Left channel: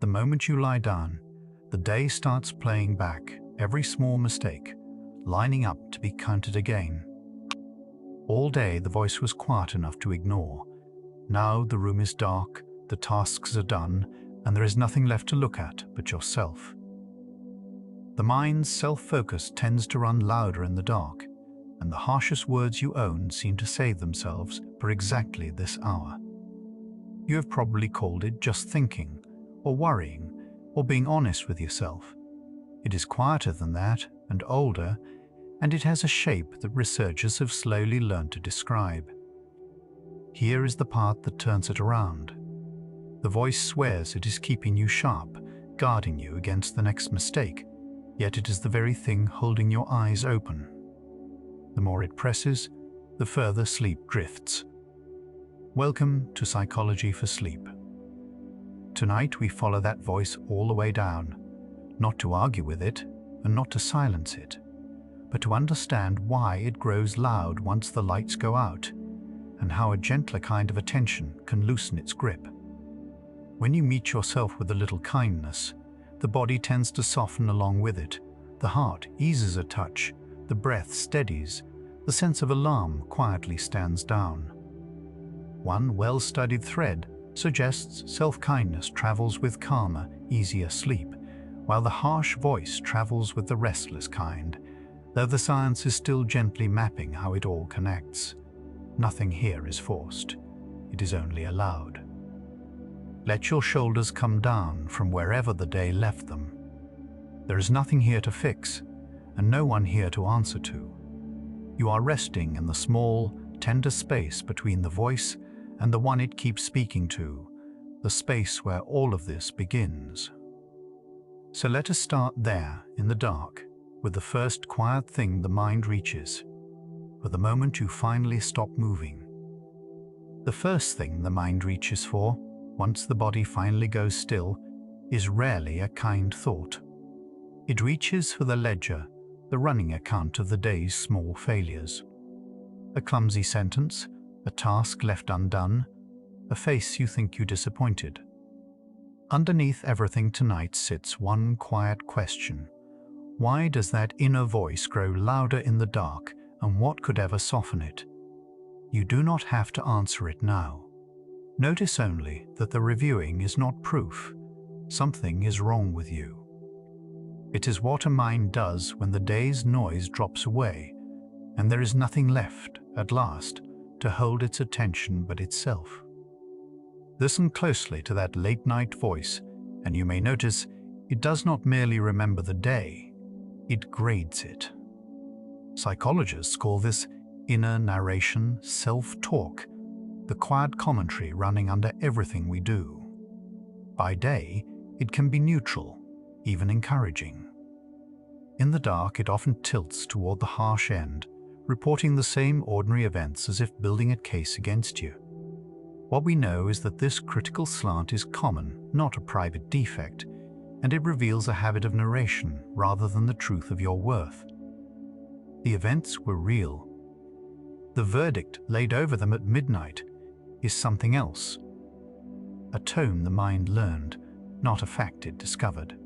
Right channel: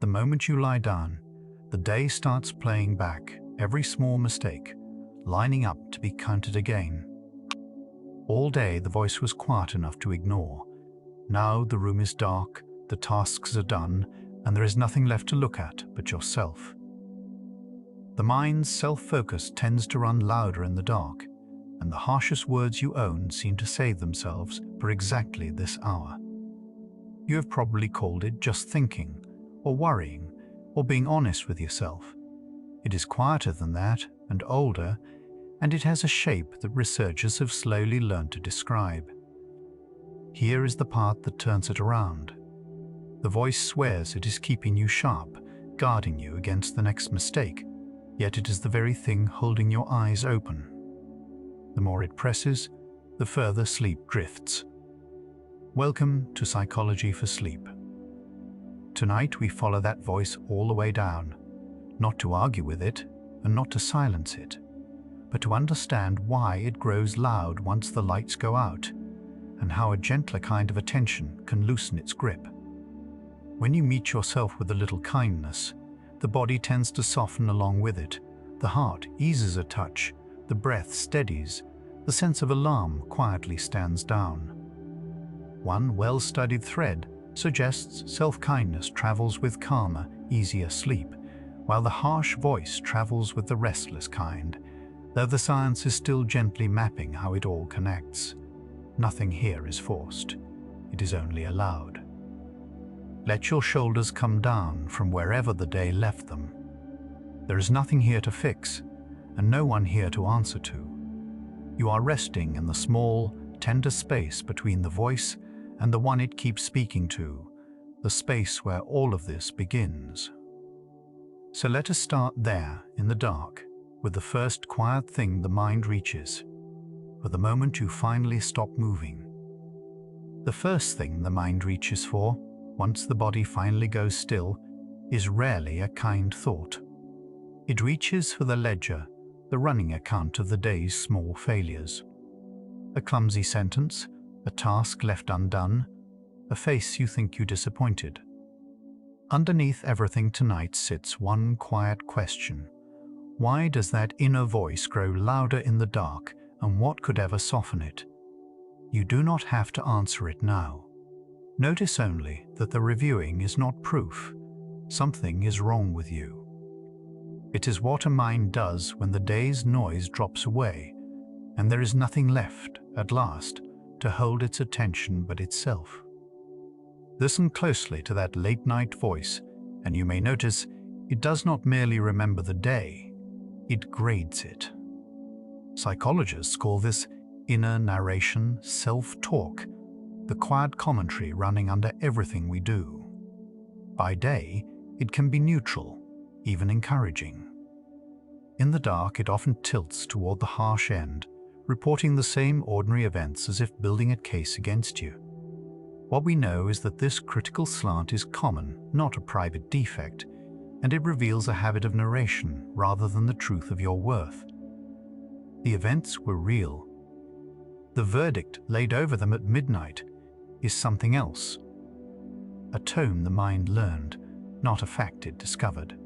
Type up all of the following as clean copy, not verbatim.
The moment you lie down, the day starts playing back every small mistake, lining up to be counted again. All day the voice was quiet enough to ignore. Now the room is dark, the tasks are done, and there is nothing left to look at but yourself. The mind's self-focus tends to run louder in the dark, and the harshest words you own seem to save themselves for exactly this hour. You have probably called it just thinking, or worrying, or being honest with yourself. It is quieter than that, and older, and it has a shape that researchers have slowly learned to describe. Here is the part that turns it around. The voice swears it is keeping you sharp, guarding you against the next mistake, yet it is the very thing holding your eyes open. The more it presses, the further sleep drifts. Welcome to Psychology for Sleep. Tonight we follow that voice all the way down, not to argue with it and not to silence it, but to understand why it grows loud once the lights go out, and how a gentler kind of attention can loosen its grip. When you meet yourself with a little kindness, the body tends to soften along with it, the heart eases a touch, the breath steadies, the sense of alarm quietly stands down. One well-studied thread suggests self-kindness travels with calmer, easier sleep, while the harsh voice travels with the restless kind, though the science is still gently mapping how it all connects. Nothing here is forced. It is only allowed. Let your shoulders come down from wherever the day left them. There is nothing here to fix, and no one here to answer to. You are resting in the small, tender space between the voice and the one it keeps speaking to, the space where all of this begins. So let us start there, in the dark, with the first quiet thing the mind reaches, for the moment you finally stop moving. The first thing the mind reaches for, once the body finally goes still, is rarely a kind thought. It reaches for the ledger, the running account of the day's small failures. A clumsy sentence, a task left undone, a face you think you disappointed. Underneath everything tonight sits one quiet question. Why does that inner voice grow louder in the dark, and what could ever soften it? You do not have to answer it now. Notice only that the reviewing is not proof. Something is wrong with you. It is what a mind does when the day's noise drops away, and there is nothing left, at last, to hold its attention but itself. Listen closely to that late-night voice, and you may notice it does not merely remember the day, it grades it. Psychologists call this inner narration self-talk, the quiet commentary running under everything we do. By day, it can be neutral, even encouraging. In the dark, it often tilts toward the harsh end, reporting the same ordinary events as if building a case against you. What we know is that this critical slant is common, not a private defect, and it reveals a habit of narration rather than the truth of your worth. The events were real. The verdict laid over them at midnight is something else. A tone the mind learned, not a fact it discovered.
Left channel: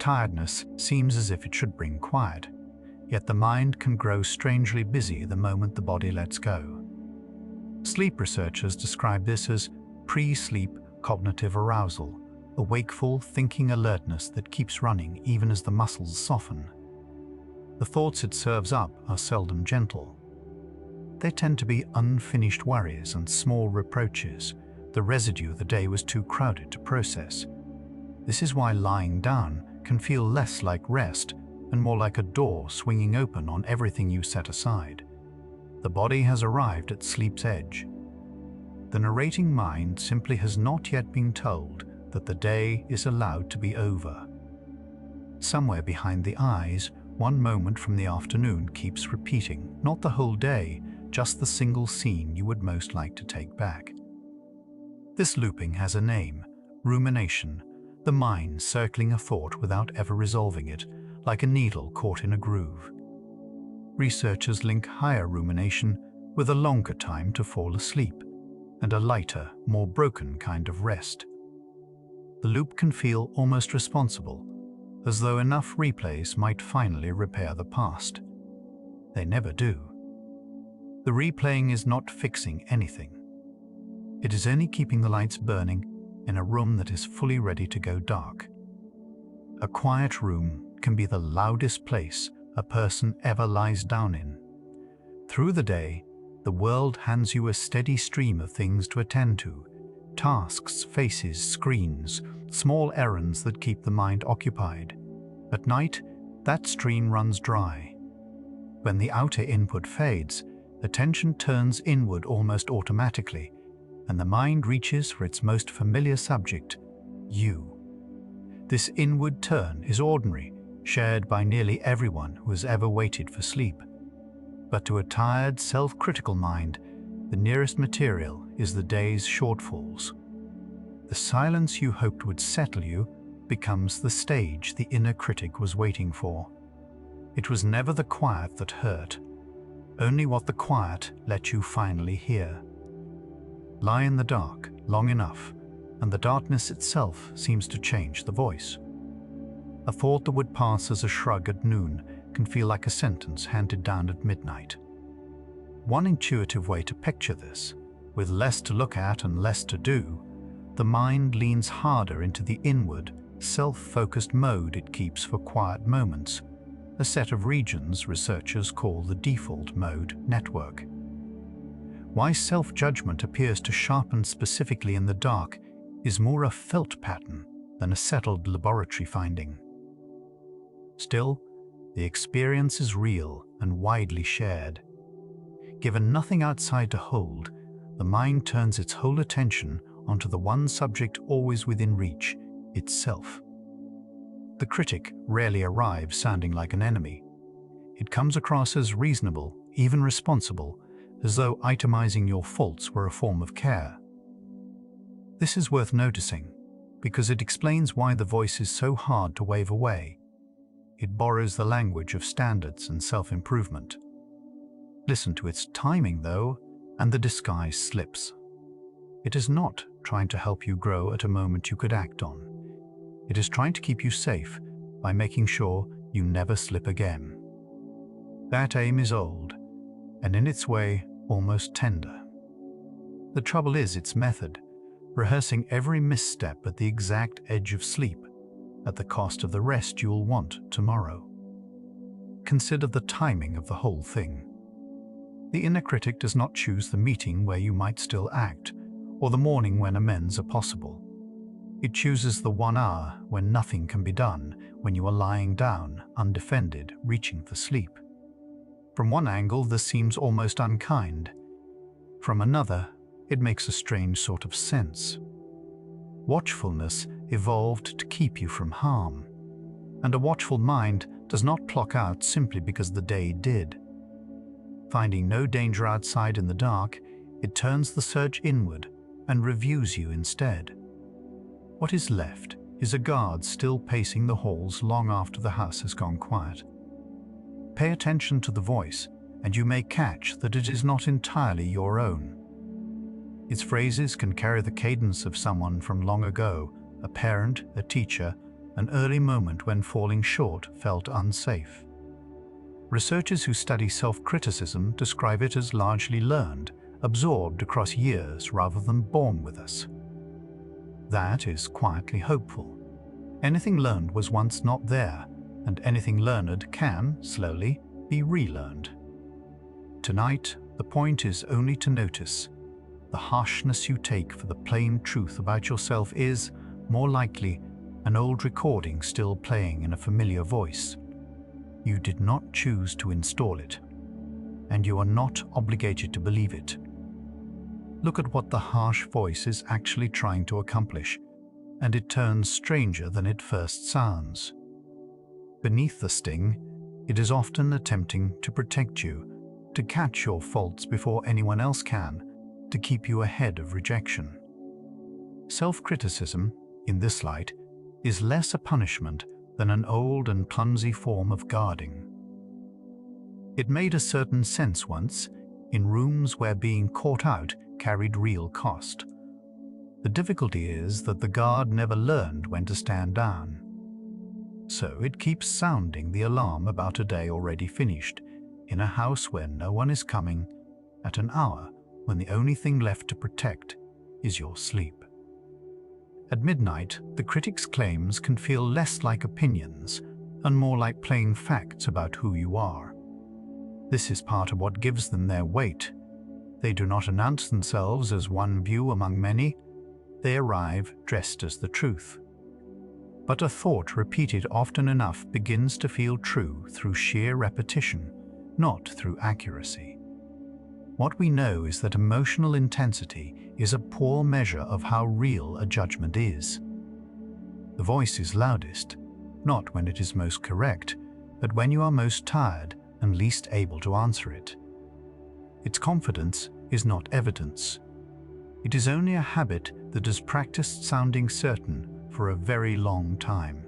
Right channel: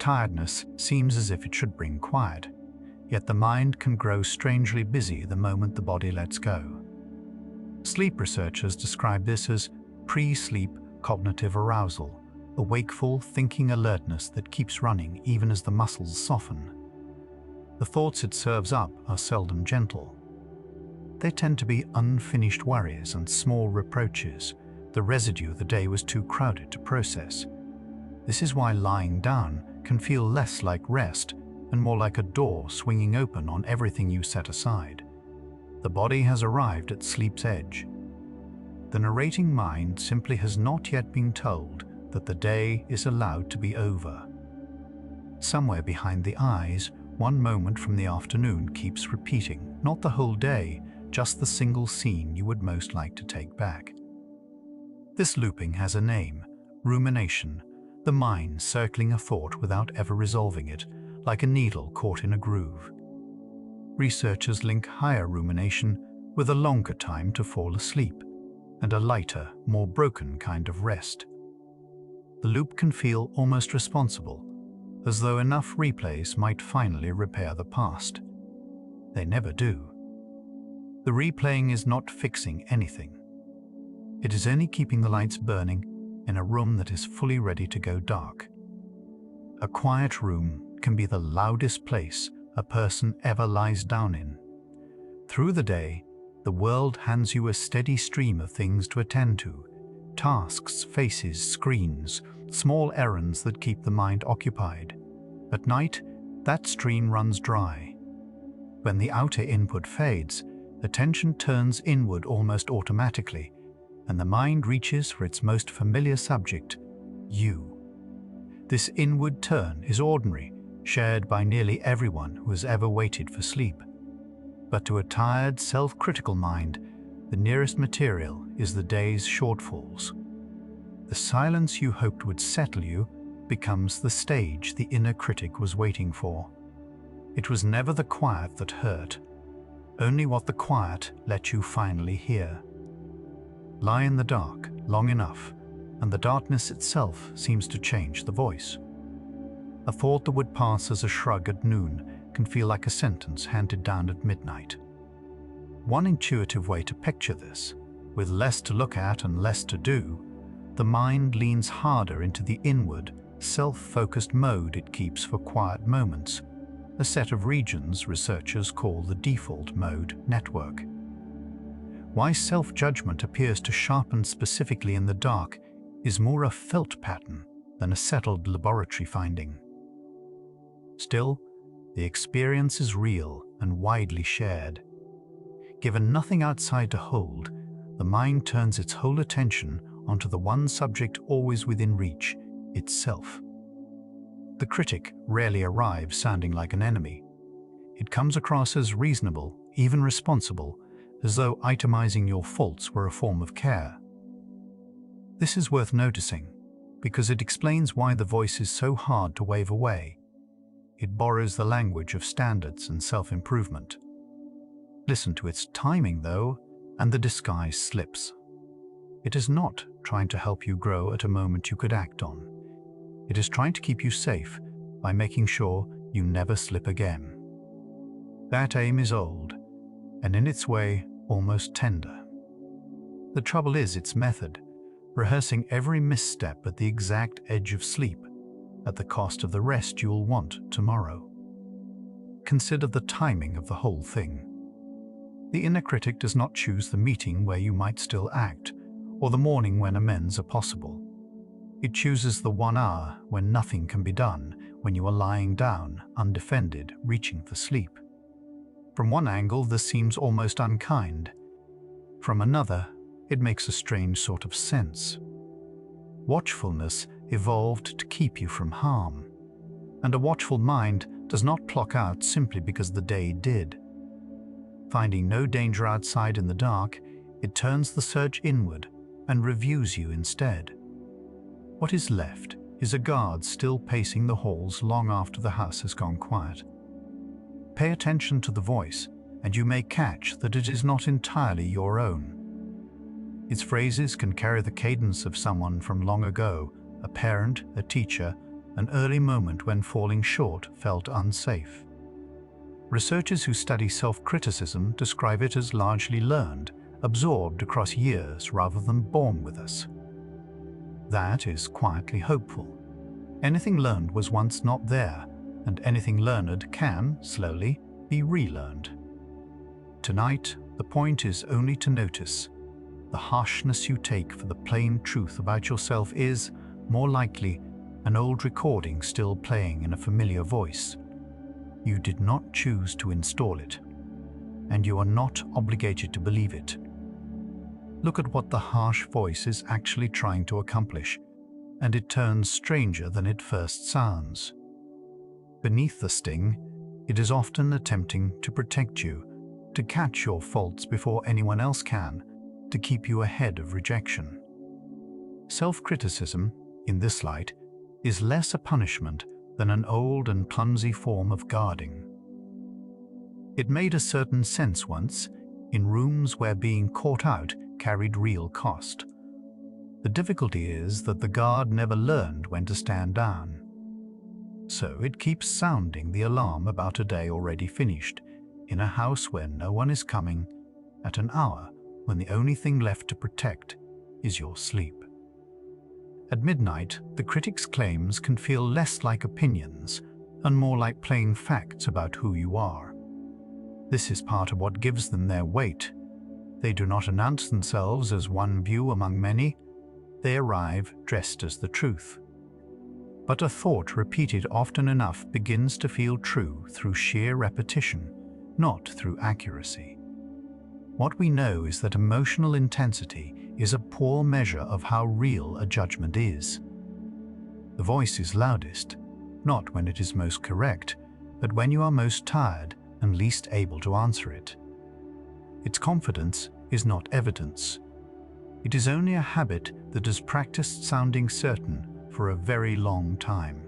Tiredness seems as if it should bring quiet, yet the mind can grow strangely busy the moment the body lets go. Sleep researchers describe this as pre-sleep cognitive arousal, a wakeful, thinking alertness that keeps running even as the muscles soften. The thoughts it serves up are seldom gentle. They tend to be unfinished worries and small reproaches, the residue the day was too crowded to process. This is why lying down can feel less like rest and more like a door swinging open on everything you set aside. The body has arrived at sleep's edge. The narrating mind simply has not yet been told that the day is allowed to be over. Somewhere behind the eyes, one moment from the afternoon keeps repeating, not the whole day, just the single scene you would most like to take back. This looping has a name, rumination, the mind circling a thought without ever resolving it, like a needle caught in a groove. Researchers link higher rumination with a longer time to fall asleep, and a lighter, more broken kind of rest. the loop can feel almost responsible, as though enough replays might finally repair the past. They never do. The replaying is not fixing anything. It is only keeping the lights burning in a room that is fully ready to go dark. A quiet room can be the loudest place a person ever lies down in. Through the day, the world hands you a steady stream of things to attend to: tasks, faces, screens, small errands that keep the mind occupied. At night, that stream runs dry. When the outer input fades, attention turns inward almost automatically, and the mind reaches for its most familiar subject, you. This inward turn is ordinary, shared by nearly everyone who has ever waited for sleep. But to a tired, self-critical mind, the nearest material is the day's shortfalls. The silence you hoped would settle you becomes the stage the inner critic was waiting for. It was never the quiet that hurt, only what the quiet let you finally hear. Lie in the dark long enough, and the darkness itself seems to change the voice. A thought that would pass as a shrug at noon can feel like a sentence handed down at midnight. One intuitive way to picture this, with less to look at and less to do, the mind leans harder into the inward, self-focused mode it keeps for quiet moments, a set of regions researchers call the default mode network. Why self-judgment appears to sharpen specifically in the dark is more a felt pattern than a settled laboratory finding. Still, the experience is real and widely shared. Given nothing outside to hold, the mind turns its whole attention onto the one subject always within reach, itself. The critic rarely arrives sounding like an enemy. It comes across as reasonable, even responsible, as though itemizing your faults were a form of care. This is worth noticing, because it explains why the voice is so hard to wave away. It borrows the language of standards and self-improvement. Listen to its timing, though, and the disguise slips. It is not trying to help you grow at a moment you could act on. It is trying to keep you safe by making sure you never slip again. That aim is old, and in its way, almost tender. The trouble is its method, rehearsing every misstep at the exact edge of sleep, at the cost of the rest you'll want tomorrow. Consider the timing of the whole thing. The inner critic does not choose the meeting where you might still act, or the morning when amends are possible. It chooses the 1 hour when nothing can be done, when you are lying down, undefended, reaching for sleep. From one angle, this seems almost unkind. From another, it makes a strange sort of sense. Watchfulness evolved to keep you from harm, and a watchful mind does not clock out simply because the day did. Finding no danger outside in the dark, it turns the search inward and reviews you instead. What is left is a guard still pacing the halls long after the house has gone quiet. Pay attention to the voice, and you may catch that it is not entirely your own. Its phrases can carry the cadence of someone from long ago, a parent, a teacher, an early moment when falling short felt unsafe. Researchers who study self-criticism describe it as largely learned, absorbed across years rather than born with us. That is quietly hopeful. Anything learned was once not there, and anything learned can, slowly, be relearned. Tonight, the point is only to notice. The harshness you take for the plain truth about yourself is, more likely, an old recording still playing in a familiar voice. You did not choose to install it, and you are not obligated to believe it. Look at what the harsh voice is actually trying to accomplish, and it turns stranger than it first sounds. Beneath the sting, it is often attempting to protect you, to catch your faults before anyone else can, to keep you ahead of rejection. Self-criticism, in this light, is less a punishment than an old and clumsy form of guarding. It made a certain sense once, in rooms where being caught out carried real cost. The difficulty is that the guard never learned when to stand down. So it keeps sounding the alarm about a day already finished, in a house where no one is coming, at an hour when the only thing left to protect is your sleep. At midnight, the critic's claims can feel less like opinions and more like plain facts about who you are. This is part of what gives them their weight. They do not announce themselves as one view among many. They arrive dressed as the truth. But a thought repeated often enough begins to feel true through sheer repetition, not through accuracy. What we know is that emotional intensity is a poor measure of how real a judgment is. The voice is loudest, not when it is most correct, but when you are most tired and least able to answer it. Its confidence is not evidence. It is only a habit that has practiced sounding certain for a very long time.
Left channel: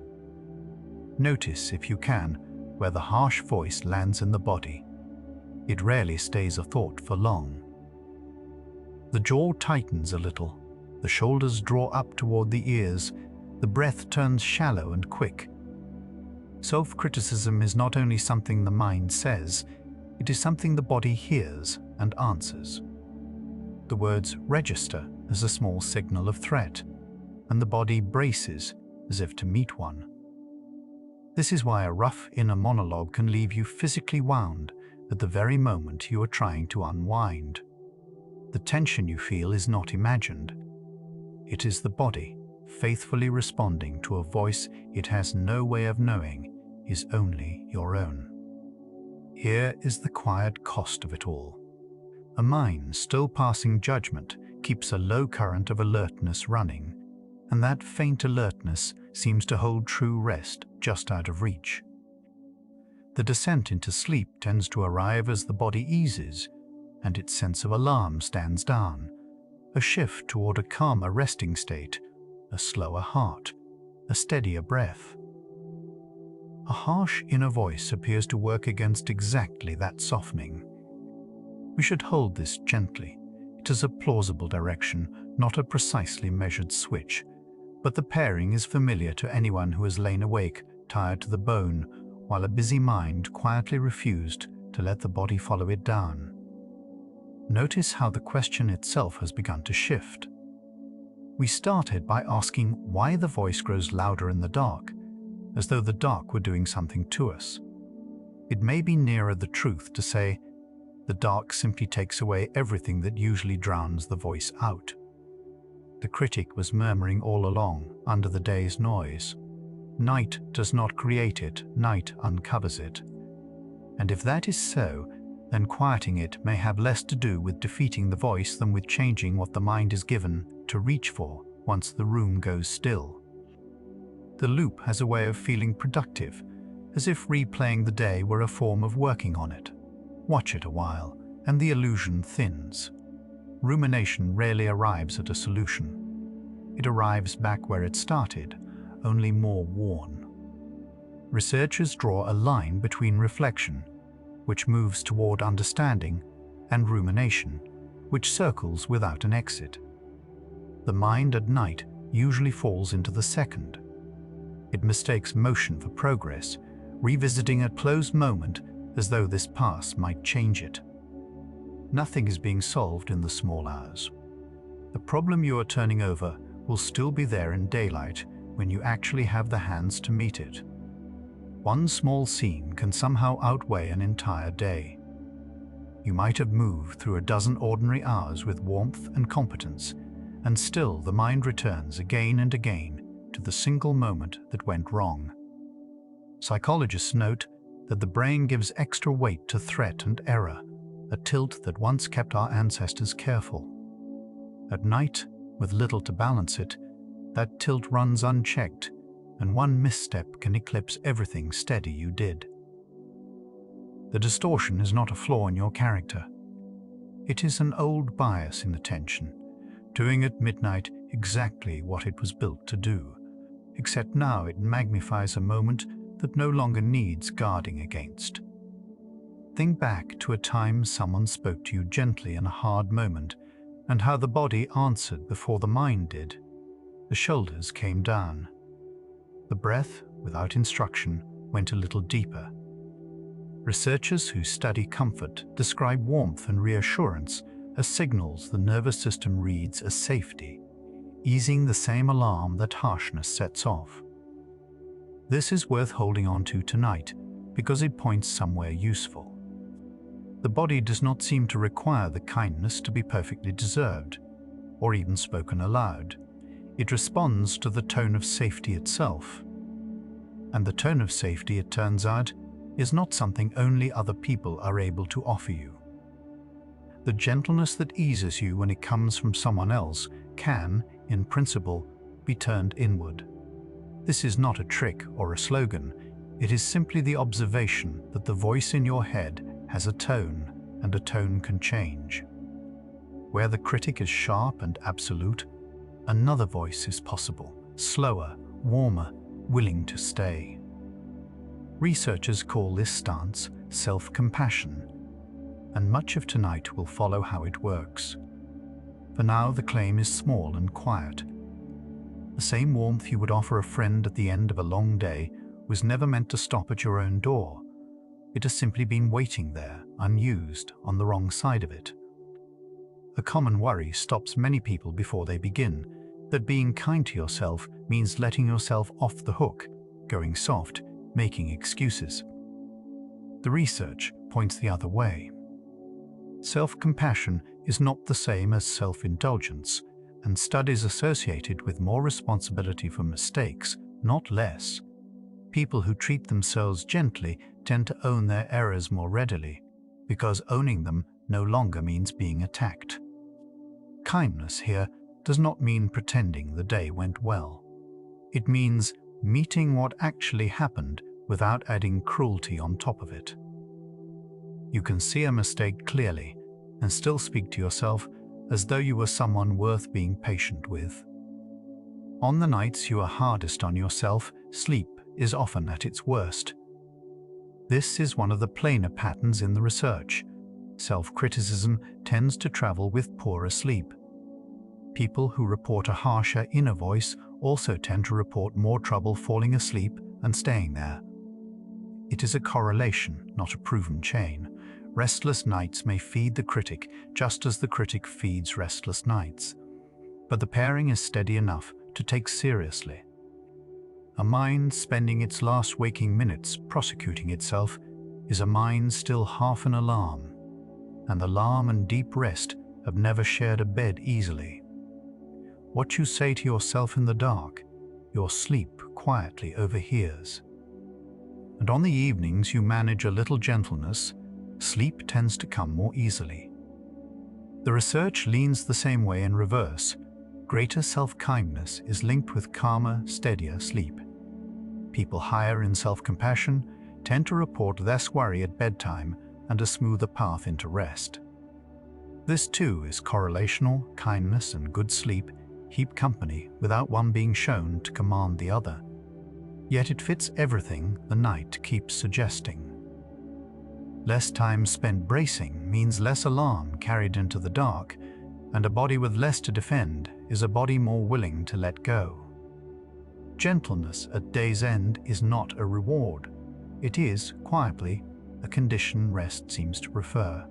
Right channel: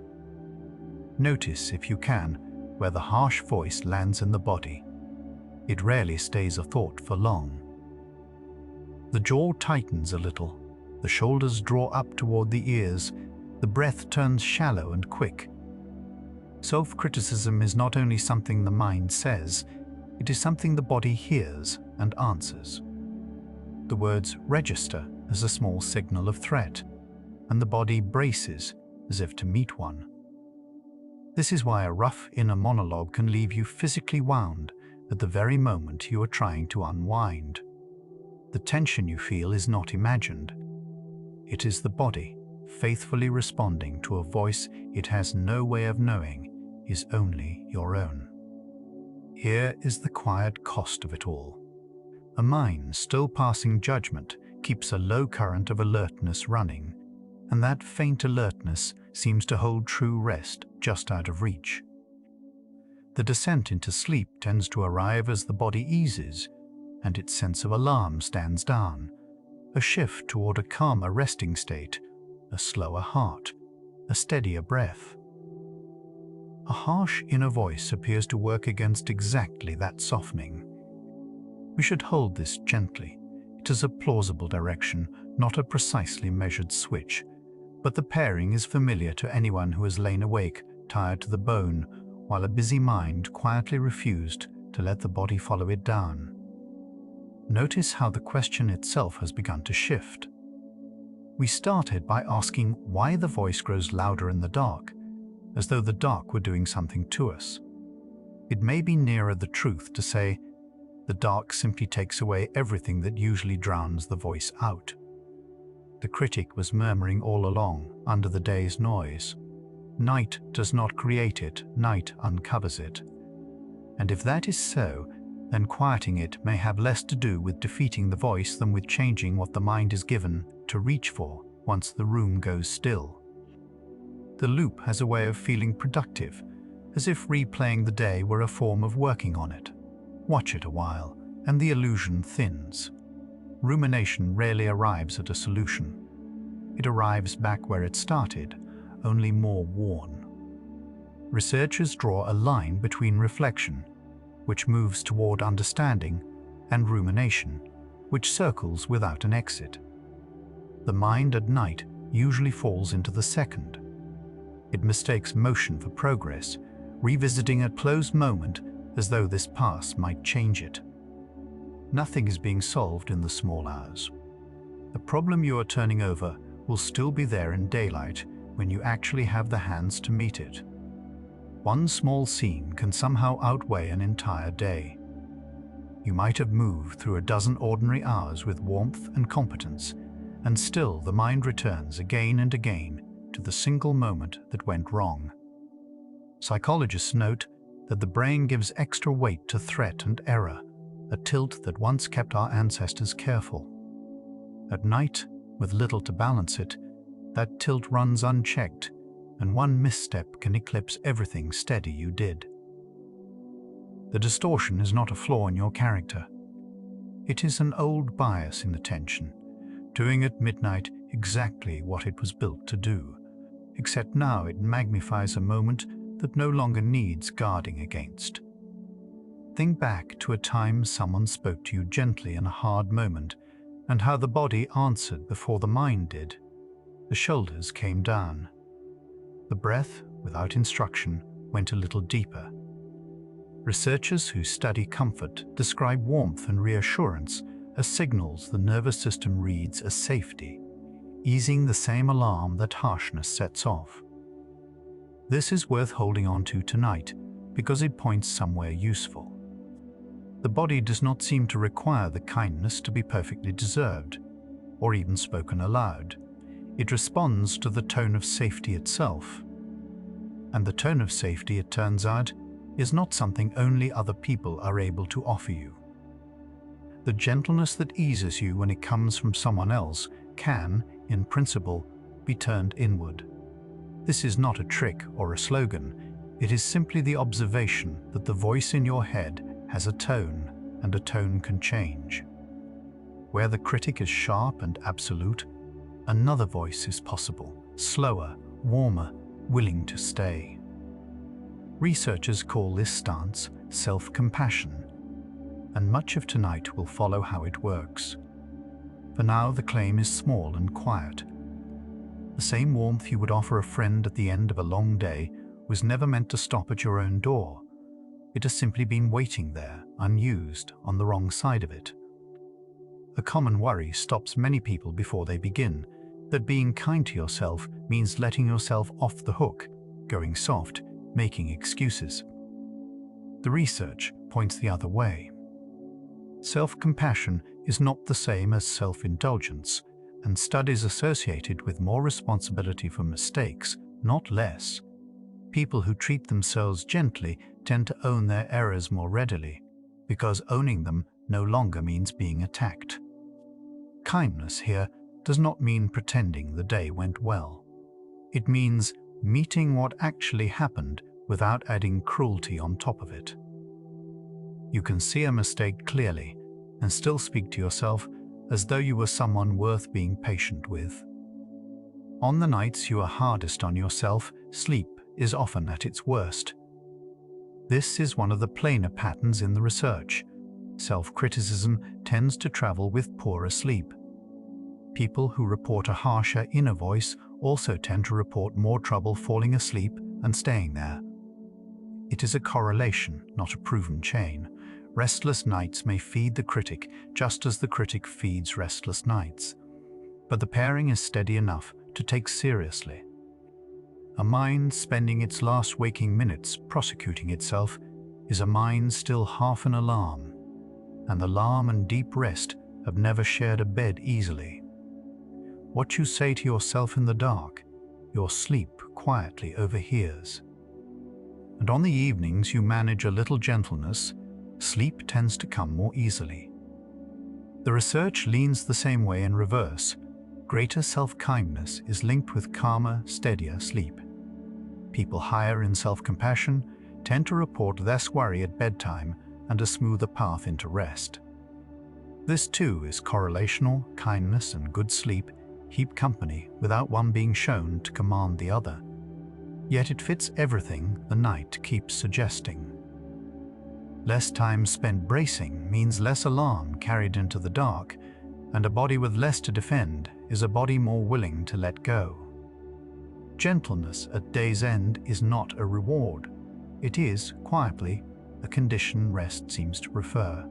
Notice, if you can, where the harsh voice lands in the body. It rarely stays a thought for long. The jaw tightens a little, the shoulders draw up toward the ears, the breath turns shallow and quick. Self-criticism is not only something the mind says, it is something the body hears and answers. The words register as a small signal of threat, and the body braces as if to meet one. This is why a rough inner monologue can leave you physically wound at the very moment you are trying to unwind. The tension you feel is not imagined. It is the body faithfully responding to a voice it has no way of knowing is only your own. Here is the quiet cost of it all. A mind still passing judgment keeps a low current of alertness running, and that faint alertness seems to hold true rest just out of reach. The descent into sleep tends to arrive as the body eases, and its sense of alarm stands down, a shift toward a calmer resting state, a slower heart, a steadier breath. A harsh inner voice appears to work against exactly that softening. We should hold this gently. It is a plausible direction, not a precisely measured switch, but the pairing is familiar to anyone who has lain awake, tired to the bone, while a busy mind quietly refused to let the body follow it down. Notice how the question itself has begun to shift. We started by asking why the voice grows louder in the dark, as though the dark were doing something to us. It may be nearer the truth to say, the dark simply takes away everything that usually drowns the voice out. The critic was murmuring all along, under the day's noise. Night does not create it, night uncovers it. And if that is so, then quieting it may have less to do with defeating the voice than with changing what the mind is given to reach for once the room goes still. The loop has a way of feeling productive, as if replaying the day were a form of working on it. Watch it a while, and the illusion thins. Rumination rarely arrives at a solution. It arrives back where it started, only more worn. Researchers draw a line between reflection, which moves toward understanding, and rumination, which circles without an exit. The mind at night usually falls into the second. It mistakes motion for progress, revisiting a closed moment as though this past might change it. Nothing is being solved in the small hours. The problem you are turning over will still be there in daylight when you actually have the hands to meet it. One small scene can somehow outweigh an entire day. You might have moved through a dozen ordinary hours with warmth and competence, and still the mind returns again and again to the single moment that went wrong. Psychologists note that the brain gives extra weight to threat and error, a tilt that once kept our ancestors careful. At night, with little to balance it, that tilt runs unchecked, and one misstep can eclipse everything steady you did. The distortion is not a flaw in your character. It is an old bias in attention, doing at midnight exactly what it was built to do, except now it magnifies a moment that no longer needs guarding against. Think back to a time someone spoke to you gently in a hard moment, and how the body answered before the mind did. The shoulders came down. The breath, without instruction, went a little deeper. Researchers who study comfort describe warmth and reassurance as signals the nervous system reads as safety, easing the same alarm that harshness sets off. This is worth holding on to tonight because it points somewhere useful. The body does not seem to require the kindness to be perfectly deserved, or even spoken aloud. It responds to the tone of safety itself. And the tone of safety, it turns out, is not something only other people are able to offer you. The gentleness that eases you when it comes from someone else can, in principle, be turned inward. This is not a trick or a slogan. It is simply the observation that the voice in your head has a tone, and a tone can change. Where the critic is sharp and absolute, another voice is possible, slower, warmer, willing to stay. Researchers call this stance self-compassion, and much of tonight will follow how it works. For now, the claim is small and quiet. The same warmth you would offer a friend at the end of a long day was never meant to stop at your own door. It has simply been waiting there, unused, on the wrong side of it. A common worry stops many people before they begin, that being kind to yourself means letting yourself off the hook, going soft, making excuses. The research points the other way. Self-compassion is not the same as self-indulgence, and studies associated with more responsibility for mistakes, not less. People who treat themselves gently tend to own their errors more readily, because owning them no longer means being attacked. Kindness here does not mean pretending the day went well. It means meeting what actually happened without adding cruelty on top of it. You can see a mistake clearly and still speak to yourself as though you were someone worth being patient with. On the nights you are hardest on yourself, sleep is often at its worst. This is one of the plainer patterns in the research. Self-criticism tends to travel with poorer sleep. People who report a harsher inner voice also tend to report more trouble falling asleep and staying there. It is a correlation, not a proven chain. Restless nights may feed the critic just as the critic feeds restless nights. But the pairing is steady enough to take seriously. A mind spending its last waking minutes prosecuting itself is a mind still half an alarm, and alarm and deep rest have never shared a bed easily. What you say to yourself in the dark, your sleep quietly overhears. And on the evenings you manage a little gentleness, sleep tends to come more easily. The research leans the same way in reverse. Greater self-kindness is linked with calmer, steadier sleep. People higher in self-compassion tend to report less worry at bedtime and a smoother path into rest. This too is correlational. Kindness and good sleep keep company without one being shown to command the other. Yet it fits everything the night keeps suggesting. Less time spent bracing means less alarm carried into the dark, and a body with less to defend is a body more willing to let go. Gentleness at day's end is not a reward. It is, quietly, a condition rest seems to prefer.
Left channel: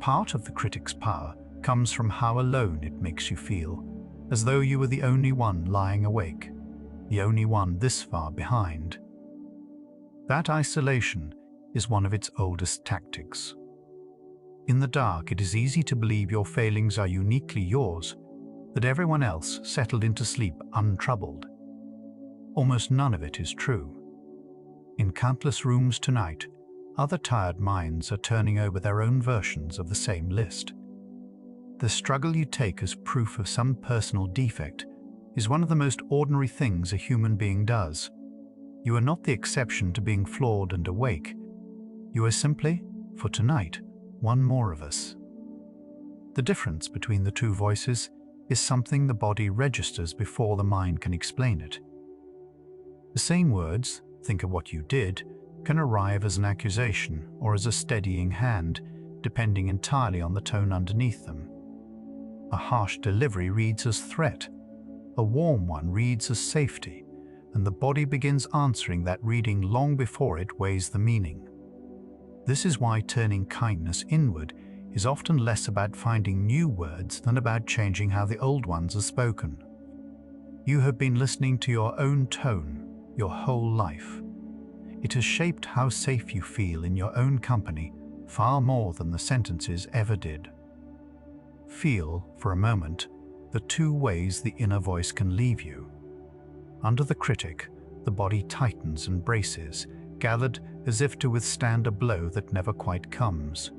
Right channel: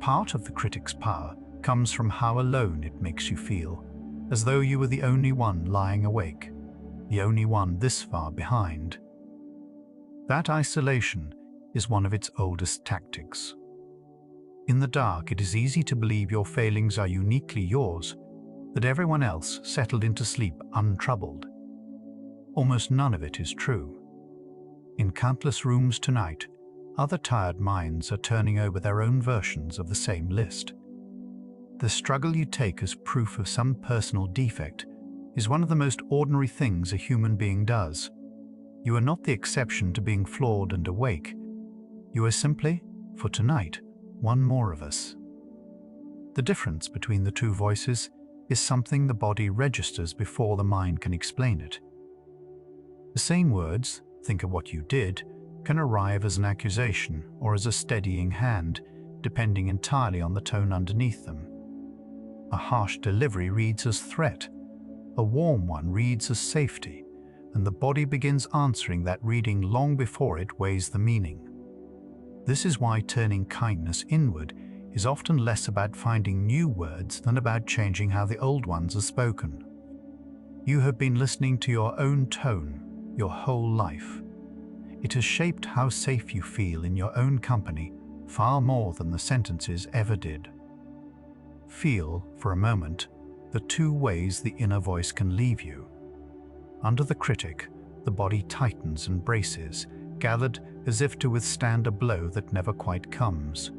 Part of the critic's power comes from how alone it makes you feel, as though you were the only one lying awake, the only one this far behind. That isolation is one of its oldest tactics. In the dark, it is easy to believe your failings are uniquely yours, that everyone else settled into sleep untroubled. Almost none of it is true. In countless rooms tonight, other tired minds are turning over their own versions of the same list. The struggle you take as proof of some personal defect is one of the most ordinary things a human being does. You are not the exception to being flawed and awake. You are simply, for tonight, one more of us. The difference between the two voices is something the body registers before the mind can explain it. The same words, "think of what you did," can arrive as an accusation or as a steadying hand, depending entirely on the tone underneath them. A harsh delivery reads as threat. A warm one reads as safety, and the body begins answering that reading long before it weighs the meaning. This is why turning kindness inward is often less about finding new words than about changing how the old ones are spoken. You have been listening to your own tone your whole life. It has shaped how safe you feel in your own company far more than the sentences ever did. Feel, for a moment, the two ways the inner voice can leave you. Under the critic, the body tightens and braces, gathered as if to withstand a blow that never quite comes.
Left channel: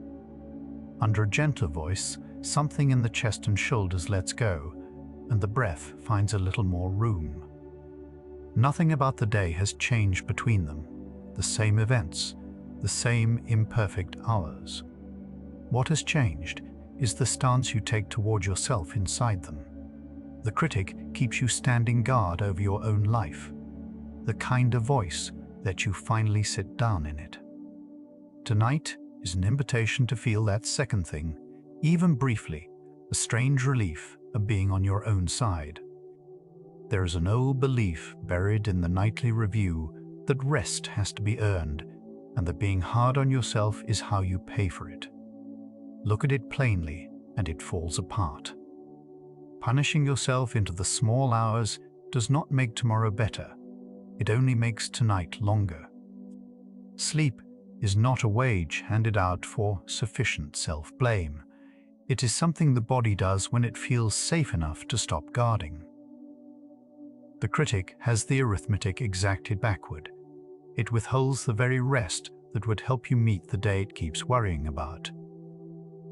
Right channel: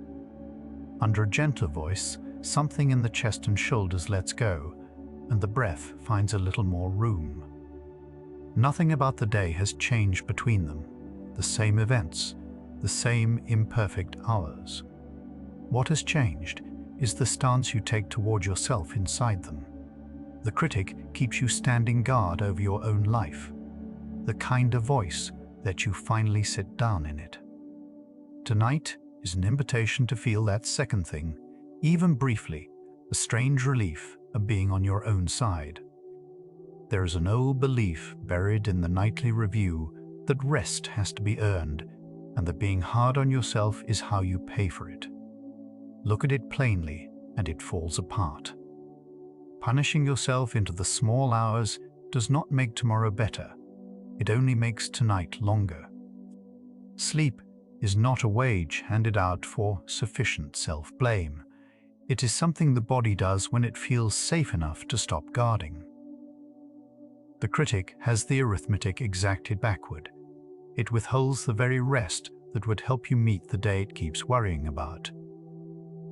Under a gentle voice, something in the chest and shoulders lets go, and the breath finds a little more room. Nothing about the day has changed between them. The same events, the same imperfect hours. What has changed is the stance you take toward yourself inside them. The critic keeps you standing guard over your own life. The kinder voice lets you finally sit down in it. Tonight is an invitation to feel that second thing, even briefly, the strange relief of being on your own side. There is an old belief buried in the nightly review that rest has to be earned, and that being hard on yourself is how you pay for it. Look at it plainly, and it falls apart. Punishing yourself into the small hours does not make tomorrow better. It only makes tonight longer. Sleep is not a wage handed out for sufficient self-blame. It is something the body does when it feels safe enough to stop guarding. The critic has the arithmetic exacted backward. It withholds the very rest that would help you meet the day it keeps worrying about.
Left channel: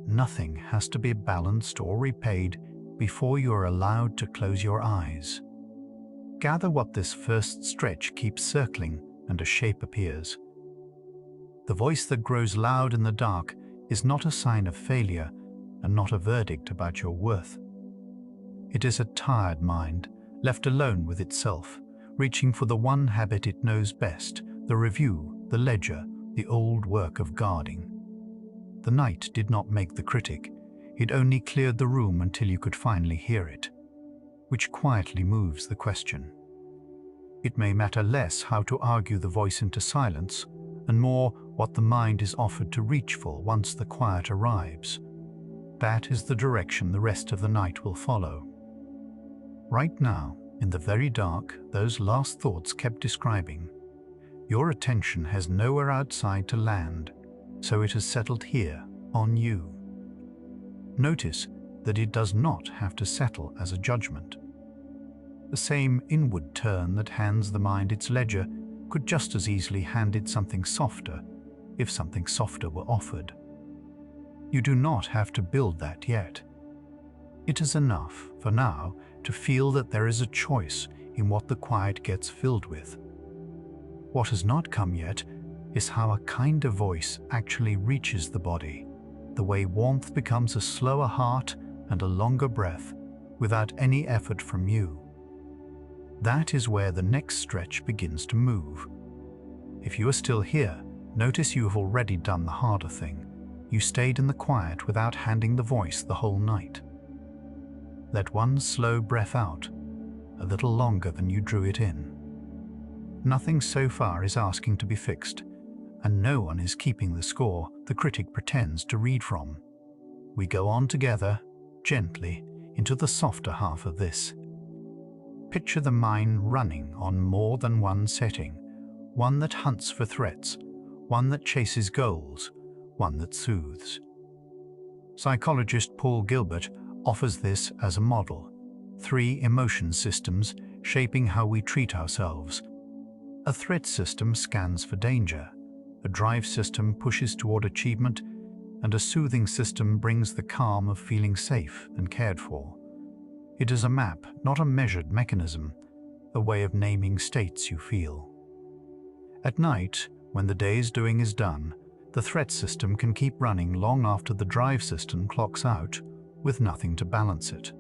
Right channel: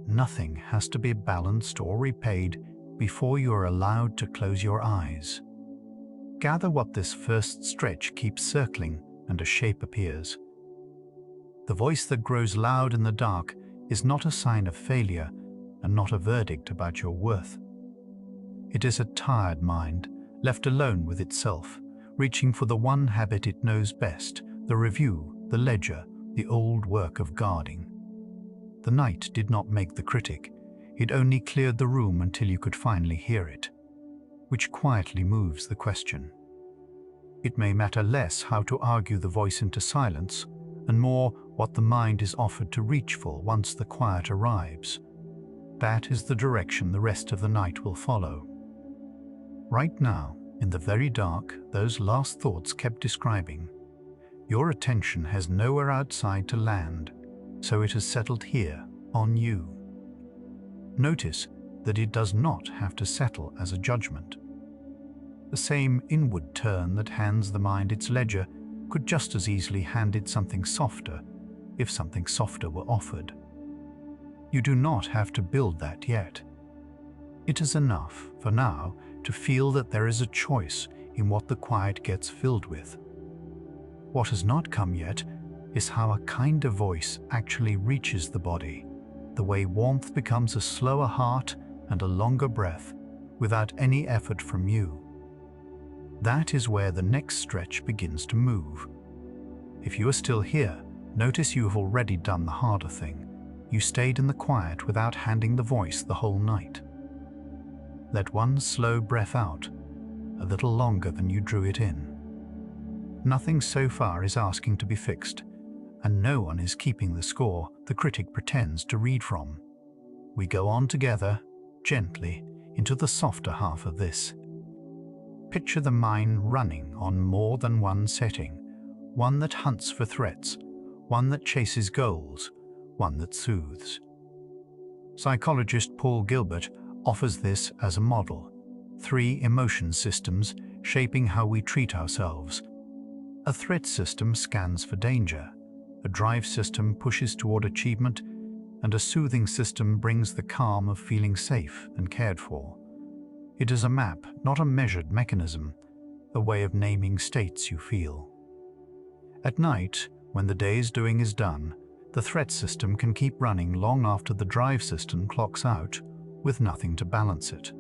Nothing has to be balanced or repaid before you are allowed to close your eyes. Gather what this first stretch keeps circling, and a shape appears. The voice that grows loud in the dark is not a sign of failure and not a verdict about your worth. It is a tired mind, left alone with itself, reaching for the one habit it knows best, the review, the ledger, the old work of guarding. The night did not make the critic. It only cleared the room until you could finally hear it, which quietly moves the question. It may matter less how to argue the voice into silence, and more what the mind is offered to reach for once the quiet arrives. That is the direction the rest of the night will follow. Right now, in the very dark, those last thoughts kept describing, your attention has nowhere outside to land, so it has settled here, on you. Notice that it does not have to settle as a judgment. The same inward turn that hands the mind its ledger could just as easily hand it something softer, if something softer were offered. You do not have to build that yet. It is enough, for now, to feel that there is a choice in what the quiet gets filled with. What has not come yet is how a kinder voice actually reaches the body, the way warmth becomes a slower heart and a longer breath without any effort from you. That is where the next stretch begins to move. If you are still here, notice you have already done the harder thing. You stayed in the quiet without handing the voice the whole night. Let one slow breath out, a little longer than you drew it in. Nothing so far is asking to be fixed, and no one is keeping the score the critic pretends to read from. We go on together, gently, into the softer half of this. Picture the mind running on more than one setting, one that hunts for threats, one that chases goals, one that soothes. Psychologist Paul Gilbert offers this as a model: 3 emotion systems shaping how we treat ourselves. A threat system scans for danger, a drive system pushes toward achievement, and a soothing system brings the calm of feeling safe and cared for. It is a map, not a measured mechanism, a way of naming states you feel. At night, when the day's doing is done, the threat system can keep running long after the drive system clocks out, with nothing to balance it.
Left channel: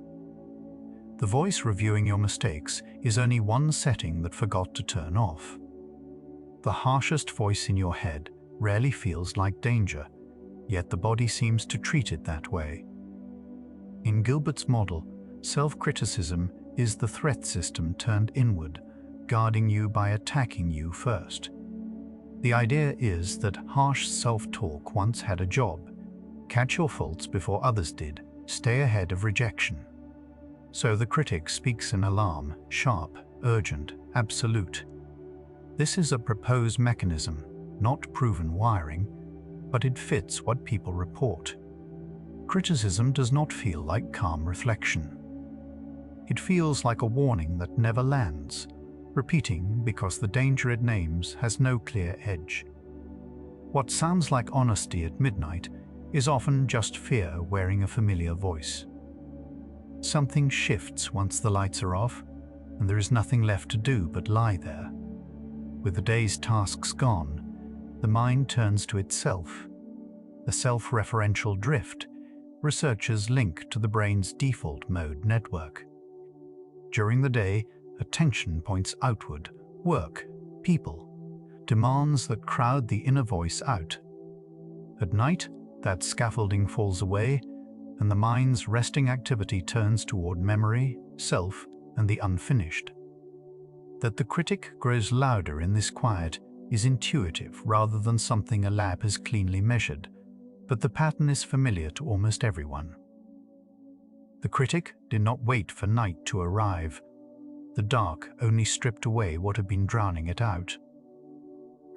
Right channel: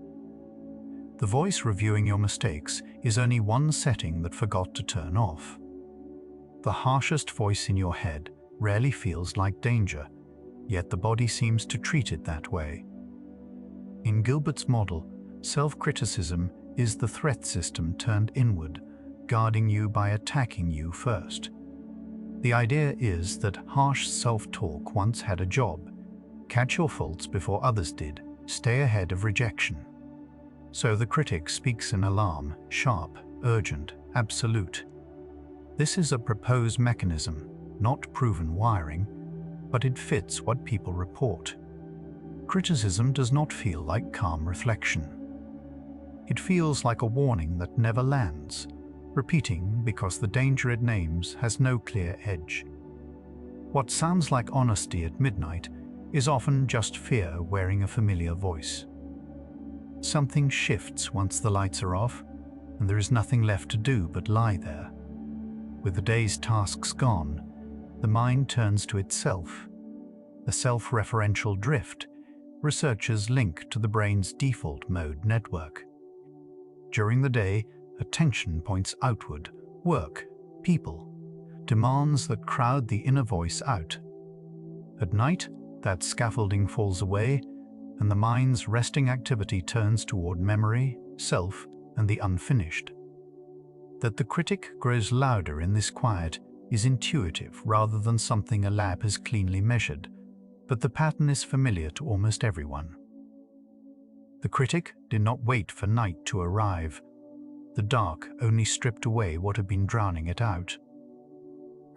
The voice reviewing your mistakes is only one setting that forgot to turn off. The harshest voice in your head rarely feels like danger, yet the body seems to treat it that way. In Gilbert's model, self-criticism is the threat system turned inward, guarding you by attacking you first. The idea is that harsh self-talk once had a job: catch your faults before others did, stay ahead of rejection. So the critic speaks in alarm, sharp, urgent, absolute. This is a proposed mechanism, not proven wiring, but it fits what people report. Criticism does not feel like calm reflection. It feels like a warning that never lands, repeating because the danger it names has no clear edge. What sounds like honesty at midnight is often just fear wearing a familiar voice. Something shifts once the lights are off, and there is nothing left to do but lie there. With the day's tasks gone, the mind turns to itself. The self-referential drift researchers link to the brain's default mode network. During the day, attention points outward: work, people, demands that crowd the inner voice out. At night, that scaffolding falls away, and the mind's resting activity turns toward memory, self, and the unfinished. That the critic grows louder in this quiet is intuitive rather than something a lab has cleanly measured, but the pattern is familiar to almost everyone. The critic did not wait for night to arrive. The dark only stripped away what had been drowning it out.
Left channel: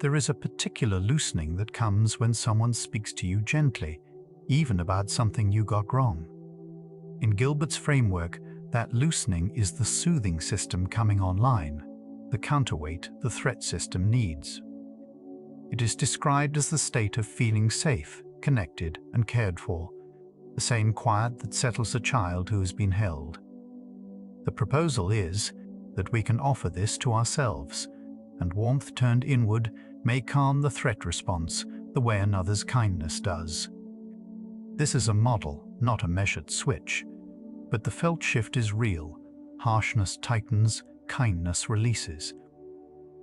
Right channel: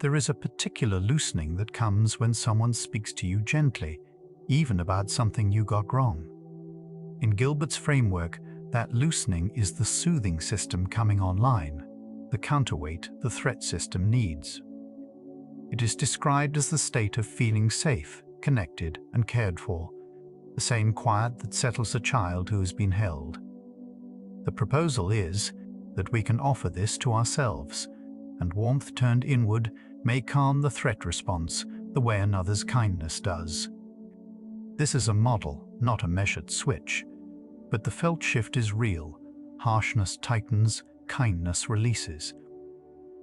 There is a particular loosening that comes when someone speaks to you gently, even about something you got wrong. In Gilbert's framework, that loosening is the soothing system coming online, the counterweight the threat system needs. It is described as the state of feeling safe, connected, and cared for, the same quiet that settles a child who has been held. The proposal is that we can offer this to ourselves, and warmth turned inward may calm the threat response the way another's kindness does. This is a model, not a measured switch, but the felt shift is real. Harshness tightens, kindness releases.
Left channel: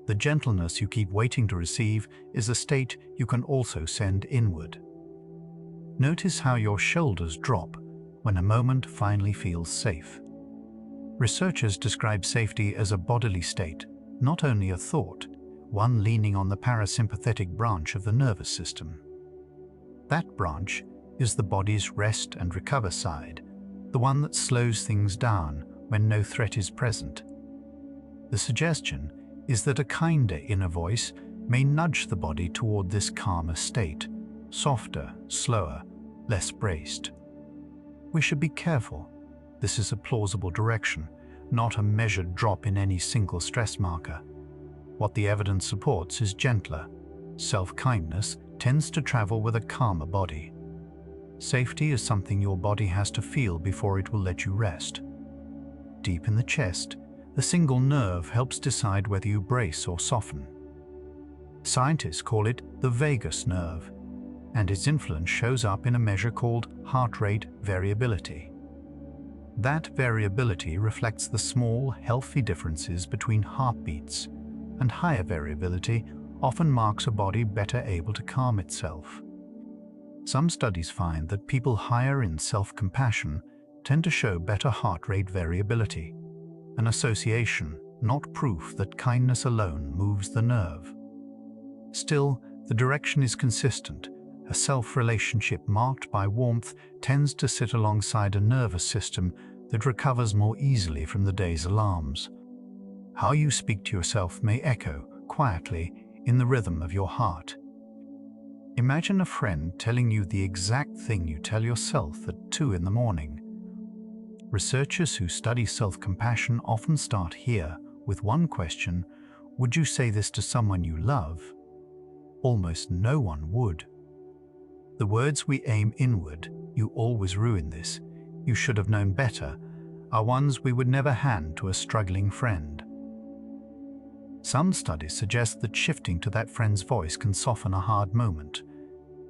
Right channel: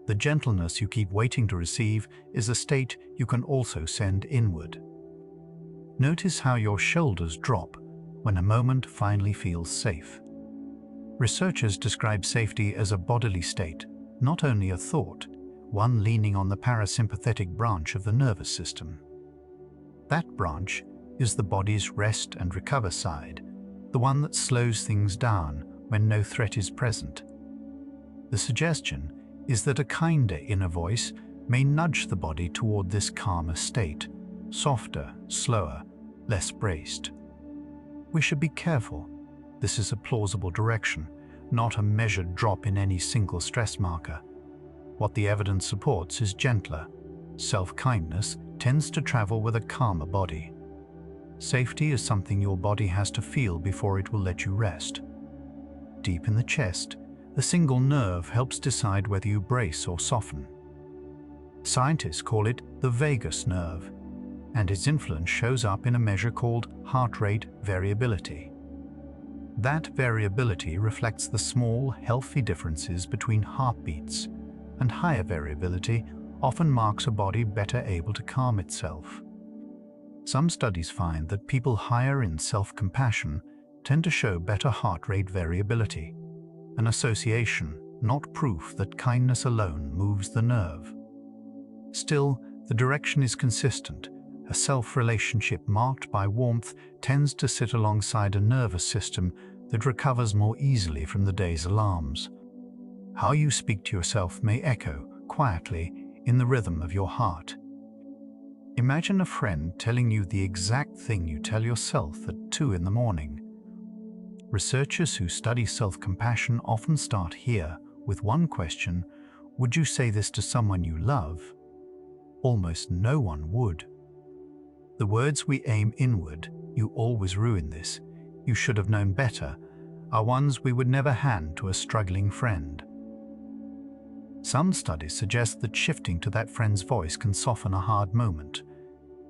The gentleness you keep waiting to receive is a state you can also send inward. Notice how your shoulders drop when a moment finally feels safe. Researchers describe safety as a bodily state, not only a thought, one leaning on the parasympathetic branch of the nervous system. That branch is the body's rest and recover side, the one that slows things down when no threat is present. The suggestion is that a kinder inner voice may nudge the body toward this calmer state, softer, slower, less braced. We should be careful. This is a plausible direction, not a measured drop in any single stress marker. What the evidence supports is gentler. Self-kindness tends to travel with a calmer body. Safety is something your body has to feel before it will let you rest. Deep in the chest, a single nerve helps decide whether you brace or soften. Scientists call it the vagus nerve, and its influence shows up in a measure called heart rate variability. That variability reflects the small, healthy differences between heartbeats, and higher variability often marks a body better able to calm itself. Some studies find that people higher in self-compassion tend to show better heart rate variability, an association, not proof that kindness alone moves the nerve. Still, the direction is consistent. A self-relationship marked by warmth tends to sit alongside a nervous system that recovers more easily from the day's alarms. How you speak to yourself may echo, quietly, in the rhythm of your heart. Imagine a friend telling you the exact thing you tell yourself at 2 in the morning. Researchers who study self-compassion often start here with one question: would you say this to someone you love? Almost no one would. The words we aim inward, "You always ruin this," "You should have known better," are ones we would never hand to a struggling friend. Some studies suggest that shifting to that friend's voice can soften a hard moment.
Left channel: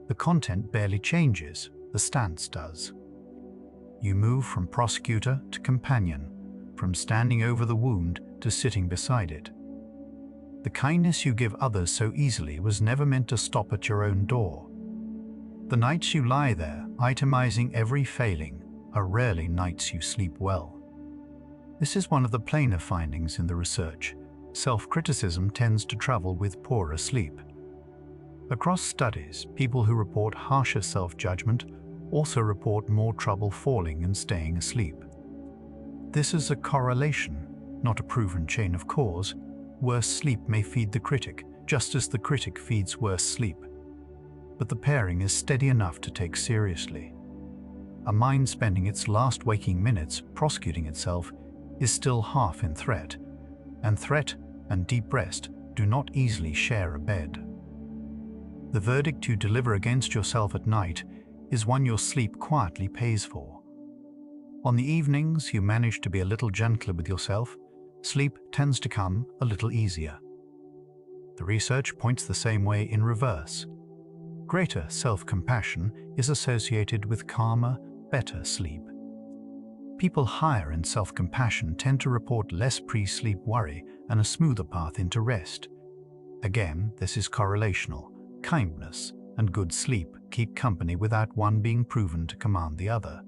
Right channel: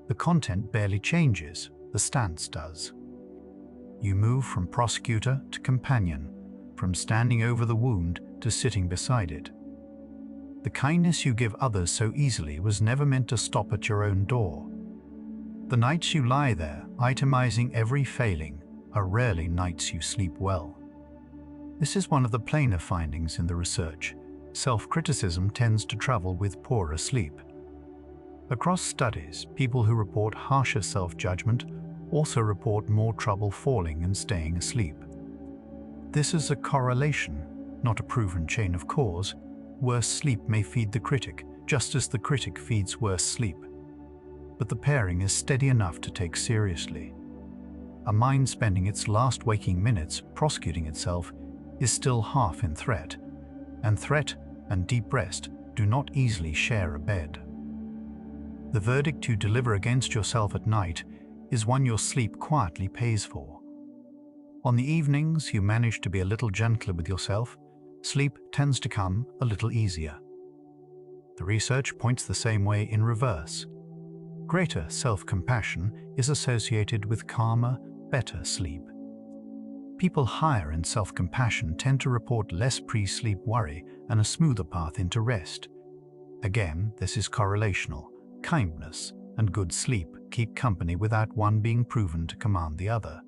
The content barely changes, the stance does. You move from prosecutor to companion, from standing over the wound to sitting beside it. The kindness you give others so easily was never meant to stop at your own door. The nights you lie there, itemizing every failing, are rarely nights you sleep well. This is one of the plainer findings in the research. Self-criticism tends to travel with poorer sleep. Across studies, people who report harsher self-judgment also report more trouble falling and staying asleep. This is a correlation, not a proven chain of cause. Worse sleep may feed the critic, just as the critic feeds worse sleep. But the pairing is steady enough to take seriously. A mind spending its last waking minutes prosecuting itself is still half in threat, and threat and deep rest do not easily share a bed. The verdict you deliver against yourself at night is one your sleep quietly pays for. On the evenings you manage to be a little gentler with yourself, sleep tends to come a little easier. The research points the same way in reverse. Greater self-compassion is associated with calmer, better sleep. People higher in self-compassion tend to report less pre-sleep worry and a smoother path into rest. Again, this is correlational. Kindness and good sleep keep company without one being proven to command the other.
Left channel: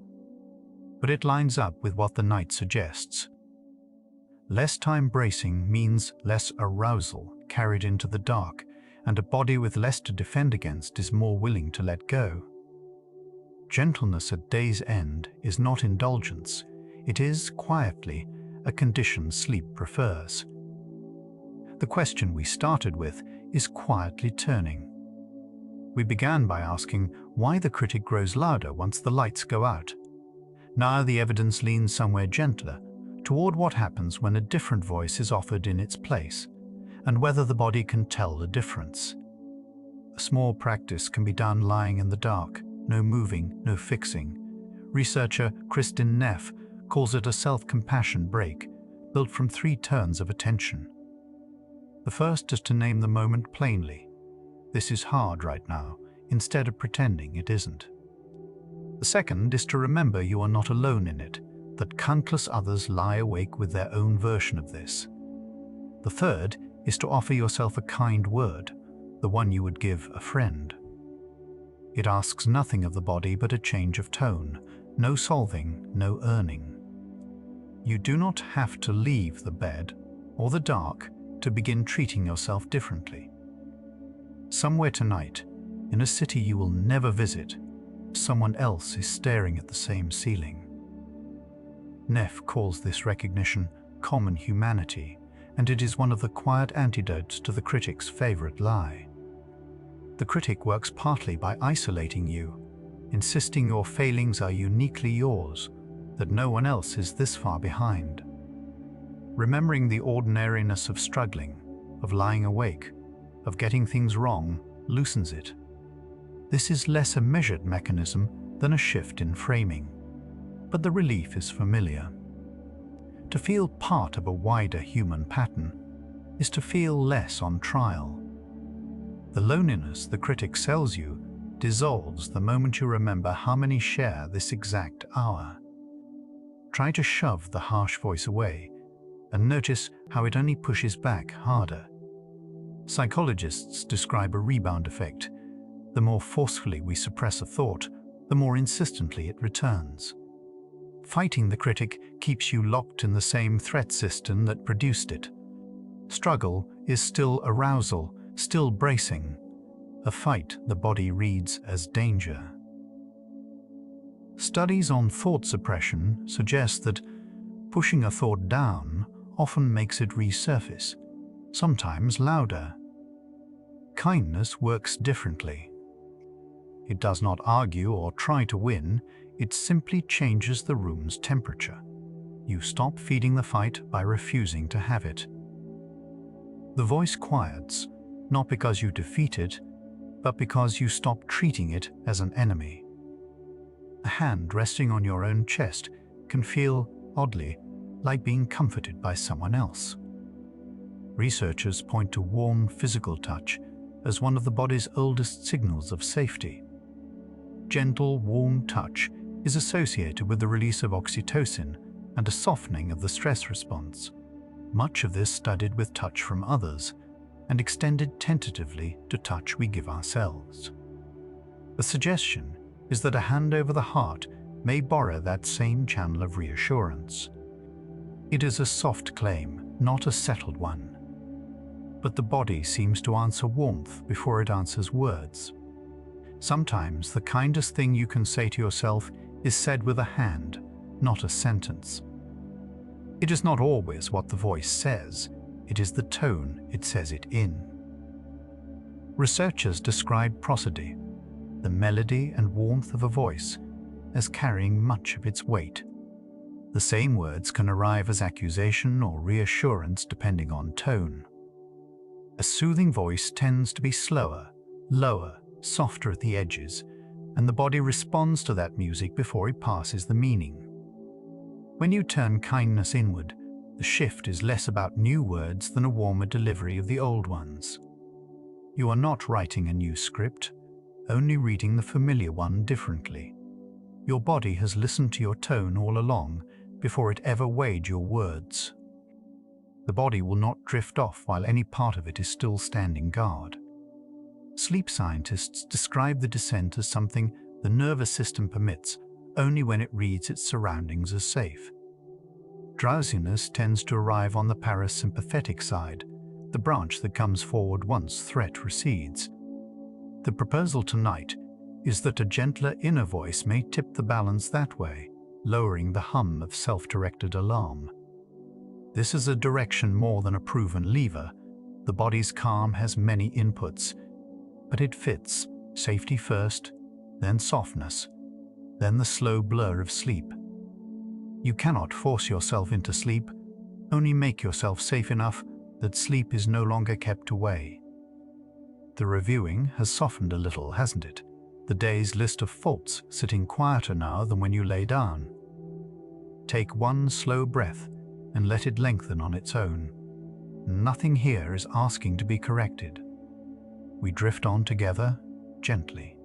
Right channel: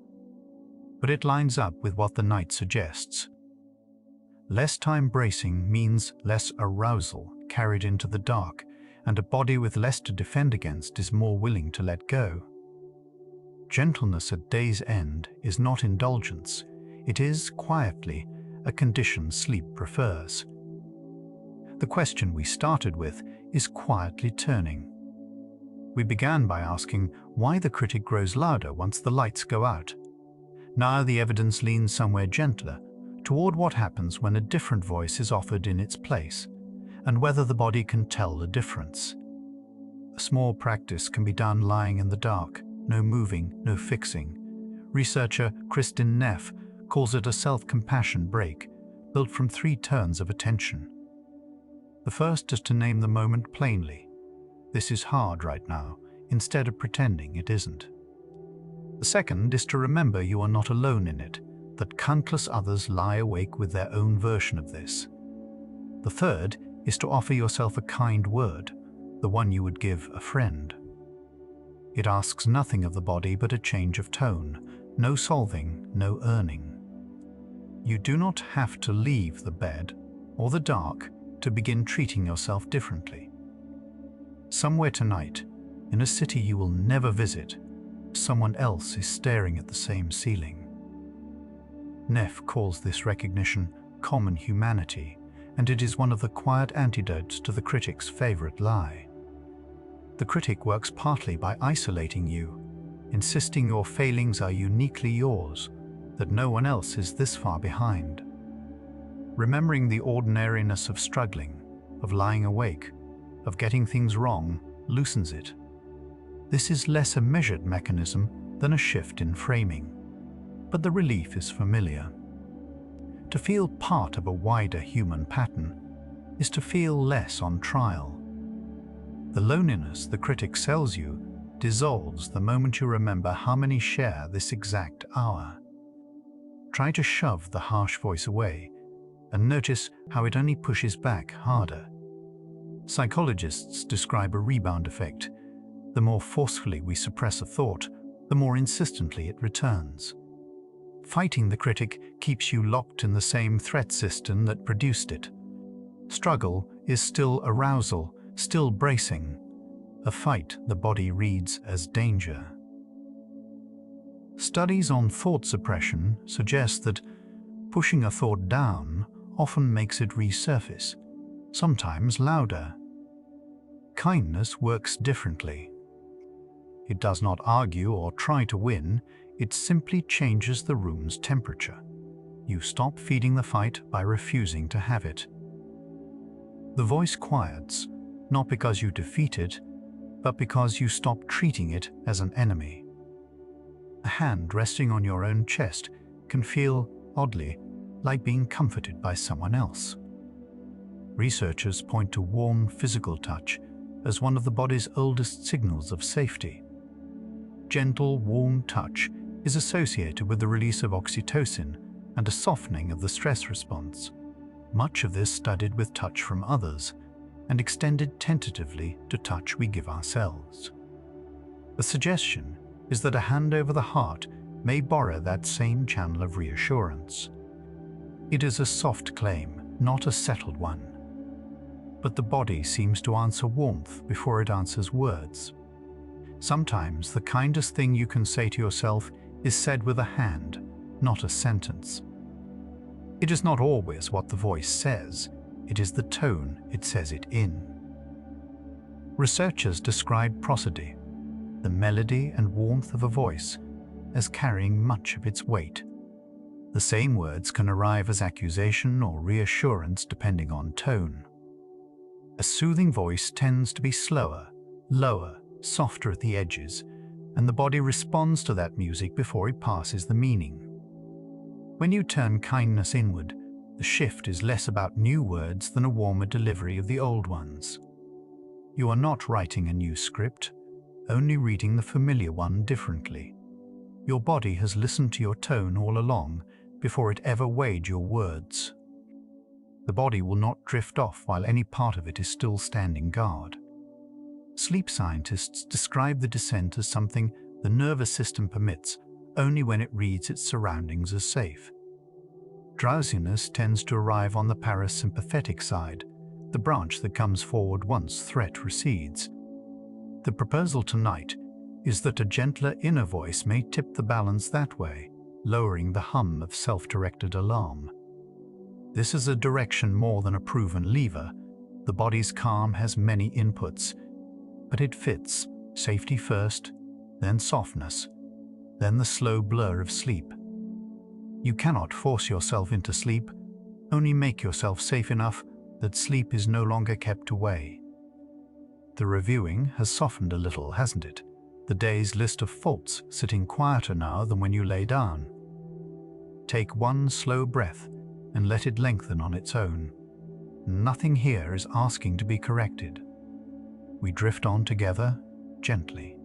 But it lines up with what the night suggests. Less time bracing means less arousal carried into the dark, and a body with less to defend against is more willing to let go. Gentleness at day's end is not indulgence. It is, quietly, a condition sleep prefers. The question we started with is quietly turning. We began by asking why the critic grows louder once the lights go out. Now the evidence leans somewhere gentler, toward what happens when a different voice is offered in its place, and whether the body can tell the difference. A small practice can be done lying in the dark, no moving, no fixing. Researcher Kristin Neff calls it a self-compassion break, built from 3 turns of attention. The first is to name the moment plainly. This is hard right now, instead of pretending it isn't. The second is to remember you are not alone in it, that countless others lie awake with their own version of this. The third is to offer yourself a kind word, the one you would give a friend. It asks nothing of the body but a change of tone, no solving, no earning. You do not have to leave the bed or the dark to begin treating yourself differently. Somewhere tonight, in a city you will never visit, someone else is staring at the same ceiling. Neff calls this recognition common humanity, and it is one of the quiet antidotes to the critic's favorite lie. The critic works partly by isolating you, insisting your failings are uniquely yours, that no one else is this far behind. Remembering the ordinariness of struggling, of lying awake, of getting things wrong, loosens it. This is less a measured mechanism than a shift in framing, but the relief is familiar. To feel part of a wider human pattern is to feel less on trial. The loneliness the critic sells you dissolves the moment you remember how many share this exact hour. Try to shove the harsh voice away and notice how it only pushes back harder. Psychologists describe a rebound effect. The more forcefully we suppress a thought, the more insistently it returns. Fighting the critic keeps you locked in the same threat system that produced it. Struggle is still arousal, still bracing. A fight the body reads as danger. Studies on thought suppression suggest that pushing a thought down often makes it resurface, sometimes louder. Kindness works differently. It does not argue or try to win, it simply changes the room's temperature. You stop feeding the fight by refusing to have it. The voice quiets, not because you defeat it, but because you stop treating it as an enemy. A hand resting on your own chest can feel, oddly, like being comforted by someone else. Researchers point to warm physical touch as one of the body's oldest signals of safety. Gentle, warm touch is associated with the release of oxytocin and a softening of the stress response. Much of this studied with touch from others and extended tentatively to touch we give ourselves. The suggestion is that a hand over the heart may borrow that same channel of reassurance. It is a soft claim, not a settled one. But the body seems to answer warmth before it answers words. Sometimes the kindest thing you can say to yourself is said with a hand, not a sentence. It is not always what the voice says, it is the tone it says it in. Researchers describe prosody, the melody and warmth of a voice, as carrying much of its weight. The same words can arrive as accusation or reassurance depending on tone. A soothing voice tends to be slower, lower, softer at the edges, and the body responds to that music before it passes the meaning. When you turn kindness inward, the shift is less about new words than a warmer delivery of the old ones. You are not writing a new script, only reading the familiar one differently. Your body has listened to your tone all along before it ever weighed your words. The body will not drift off while any part of it is still standing guard. Sleep scientists describe the descent as something the nervous system permits only when it reads its surroundings as safe. Drowsiness tends to arrive on the parasympathetic side, the branch that comes forward once threat recedes. The proposal tonight is that a gentler inner voice may tip the balance that way, lowering the hum of self-directed alarm. This is a direction more than a proven lever. The body's calm has many inputs, but it fits safety first, then softness, then the slow blur of sleep. You cannot force yourself into sleep, only make yourself safe enough that sleep is no longer kept away. The reviewing has softened a little, hasn't it? The day's list of faults sitting quieter now than when you lay down. Take one slow breath and let it lengthen on its own. Nothing here is asking to be corrected. We drift on together, gently.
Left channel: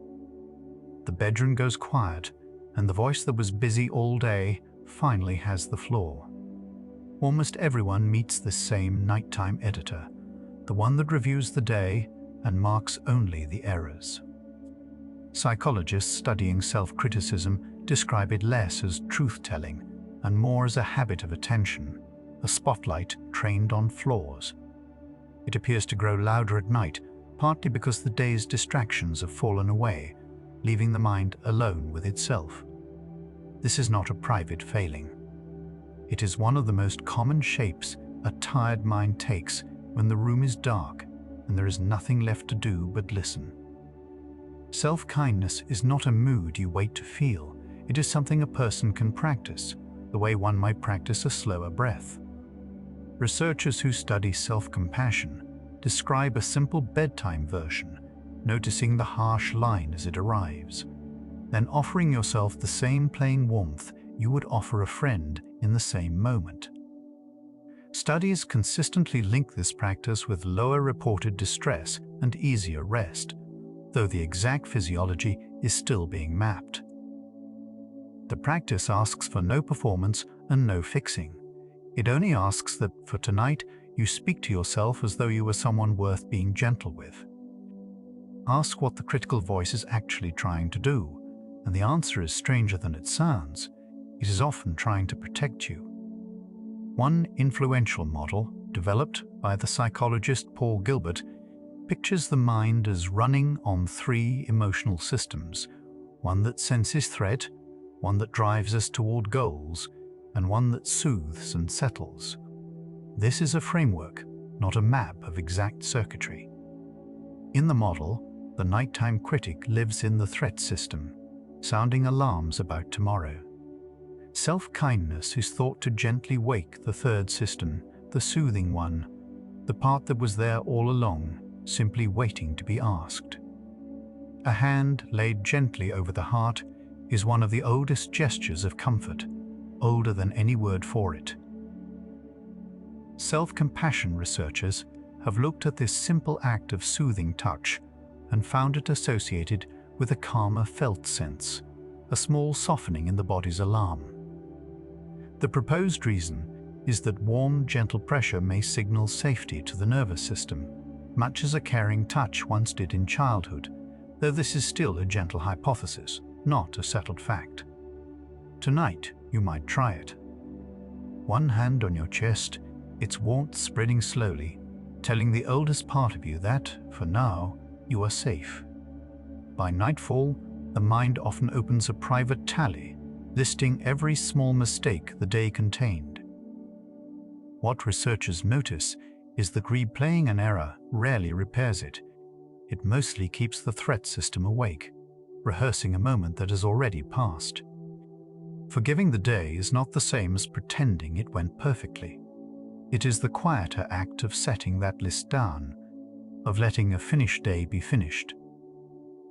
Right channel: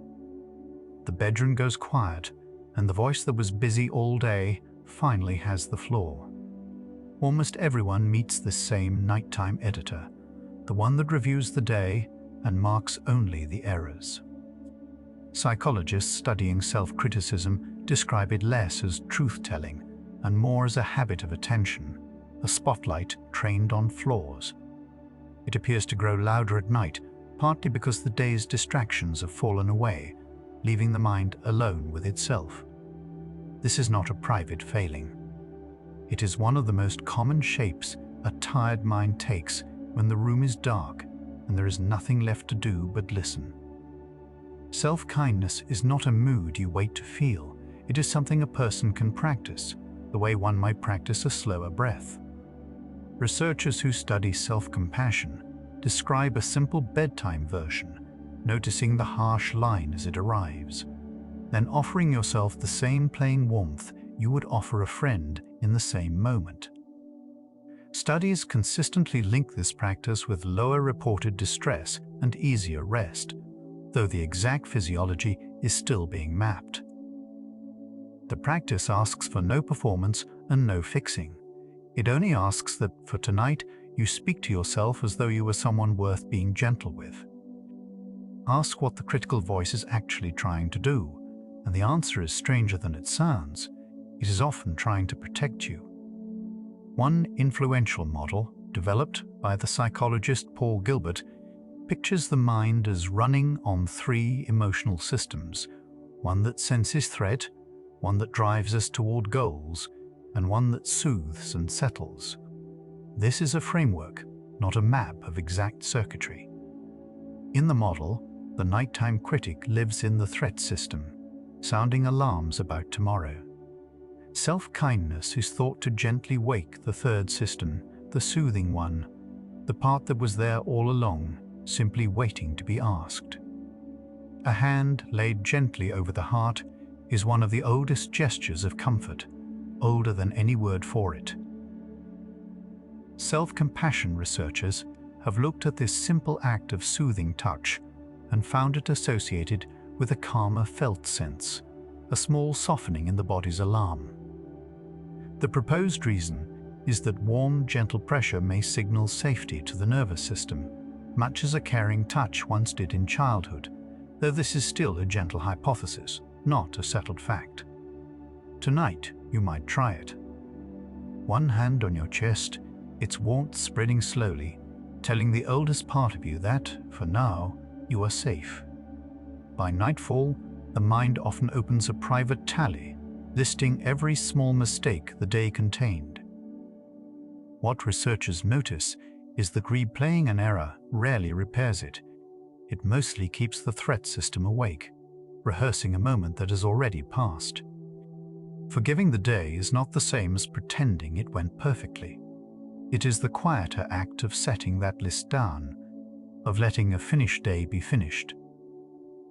The bedroom goes quiet, and the voice that was busy all day finally has the floor. Almost everyone meets this same nighttime editor, the one that reviews the day and marks only the errors. Psychologists studying self-criticism describe it less as truth-telling and more as a habit of attention, a spotlight trained on flaws. It appears to grow louder at night, partly because the day's distractions have fallen away, leaving the mind alone with itself. This is not a private failing. It is one of the most common shapes a tired mind takes when the room is dark and there is nothing left to do but listen. Self-kindness is not a mood you wait to feel. It is something a person can practice, the way one might practice a slower breath. Researchers who study self-compassion describe a simple bedtime version, noticing the harsh line as it arrives, then offering yourself the same plain warmth you would offer a friend in the same moment. Studies consistently link this practice with lower reported distress and easier rest, though the exact physiology is still being mapped. The practice asks for no performance and no fixing. It only asks that, for tonight, you speak to yourself as though you were someone worth being gentle with. Ask what the critical voice is actually trying to do, and the answer is stranger than it sounds. It is often trying to protect you. One influential model, developed by the psychologist Paul Gilbert, pictures the mind as running on three emotional systems, one that senses threat, one that drives us toward goals, and one that soothes and settles. This is a framework, not a map of exact circuitry. In the model, the nighttime critic lives in the threat system, sounding alarms about tomorrow. Self-kindness is thought to gently wake the third system, the soothing one, the part that was there all along, simply waiting to be asked. A hand laid gently over the heart is one of the oldest gestures of comfort, older than any word for it. Self-compassion researchers have looked at this simple act of soothing touch and found it associated with a calmer felt sense, a small softening in the body's alarm. The proposed reason is that warm, gentle pressure may signal safety to the nervous system, much as a caring touch once did in childhood, though this is still a gentle hypothesis, not a settled fact. Tonight, you might try it. One hand on your chest, its warmth spreading slowly, telling the oldest part of you that, for now, you are safe. By nightfall, the mind often opens a private tally, listing every small mistake the day contained. What researchers notice is that replaying an error rarely repairs it. It mostly keeps the threat system awake, rehearsing a moment that has already passed. Forgiving the day is not the same as pretending it went perfectly. It is the quieter act of setting that list down, of letting a finished day be finished.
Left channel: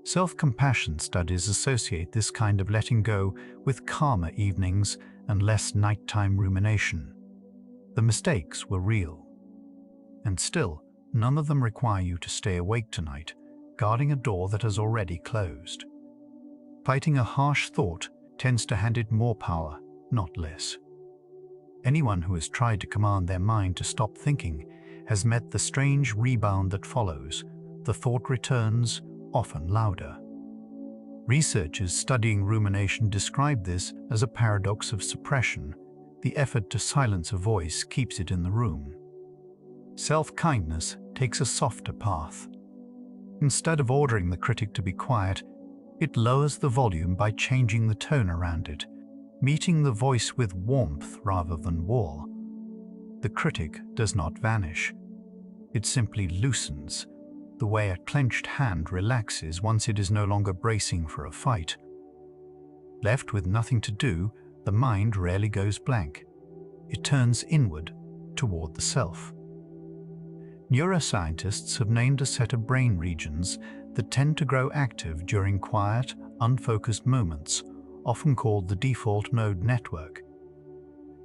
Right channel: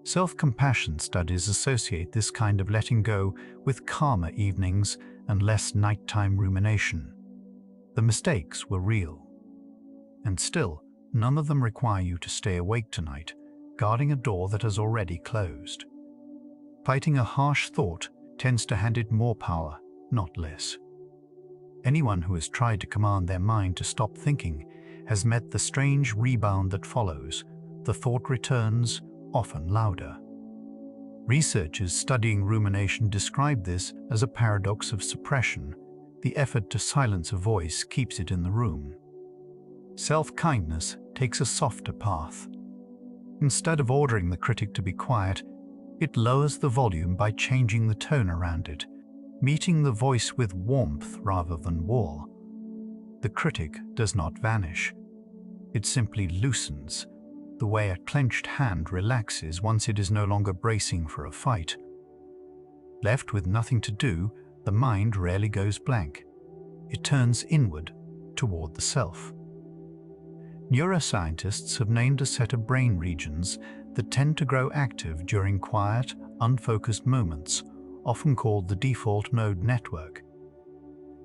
Self-compassion studies associate this kind of letting go with calmer evenings and less nighttime rumination. The mistakes were real. And still, none of them require you to stay awake tonight, guarding a door that has already closed. Fighting a harsh thought tends to hand it more power, not less. Anyone who has tried to command their mind to stop thinking has met the strange rebound that follows. The thought returns, often louder. Researchers studying rumination describe this as a paradox of suppression. The effort to silence a voice keeps it in the room. Self-kindness takes a softer path. Instead of ordering the critic to be quiet, it lowers the volume by changing the tone around it, meeting the voice with warmth rather than wall. The critic does not vanish. It simply loosens, the way a clenched hand relaxes once it is no longer bracing for a fight. Left with nothing to do, the mind rarely goes blank. It turns inward, toward the self. Neuroscientists have named a set of brain regions that tend to grow active during quiet, unfocused moments, often called the default mode network.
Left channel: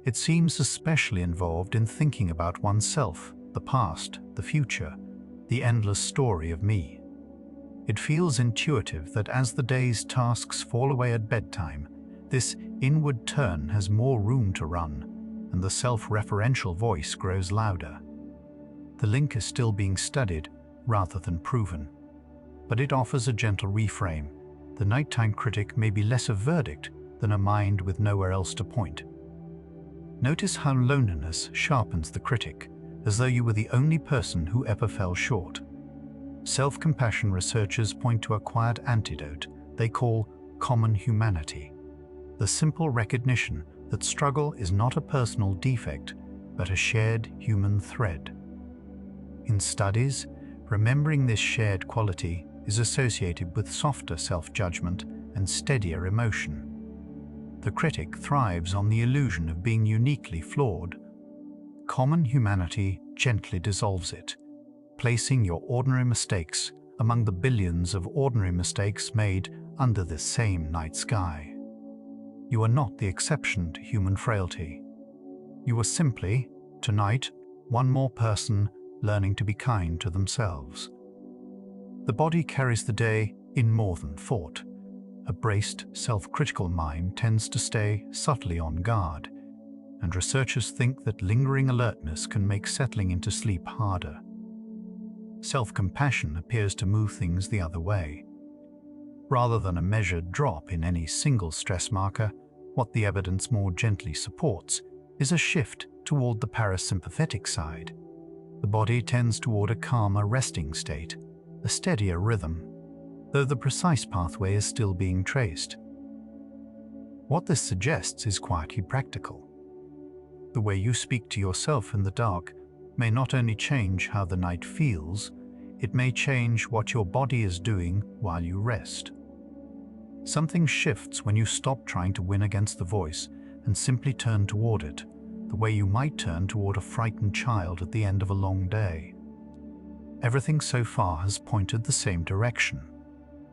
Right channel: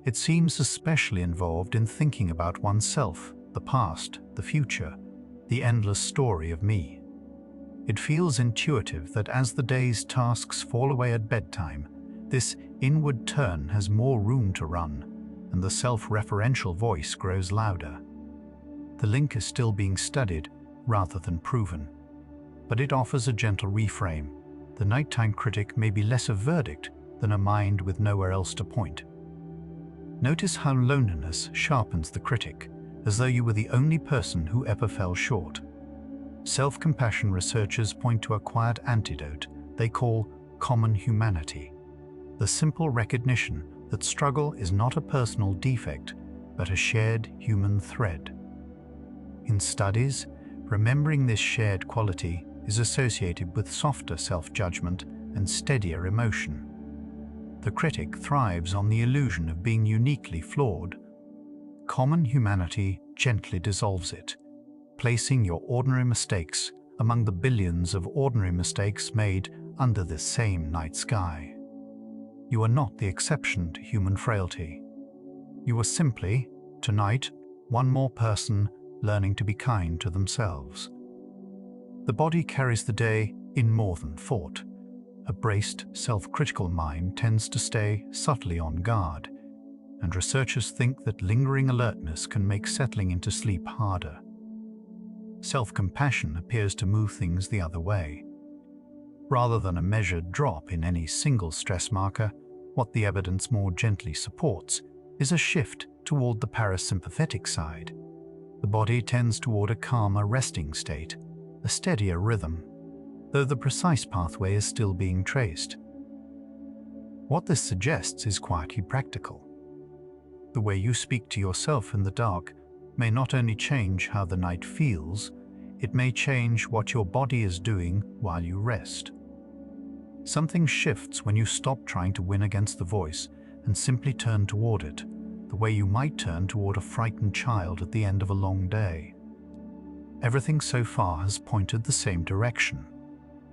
It seems especially involved in thinking about oneself, the past, the future, the endless story of me. It feels intuitive that as the day's tasks fall away at bedtime, this inward turn has more room to run, and the self-referential voice grows louder. The link is still being studied rather than proven, but it offers a gentle reframe. The nighttime critic may be less a verdict than a mind with nowhere else to point. Notice how loneliness sharpens the critic, as though you were the only person who ever fell short. Self-compassion researchers point to a quiet antidote they call common humanity, the simple recognition that struggle is not a personal defect, but a shared human thread. In studies, remembering this shared quality is associated with softer self-judgment and steadier emotion. The critic thrives on the illusion of being uniquely flawed. Common humanity gently dissolves it, placing your ordinary mistakes among the billions of ordinary mistakes made under this same night sky. You are not the exception to human frailty. You are simply, tonight, one more person learning to be kind to themselves. The body carries the day in more than thought. A braced, self-critical mind tends to stay subtly on guard, and researchers think that lingering alertness can make settling into sleep harder. Self-compassion appears to move things the other way. Rather than a measured drop in any single stress marker, what the evidence more gently supports is a shift toward the parasympathetic side. The body tends toward a calmer resting state, a steadier rhythm, though the precise pathway is still being traced. What this suggests is quietly practical. The way you speak to yourself in the dark may not only change how the night feels, it may change what your body is doing while you rest. Something shifts when you stop trying to win against the voice and simply turn toward it, the way you might turn toward a frightened child at the end of a long day. Everything so far has pointed the same direction.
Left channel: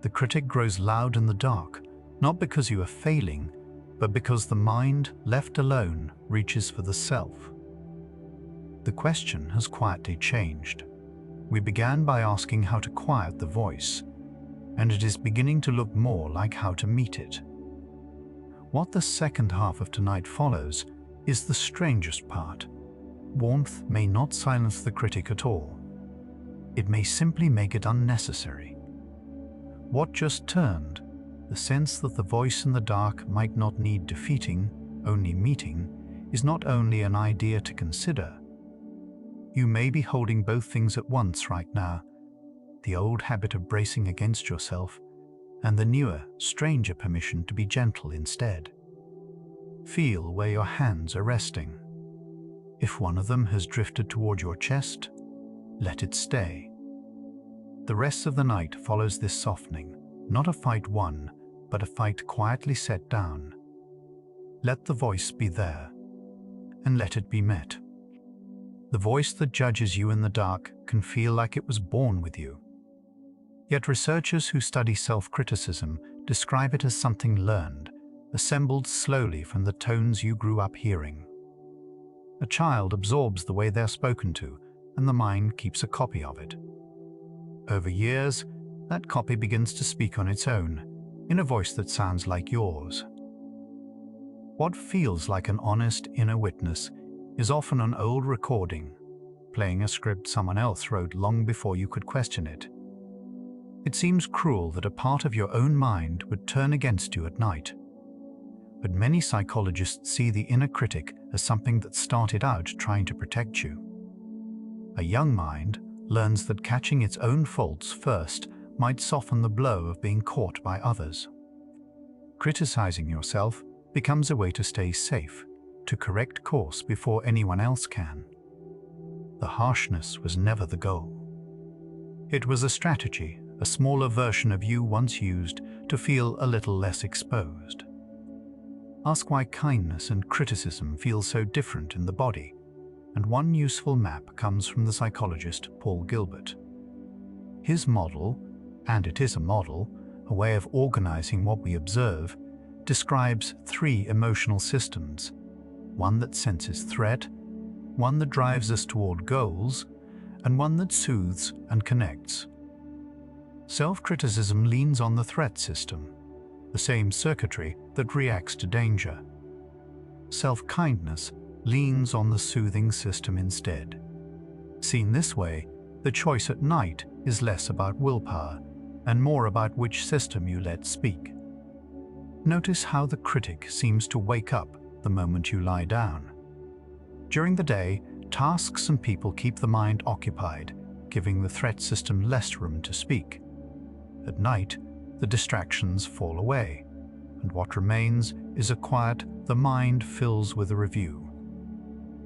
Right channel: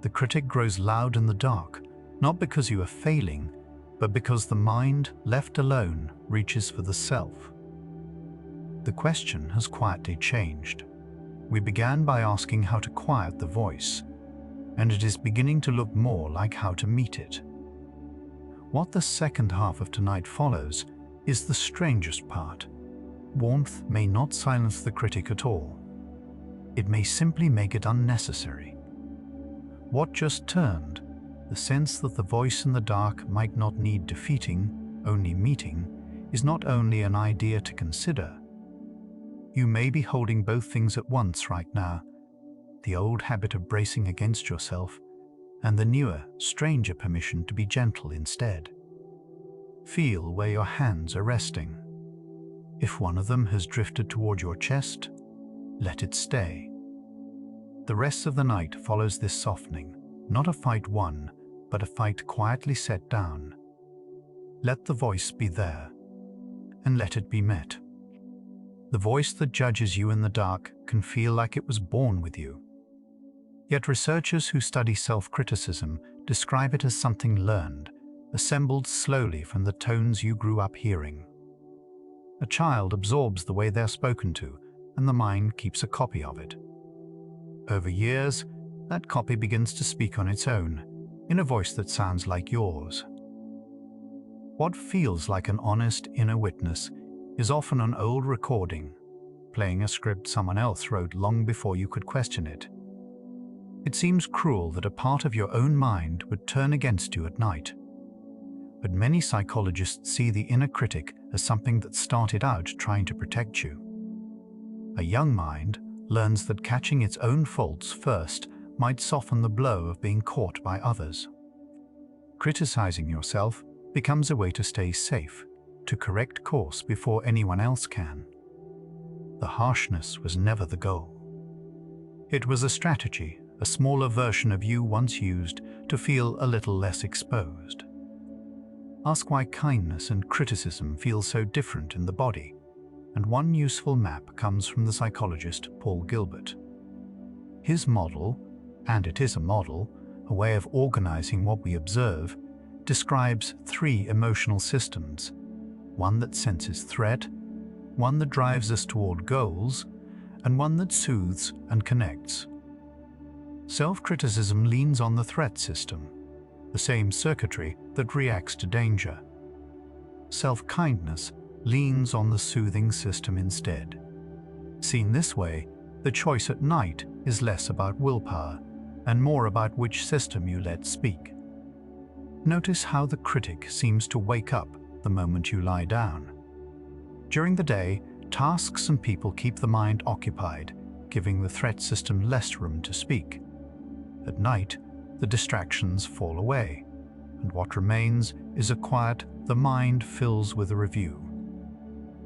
The critic grows loud in the dark, not because you are failing, but because the mind, left alone, reaches for the self. The question has quietly changed. We began by asking how to quiet the voice, and it is beginning to look more like how to meet it. What the second half of tonight follows is the strangest part. Warmth may not silence the critic at all. It may simply make it unnecessary. What just turned? The sense that the voice in the dark might not need defeating, only meeting, is not only an idea to consider. You may be holding both things at once right now, the old habit of bracing against yourself, and the newer, stranger permission to be gentle instead. Feel where your hands are resting. If one of them has drifted toward your chest, let it stay. The rest of the night follows this softening, not a fight won, but a fight quietly set down. Let the voice be there, and let it be met. The voice that judges you in the dark can feel like it was born with you. Yet researchers who study self-criticism describe it as something learned, assembled slowly from the tones you grew up hearing. A child absorbs the way they're spoken to, and the mind keeps a copy of it. Over years, that copy begins to speak on its own, in a voice that sounds like yours. What feels like an honest inner witness is often an old recording, playing a script someone else wrote long before you could question it. It seems cruel that a part of your own mind would turn against you at night. But many psychologists see the inner critic as something that started out trying to protect you. A young mind learns that catching its own faults first might soften the blow of being caught by others. Criticizing yourself becomes a way to stay safe, to correct course before anyone else can. The harshness was never the goal. It was a strategy, a smaller version of you once used to feel a little less exposed. Ask why kindness and criticism feel so different in the body, and one useful map comes from the psychologist Paul Gilbert. His model, and it is a model, a way of organizing what we observe, describes 3 emotional systems: one that senses threat, one that drives us toward goals, and one that soothes and connects. Self-criticism leans on the threat system, the same circuitry that reacts to danger. Self-kindness leans on the soothing system instead. Seen this way, the choice at night is less about willpower and more about which system you let speak. Notice how the critic seems to wake up the moment you lie down. During the day, tasks and people keep the mind occupied, giving the threat system less room to speak. At night, the distractions fall away, and what remains is a quiet the mind fills with a review.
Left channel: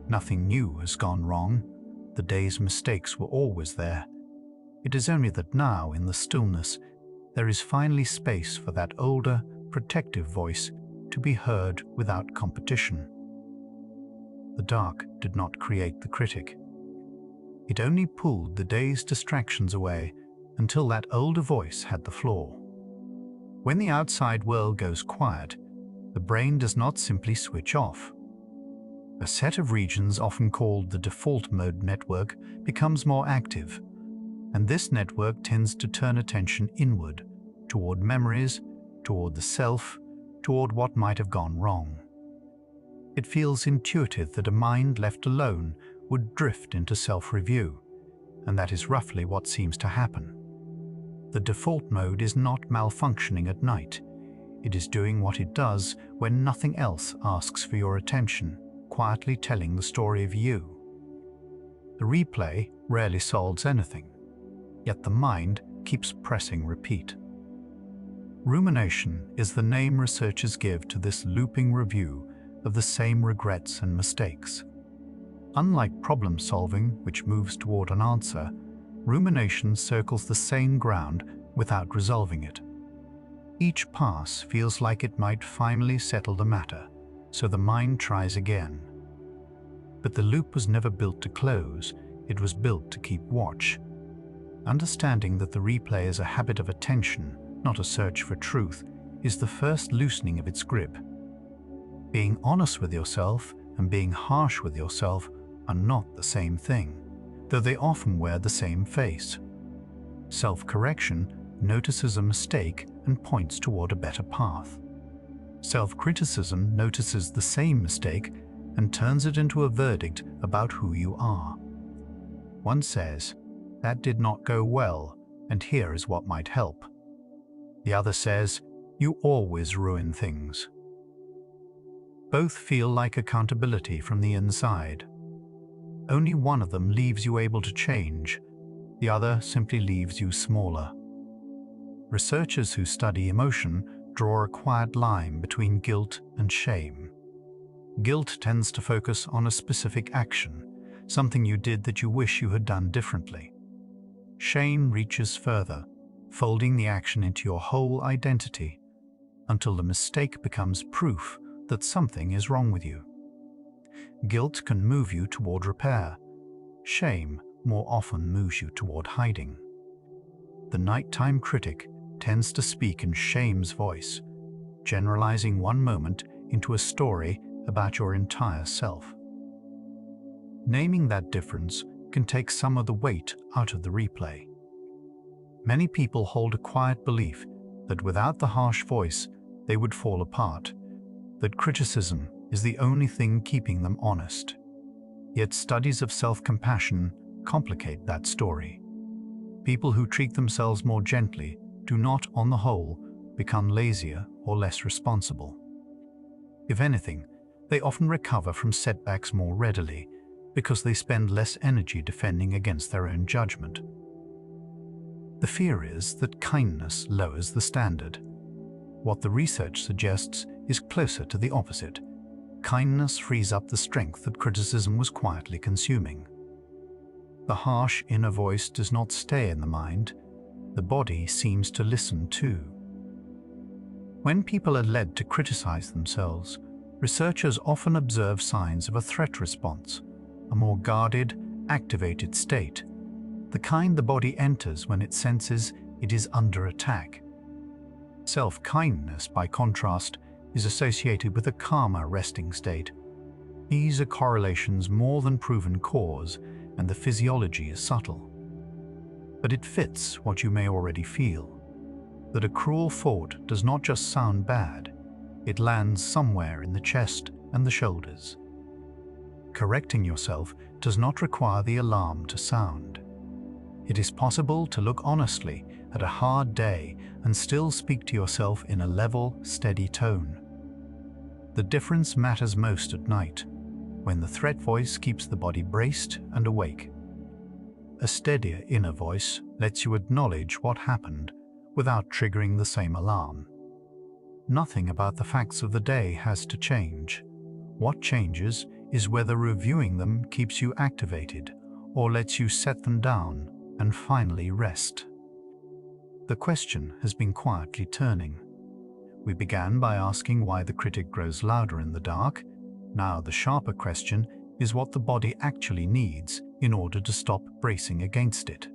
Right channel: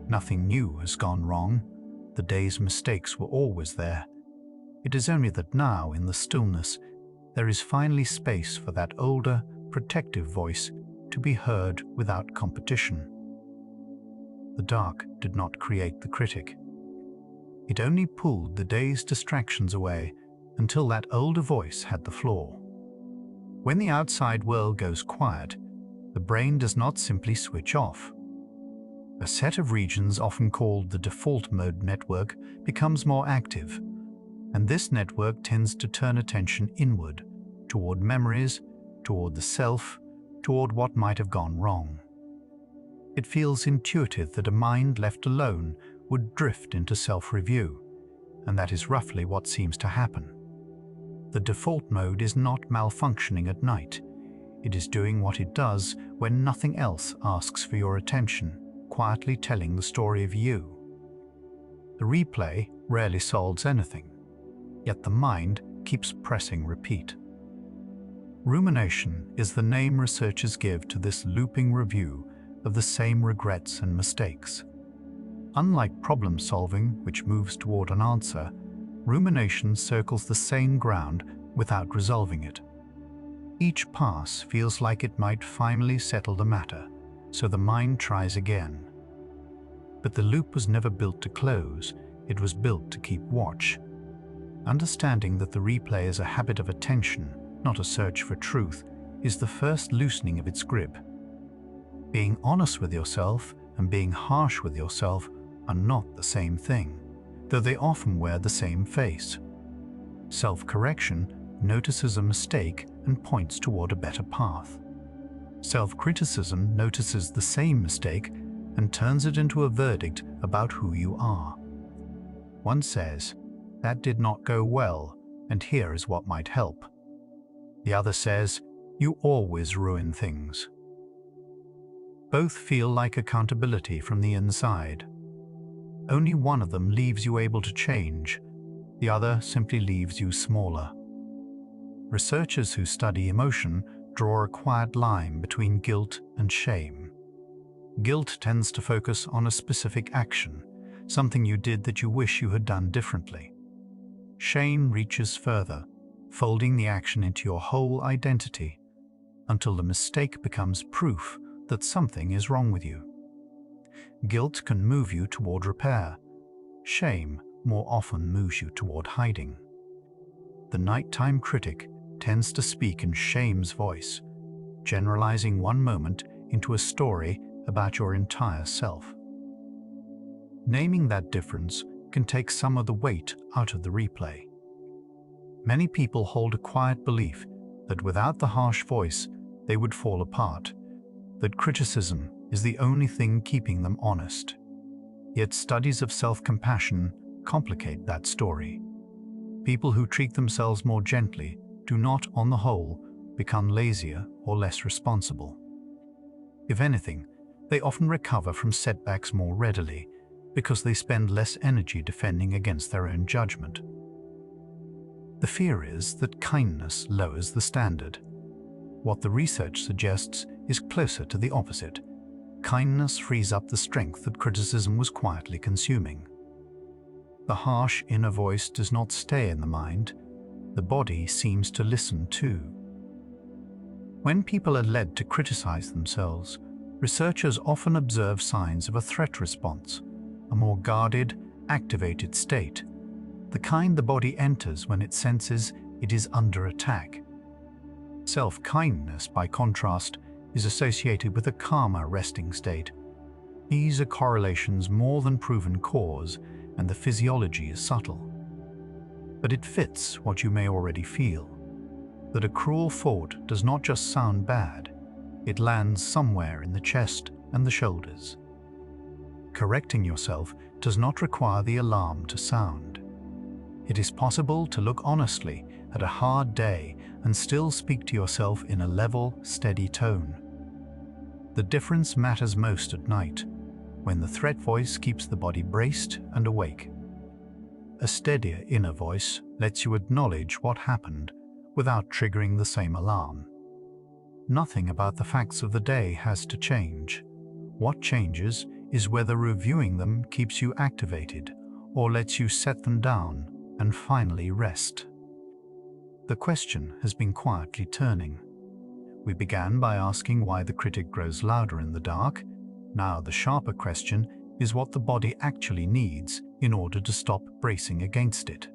Nothing new has gone wrong. The day's mistakes were always there. It is only that now, in the stillness, there is finally space for that older, protective voice to be heard without competition. The dark did not create the critic. It only pulled the day's distractions away until that older voice had the floor. When the outside world goes quiet, the brain does not simply switch off. A set of regions, often called the default mode network, becomes more active, and this network tends to turn attention inward, toward memories, toward the self, toward what might have gone wrong. It feels intuitive that a mind left alone would drift into self-review, and that is roughly what seems to happen. The default mode is not malfunctioning at night. It is doing what it does when nothing else asks for your attention, quietly telling the story of you. The replay rarely solves anything, yet the mind keeps pressing repeat. Rumination is the name researchers give to this looping review of the same regrets and mistakes. Unlike problem solving, which moves toward an answer, rumination circles the same ground without resolving it. Each pass feels like it might finally settle the matter, so the mind tries again. But the loop was never built to close, it was built to keep watch. Understanding that the replay is a habit of attention, not a search for truth, is the first loosening of its grip. Being honest with yourself and being harsh with yourself are not the same thing, though they often wear the same face. Self-correction notices a mistake and points toward a better path. Self-criticism notices the same mistake and turns it into a verdict about who you are. One says, "That did not go well, and here is what might help." The other says, You always ruin things. Both feel like accountability from the inside. Only one of them leaves you able to change, the other simply leaves you smaller. Researchers who study emotion draw a quiet line between guilt and shame. Guilt tends to focus on a specific action, something you did that you wish you had done differently. Shame reaches further, folding the action into your whole identity, until the mistake becomes proof that something is wrong with you. Guilt can move you toward repair. Shame more often moves you toward hiding. The nighttime critic tends to speak in shame's voice, generalizing one moment into a story about your entire self. Naming that difference can take some of the weight out of the replay. Many people hold a quiet belief that without the harsh voice, they would fall apart, that criticism is the only thing keeping them honest. Yet studies of self-compassion complicate that story. People who treat themselves more gently do not, on the whole, become lazier or less responsible. If anything, they often recover from setbacks more readily because they spend less energy defending against their own judgment. The fear is that kindness lowers the standard. What the research suggests is closer to the opposite. Kindness frees up the strength that criticism was quietly consuming. The harsh inner voice does not stay in the mind. The body seems to listen too. When people are led to criticize themselves, researchers often observe signs of a threat response, a more guarded, activated state, the kind the body enters when it senses it is under attack. Self-kindness, by contrast, is associated with a calmer resting state. These are correlations more than proven cause, and the physiology is subtle. But it fits what you may already feel, that a cruel thought does not just sound bad, it lands somewhere in the chest and the shoulders. Correcting yourself does not require the alarm to sound. It is possible to look honestly at a hard day and still speak to yourself in a level, steady tone. The difference matters most at night, when the threat voice keeps the body braced and awake. A steadier inner voice lets you acknowledge what happened without triggering the same alarm. Nothing about the facts of the day has to change. What changes is whether reviewing them keeps you activated or lets you set them down and finally rest. The question has been quietly turning. We began by asking why the critic grows louder in the dark. Now the sharper question is what the body actually needs in order to stop bracing against it.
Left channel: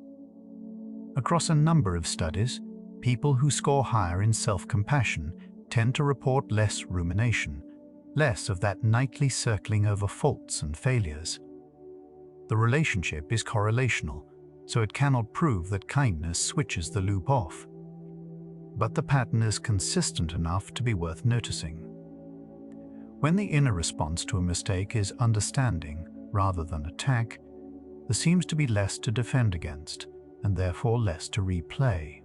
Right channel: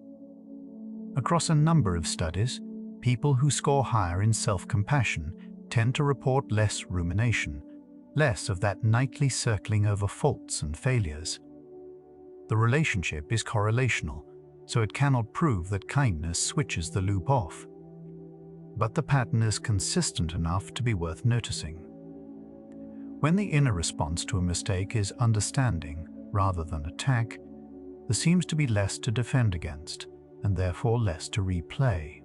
Across a number of studies, people who score higher in self-compassion tend to report less rumination, less of that nightly circling over faults and failures. The relationship is correlational, so it cannot prove that kindness switches the loop off. But the pattern is consistent enough to be worth noticing. When the inner response to a mistake is understanding rather than attack, there seems to be less to defend against, and therefore less to replay.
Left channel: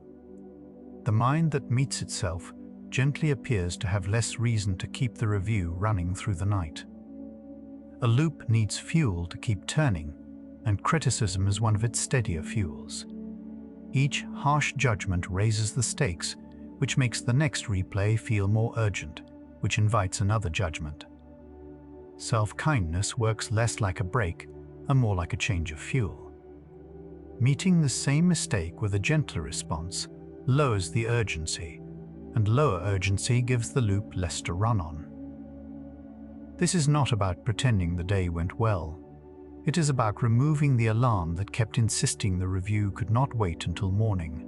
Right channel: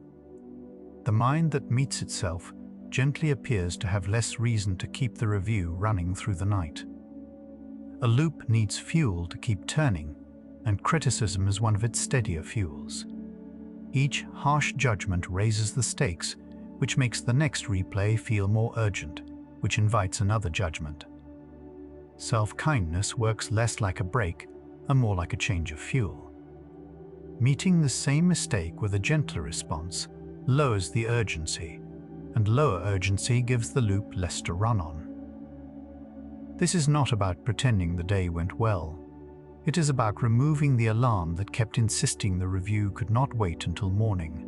The mind that meets itself gently appears to have less reason to keep the review running through the night. A loop needs fuel to keep turning, and criticism is one of its steadier fuels. Each harsh judgment raises the stakes, which makes the next replay feel more urgent, which invites another judgment. Self-kindness works less like a break and more like a change of fuel. Meeting the same mistake with a gentler response lowers the urgency, and lower urgency gives the loop less to run on. This is not about pretending the day went well. It is about removing the alarm that kept insisting the review could not wait until morning.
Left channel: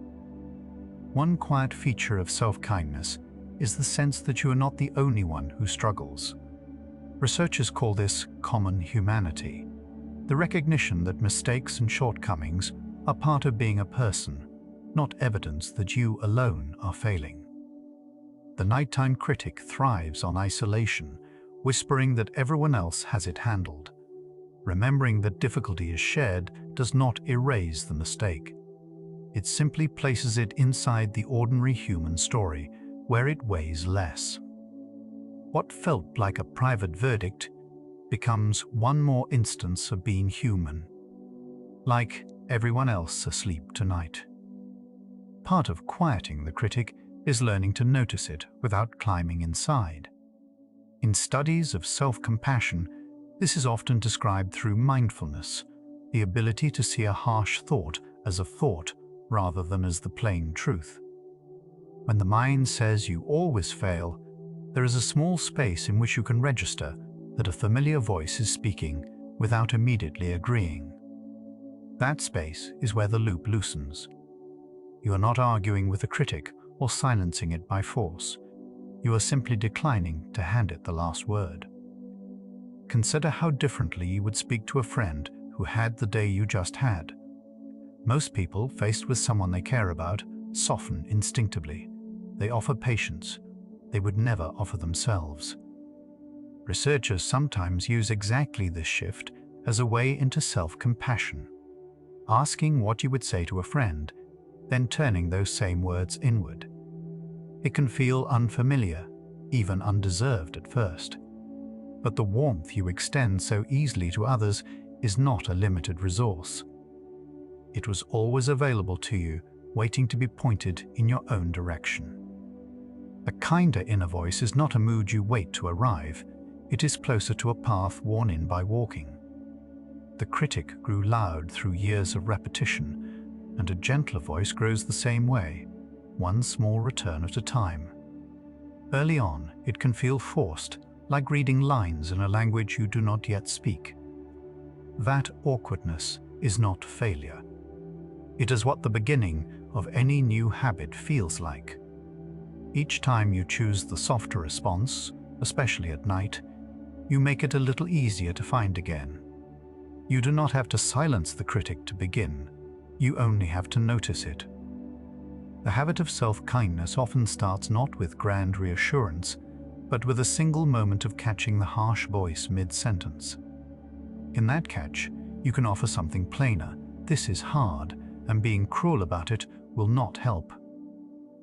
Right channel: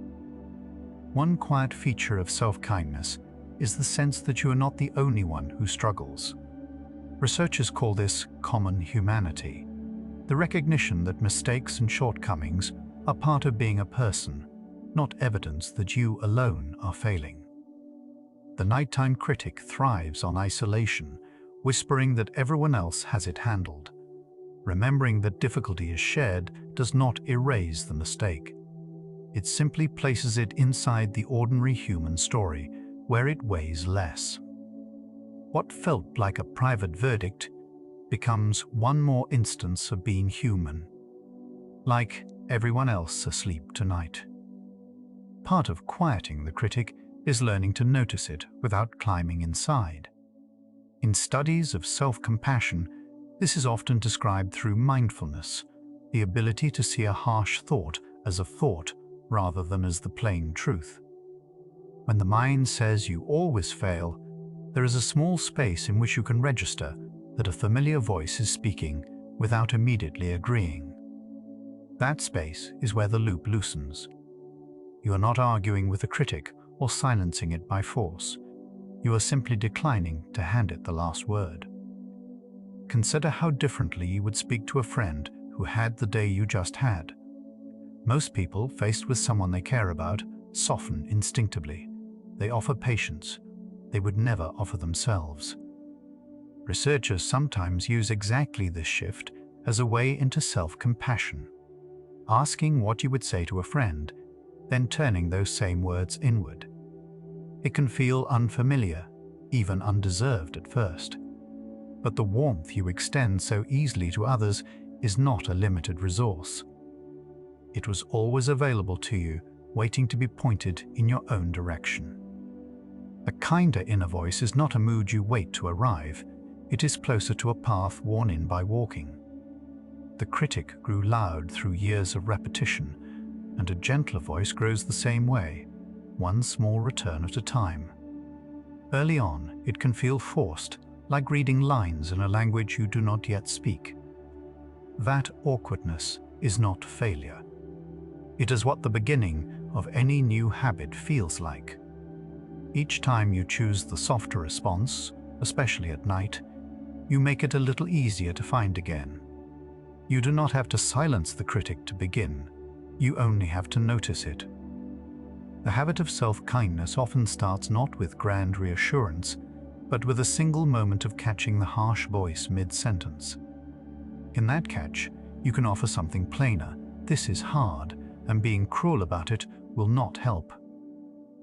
One quiet feature of self-kindness is the sense that you are not the only one who struggles. Researchers call this common humanity, the recognition that mistakes and shortcomings are part of being a person, not evidence that you alone are failing. The nighttime critic thrives on isolation, whispering that everyone else has it handled. Remembering that difficulty is shared does not erase the mistake. It simply places it inside the ordinary human story, where it weighs less. What felt like a private verdict becomes one more instance of being human, like everyone else asleep tonight. Part of quieting the critic is learning to notice it without climbing inside. In studies of self-compassion, this is often described through mindfulness, the ability to see a harsh thought as a thought rather than as the plain truth. When the mind says you always fail, there is a small space in which you can register that a familiar voice is speaking without immediately agreeing. That space is where the loop loosens. You are not arguing with the critic or silencing it by force. You are simply declining to hand it the last word. Consider how differently you would speak to a friend who had the day you just had. Most people, faced with someone they care about, soften instinctively. They offer patience. They would never offer themselves. Researchers sometimes use exactly this shift as a way into self-compassion, asking what you would say to a friend, then turning those same words inward. It can feel unfamiliar, even undeserved at first. But the warmth you extend so easily to others is not a limited resource. It was always available to you, waiting to be pointed in your own direction. A kinder inner voice is not a mood you wait to arrive. It is closer to a path worn in by walking. The critic grew loud through years of repetition, and a gentler voice grows the same way, one small return at a time. Early on, it can feel forced, like reading lines in a language you do not yet speak. That awkwardness is not failure. It is what the beginning of any new habit feels like. Each time you choose the softer response, especially at night, you make it a little easier to find again. You do not have to silence the critic to begin. You only have to notice it. The habit of self-kindness often starts not with grand reassurance, but with a single moment of catching the harsh voice mid-sentence. In that catch, you can offer something plainer. This is hard, and being cruel about it will not help.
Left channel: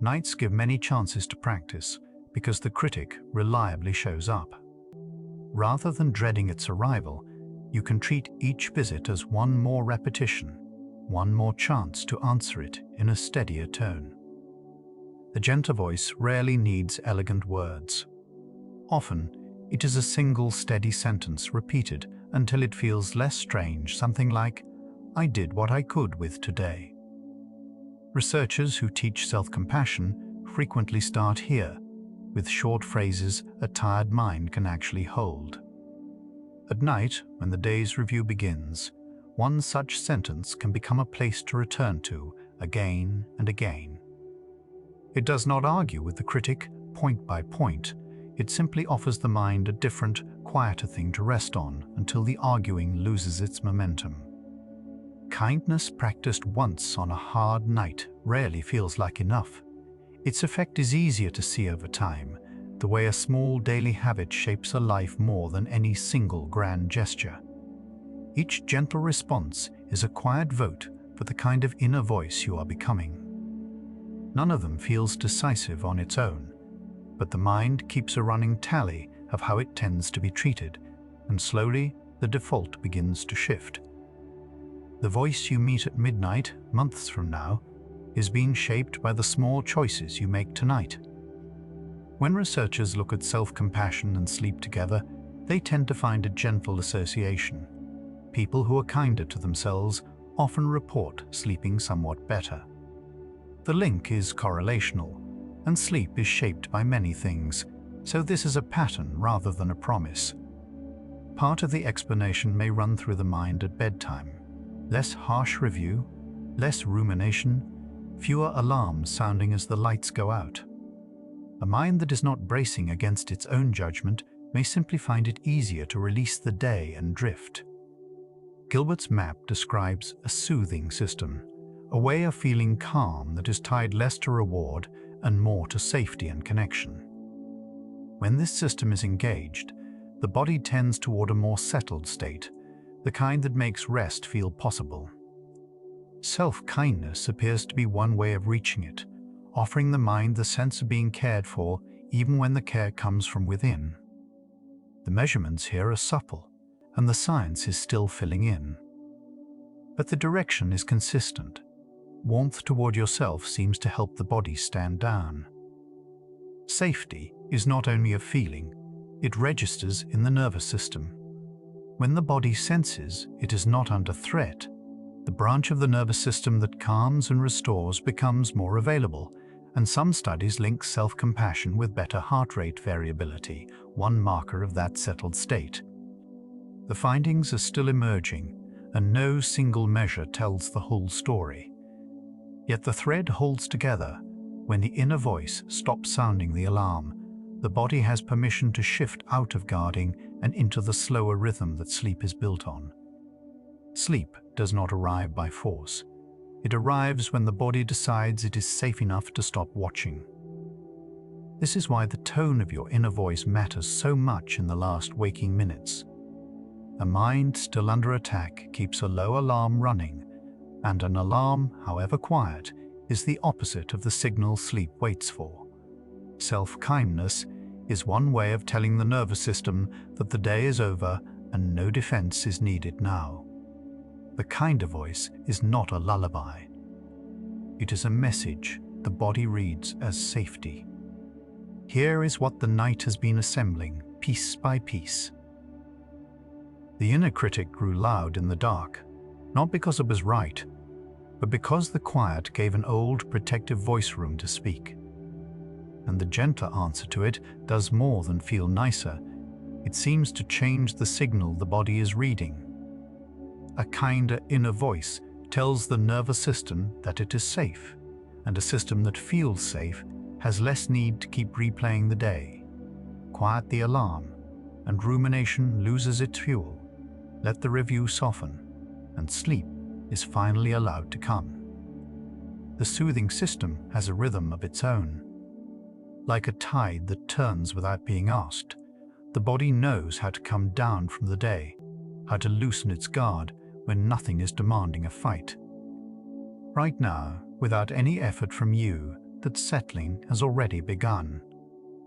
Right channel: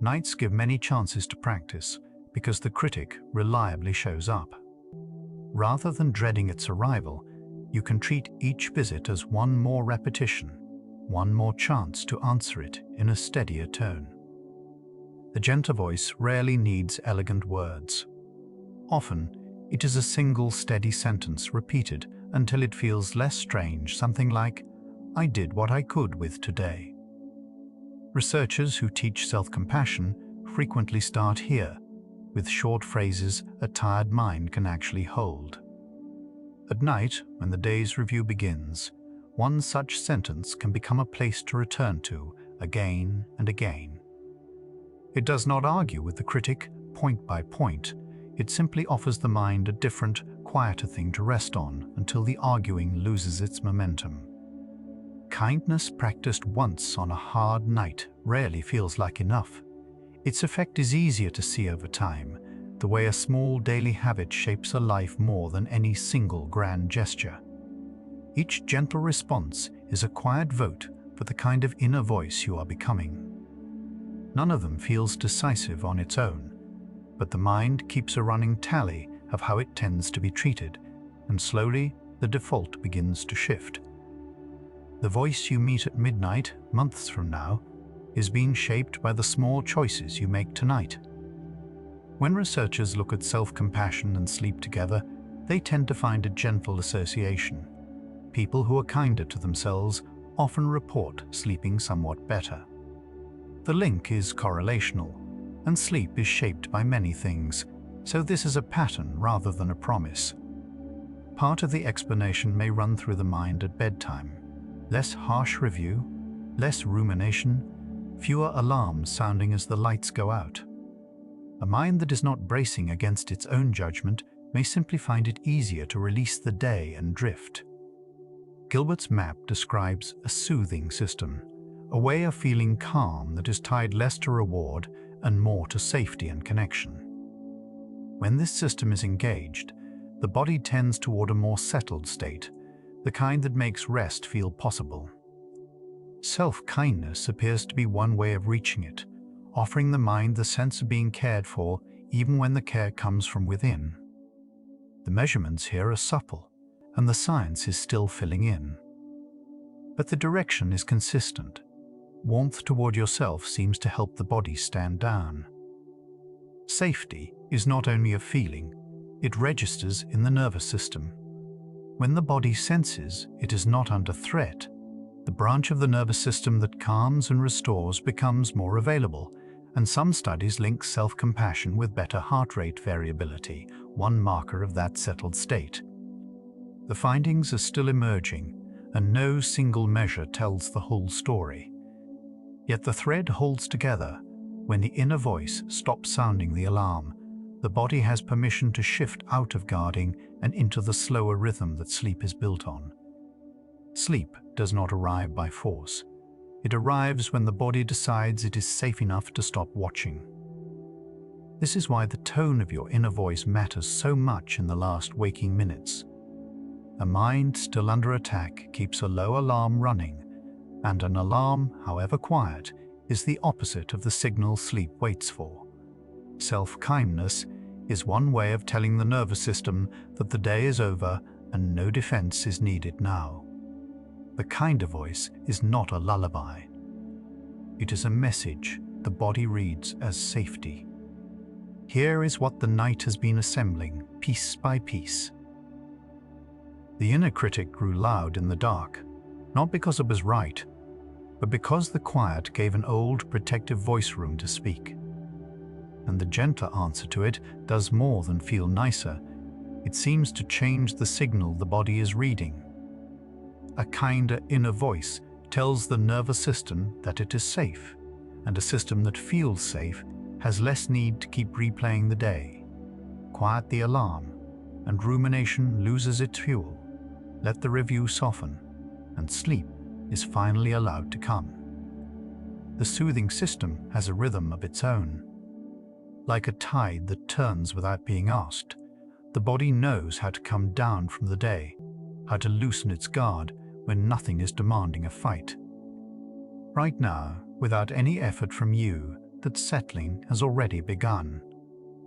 Nights give many chances to practice because the critic reliably shows up. Rather than dreading its arrival, you can treat each visit as one more repetition, one more chance to answer it in a steadier tone. The gentle voice rarely needs elegant words. Often, it is a single steady sentence repeated until it feels less strange, something like, "I did what I could with today." Researchers who teach self-compassion frequently start here, with short phrases a tired mind can actually hold. At night, when the day's review begins, one such sentence can become a place to return to again and again. It does not argue with the critic point by point. It simply offers the mind a different, quieter thing to rest on until the arguing loses its momentum. Kindness practiced once on a hard night rarely feels like enough. Its effect is easier to see over time, the way a small daily habit shapes a life more than any single grand gesture. Each gentle response is a quiet vote for the kind of inner voice you are becoming. None of them feels decisive on its own, but the mind keeps a running tally of how it tends to be treated, and slowly the default begins to shift. The voice you meet at midnight, months from now, is being shaped by the small choices you make tonight. When researchers look at self-compassion and sleep together, they tend to find a gentle association. People who are kinder to themselves often report sleeping somewhat better. The link is correlational, and sleep is shaped by many things, so this is a pattern rather than a promise. Part of the explanation may run through the mind at bedtime. Less harsh review, less rumination, fewer alarms sounding as the lights go out. A mind that is not bracing against its own judgment may simply find it easier to release the day and drift. Gilbert's map describes a soothing system, a way of feeling calm that is tied less to reward and more to safety and connection. When this system is engaged, the body tends toward a more settled state, the kind that makes rest feel possible. Self-kindness appears to be one way of reaching it, offering the mind the sense of being cared for even when the care comes from within. The measurements here are supple, and the science is still filling in. But the direction is consistent. Warmth toward yourself seems to help the body stand down. Safety is not only a feeling, it registers in the nervous system. When the body senses it is not under threat, the branch of the nervous system that calms and restores becomes more available, and some studies link self-compassion with better heart rate variability, one marker of that settled state. The findings are still emerging, and no single measure tells the whole story. Yet the thread holds together. When the inner voice stops sounding the alarm, the body has permission to shift out of guarding and into the slower rhythm that sleep is built on. Sleep does not arrive by force. It arrives when the body decides it is safe enough to stop watching. This is why the tone of your inner voice matters so much in the last waking minutes. A mind still under attack keeps a low alarm running, and an alarm, however quiet, is the opposite of the signal sleep waits for. Self-kindness is one way of telling the nervous system that the day is over and no defense is needed now. The kinder voice is not a lullaby. It is a message the body reads as safety. Here is what the night has been assembling, piece by piece. The inner critic grew loud in the dark, not because it was right, but because the quiet gave an old protective voice room to speak. And the gentler answer to it does more than feel nicer. It seems to change the signal the body is reading. A kinder inner voice tells the nervous system that it is safe, and a system that feels safe has less need to keep replaying the day. Quiet the alarm, and rumination loses its fuel. Let the review soften, and sleep is finally allowed to come. The soothing system has a rhythm of its own. Like a tide that turns without being asked, the body knows how to come down from the day, how to loosen its guard when nothing is demanding a fight. Right now, without any effort from you, that settling has already begun.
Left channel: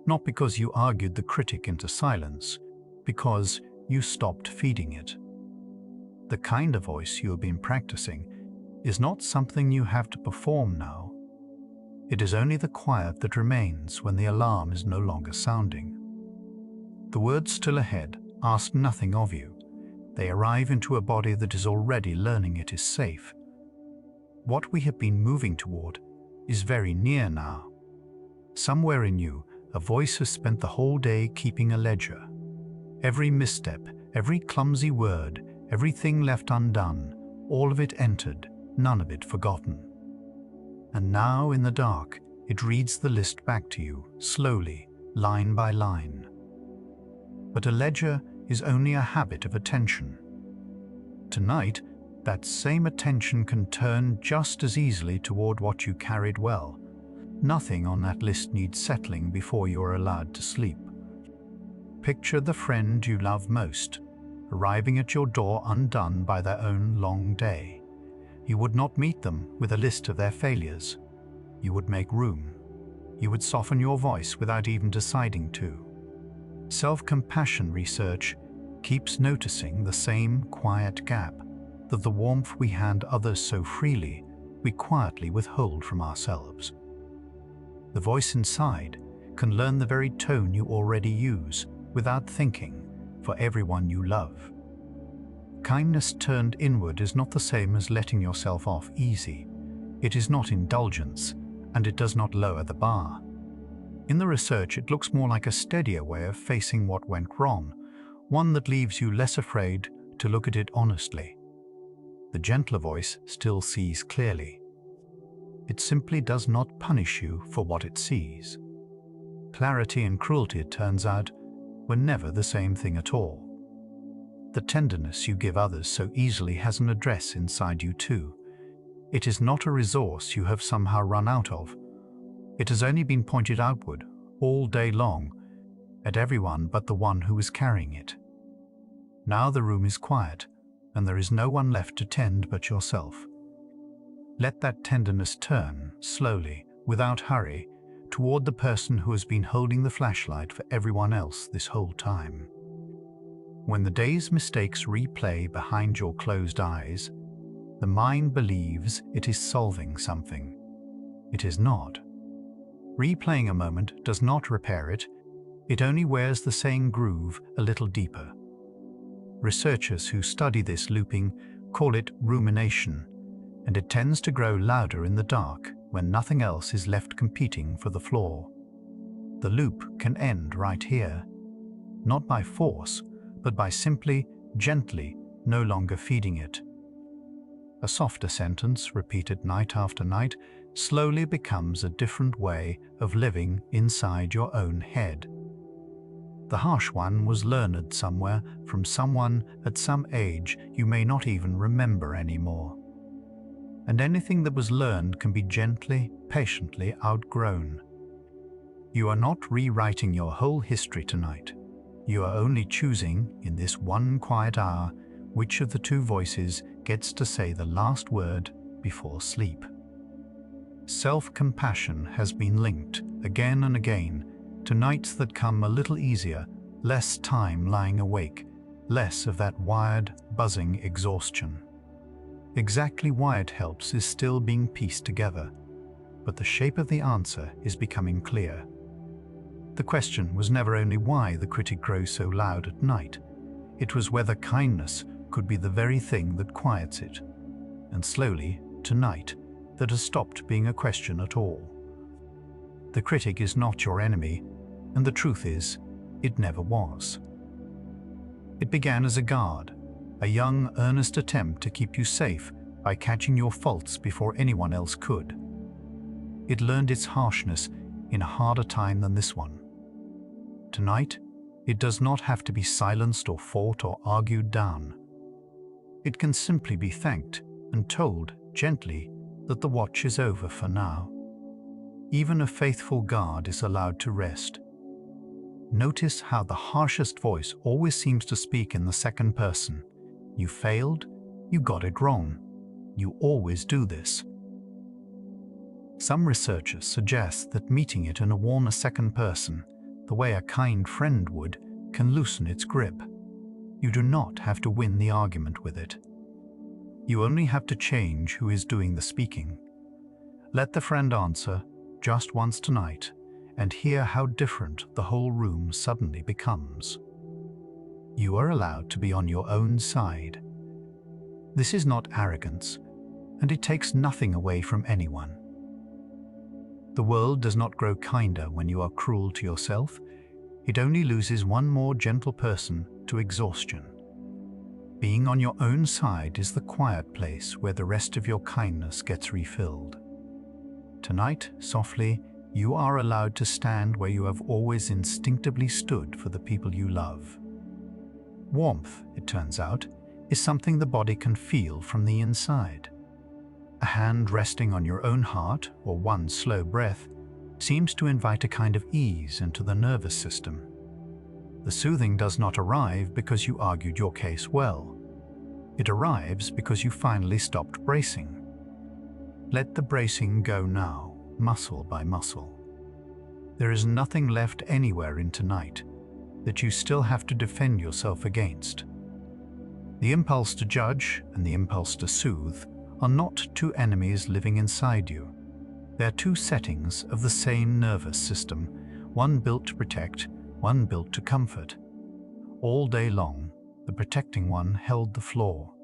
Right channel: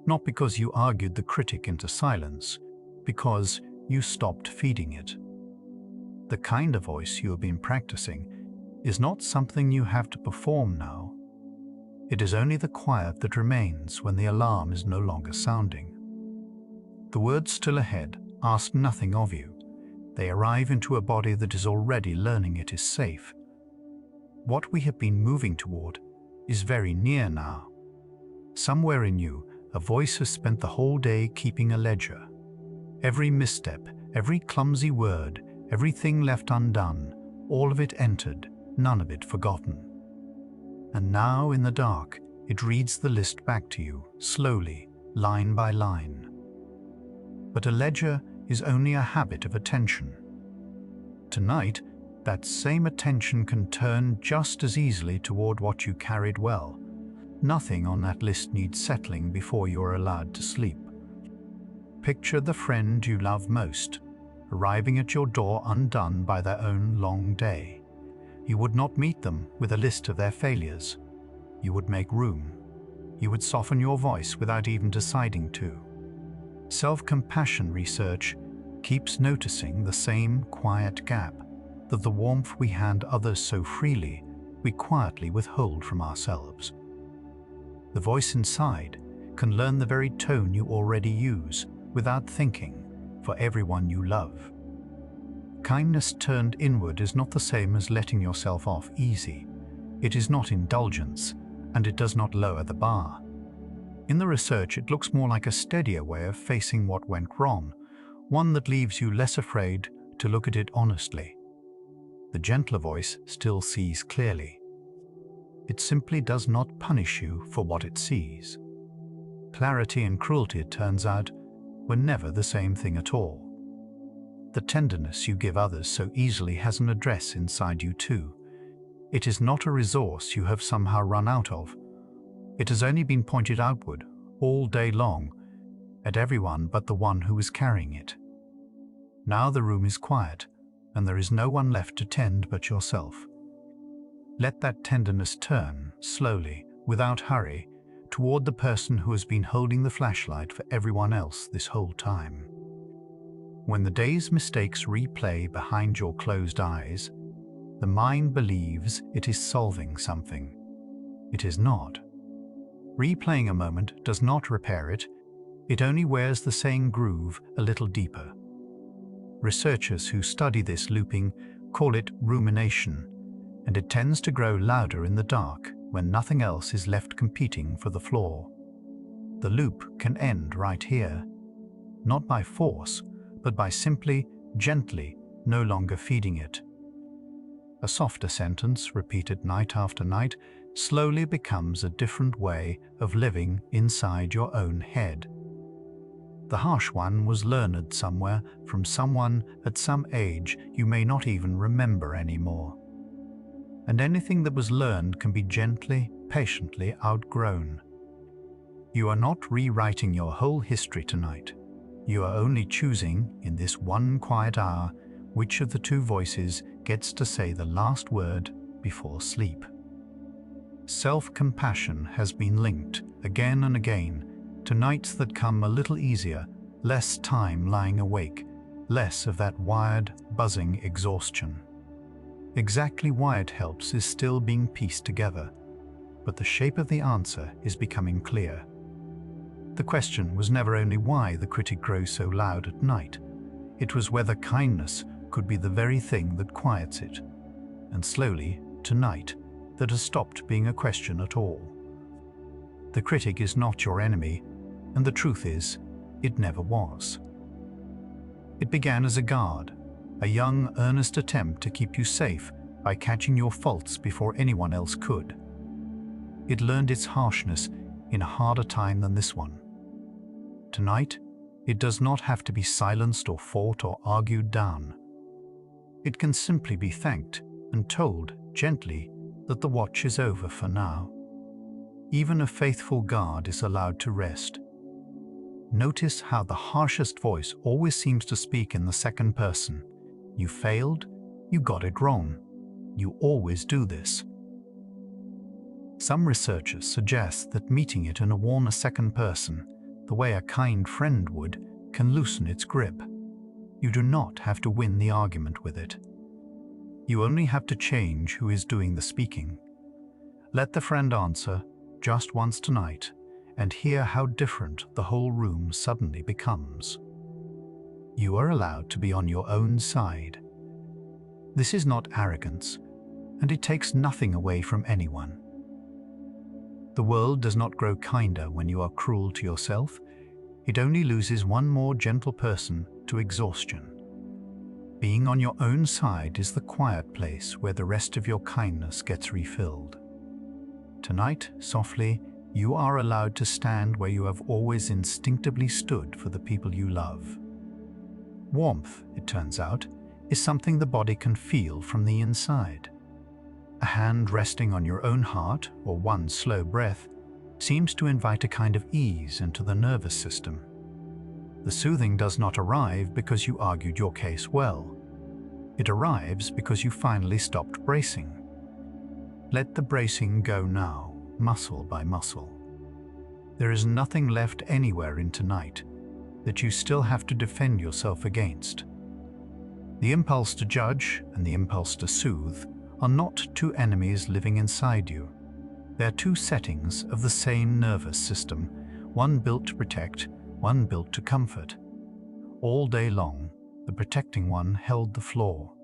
Not because you argued the critic into silence, because you stopped feeding it. The kinder voice you have been practicing is not something you have to perform now. It is only the quiet that remains when the alarm is no longer sounding. The words still ahead ask nothing of you. They arrive into a body that is already learning it is safe. What we have been moving toward is very near now. Somewhere in you, a voice has spent the whole day keeping a ledger. Every misstep, every clumsy word, everything left undone, all of it entered, none of it forgotten. And now, in the dark, it reads the list back to you, slowly, line by line. But a ledger is only a habit of attention. Tonight, that same attention can turn just as easily toward what you carried well. Nothing on that list needs settling before you are allowed to sleep. Picture the friend you love most, arriving at your door undone by their own long day. You would not meet them with a list of their failures. You would make room. You would soften your voice without even deciding to. Self-compassion research keeps noticing the same quiet gap, that the warmth we hand others so freely, we quietly withhold from ourselves. The voice inside can learn the very tone you already use, without thinking, for everyone you love. Kindness turned inward is not the same as letting yourself off easy. It is not indulgence, and it does not lower the bar. In the research, it looks more like a steadier way of facing what went wrong, one that leaves you less afraid to look at it honestly. The gentler voice still sees clearly. It simply does not punish you for what it sees. Clarity and cruelty, it turns out, were never the same thing at all. The tenderness you give others so easily has an address inside you too. It is not a resource you have somehow run out of. It has only been pointed outward, all day long, at everyone but the one who is carrying it. Now the room is quiet, and there is no one left to tend but yourself. Let that tenderness turn, slowly, without hurry, toward the person who has been holding the flashlight for everyone else this whole time. When the day's mistakes replay behind your closed eyes, the mind believes it is solving something. It is not. Replaying a moment does not repair it, it only wears the same groove a little deeper. Researchers who study this looping call it rumination, and it tends to grow louder in the dark when nothing else is left competing for the floor. The loop can end right here, not by force, but by simply, gently, no longer feeding it. A softer sentence, repeated night after night, slowly becomes a different way of living inside your own head. The harsh one was learned somewhere from someone at some age you may not even remember anymore. And anything that was learned can be gently, patiently outgrown. You are not rewriting your whole history tonight. You are only choosing, in this one quiet hour, which of the two voices gets to say the last word before sleep. Self-compassion has been linked, again and again, to nights that come a little easier, less time lying awake, less of that wired, buzzing exhaustion. Exactly why it helps is still being pieced together, but the shape of the answer is becoming clear. The question was never only why the critic grows so loud at night, it was whether kindness could be the very thing that quiets it. And slowly, tonight, that has stopped being a question at all. The critic is not your enemy, and the truth is, it never was. It began as a guard, a young, earnest attempt to keep you safe by catching your faults before anyone else could. It learned its harshness in a harder time than this one. Tonight, it does not have to be silenced or fought or argued down. It can simply be thanked and told gently that the watch is over for now. Even a faithful guard is allowed to rest. Notice how the harshest voice always seems to speak in the second person. You failed, you got it wrong. You always do this. Some researchers suggest that meeting it in a warmer second person, the way a kind friend would, can loosen its grip. You do not have to win the argument with it. You only have to change who is doing the speaking. Let the friend answer just once tonight and hear how different the whole room suddenly becomes. You are allowed to be on your own side. This is not arrogance, and it takes nothing away from anyone. The world does not grow kinder when you are cruel to yourself. It only loses one more gentle person to exhaustion. Being on your own side is the quiet place where the rest of your kindness gets refilled. Tonight, softly, you are allowed to stand where you have always instinctively stood for the people you love. Warmth, it turns out, is something the body can feel from the inside. A hand resting on your own heart, or one slow breath, seems to invite a kind of ease into the nervous system. The soothing does not arrive because you argued your case well. It arrives because you finally stopped bracing. Let the bracing go now, muscle by muscle. There is nothing left anywhere in tonight that you still have to defend yourself against. The impulse to judge and the impulse to soothe are not two enemies living inside you. They are two settings of the same nervous system, one built to protect, one built to comfort. All day long, the protecting one held the floor.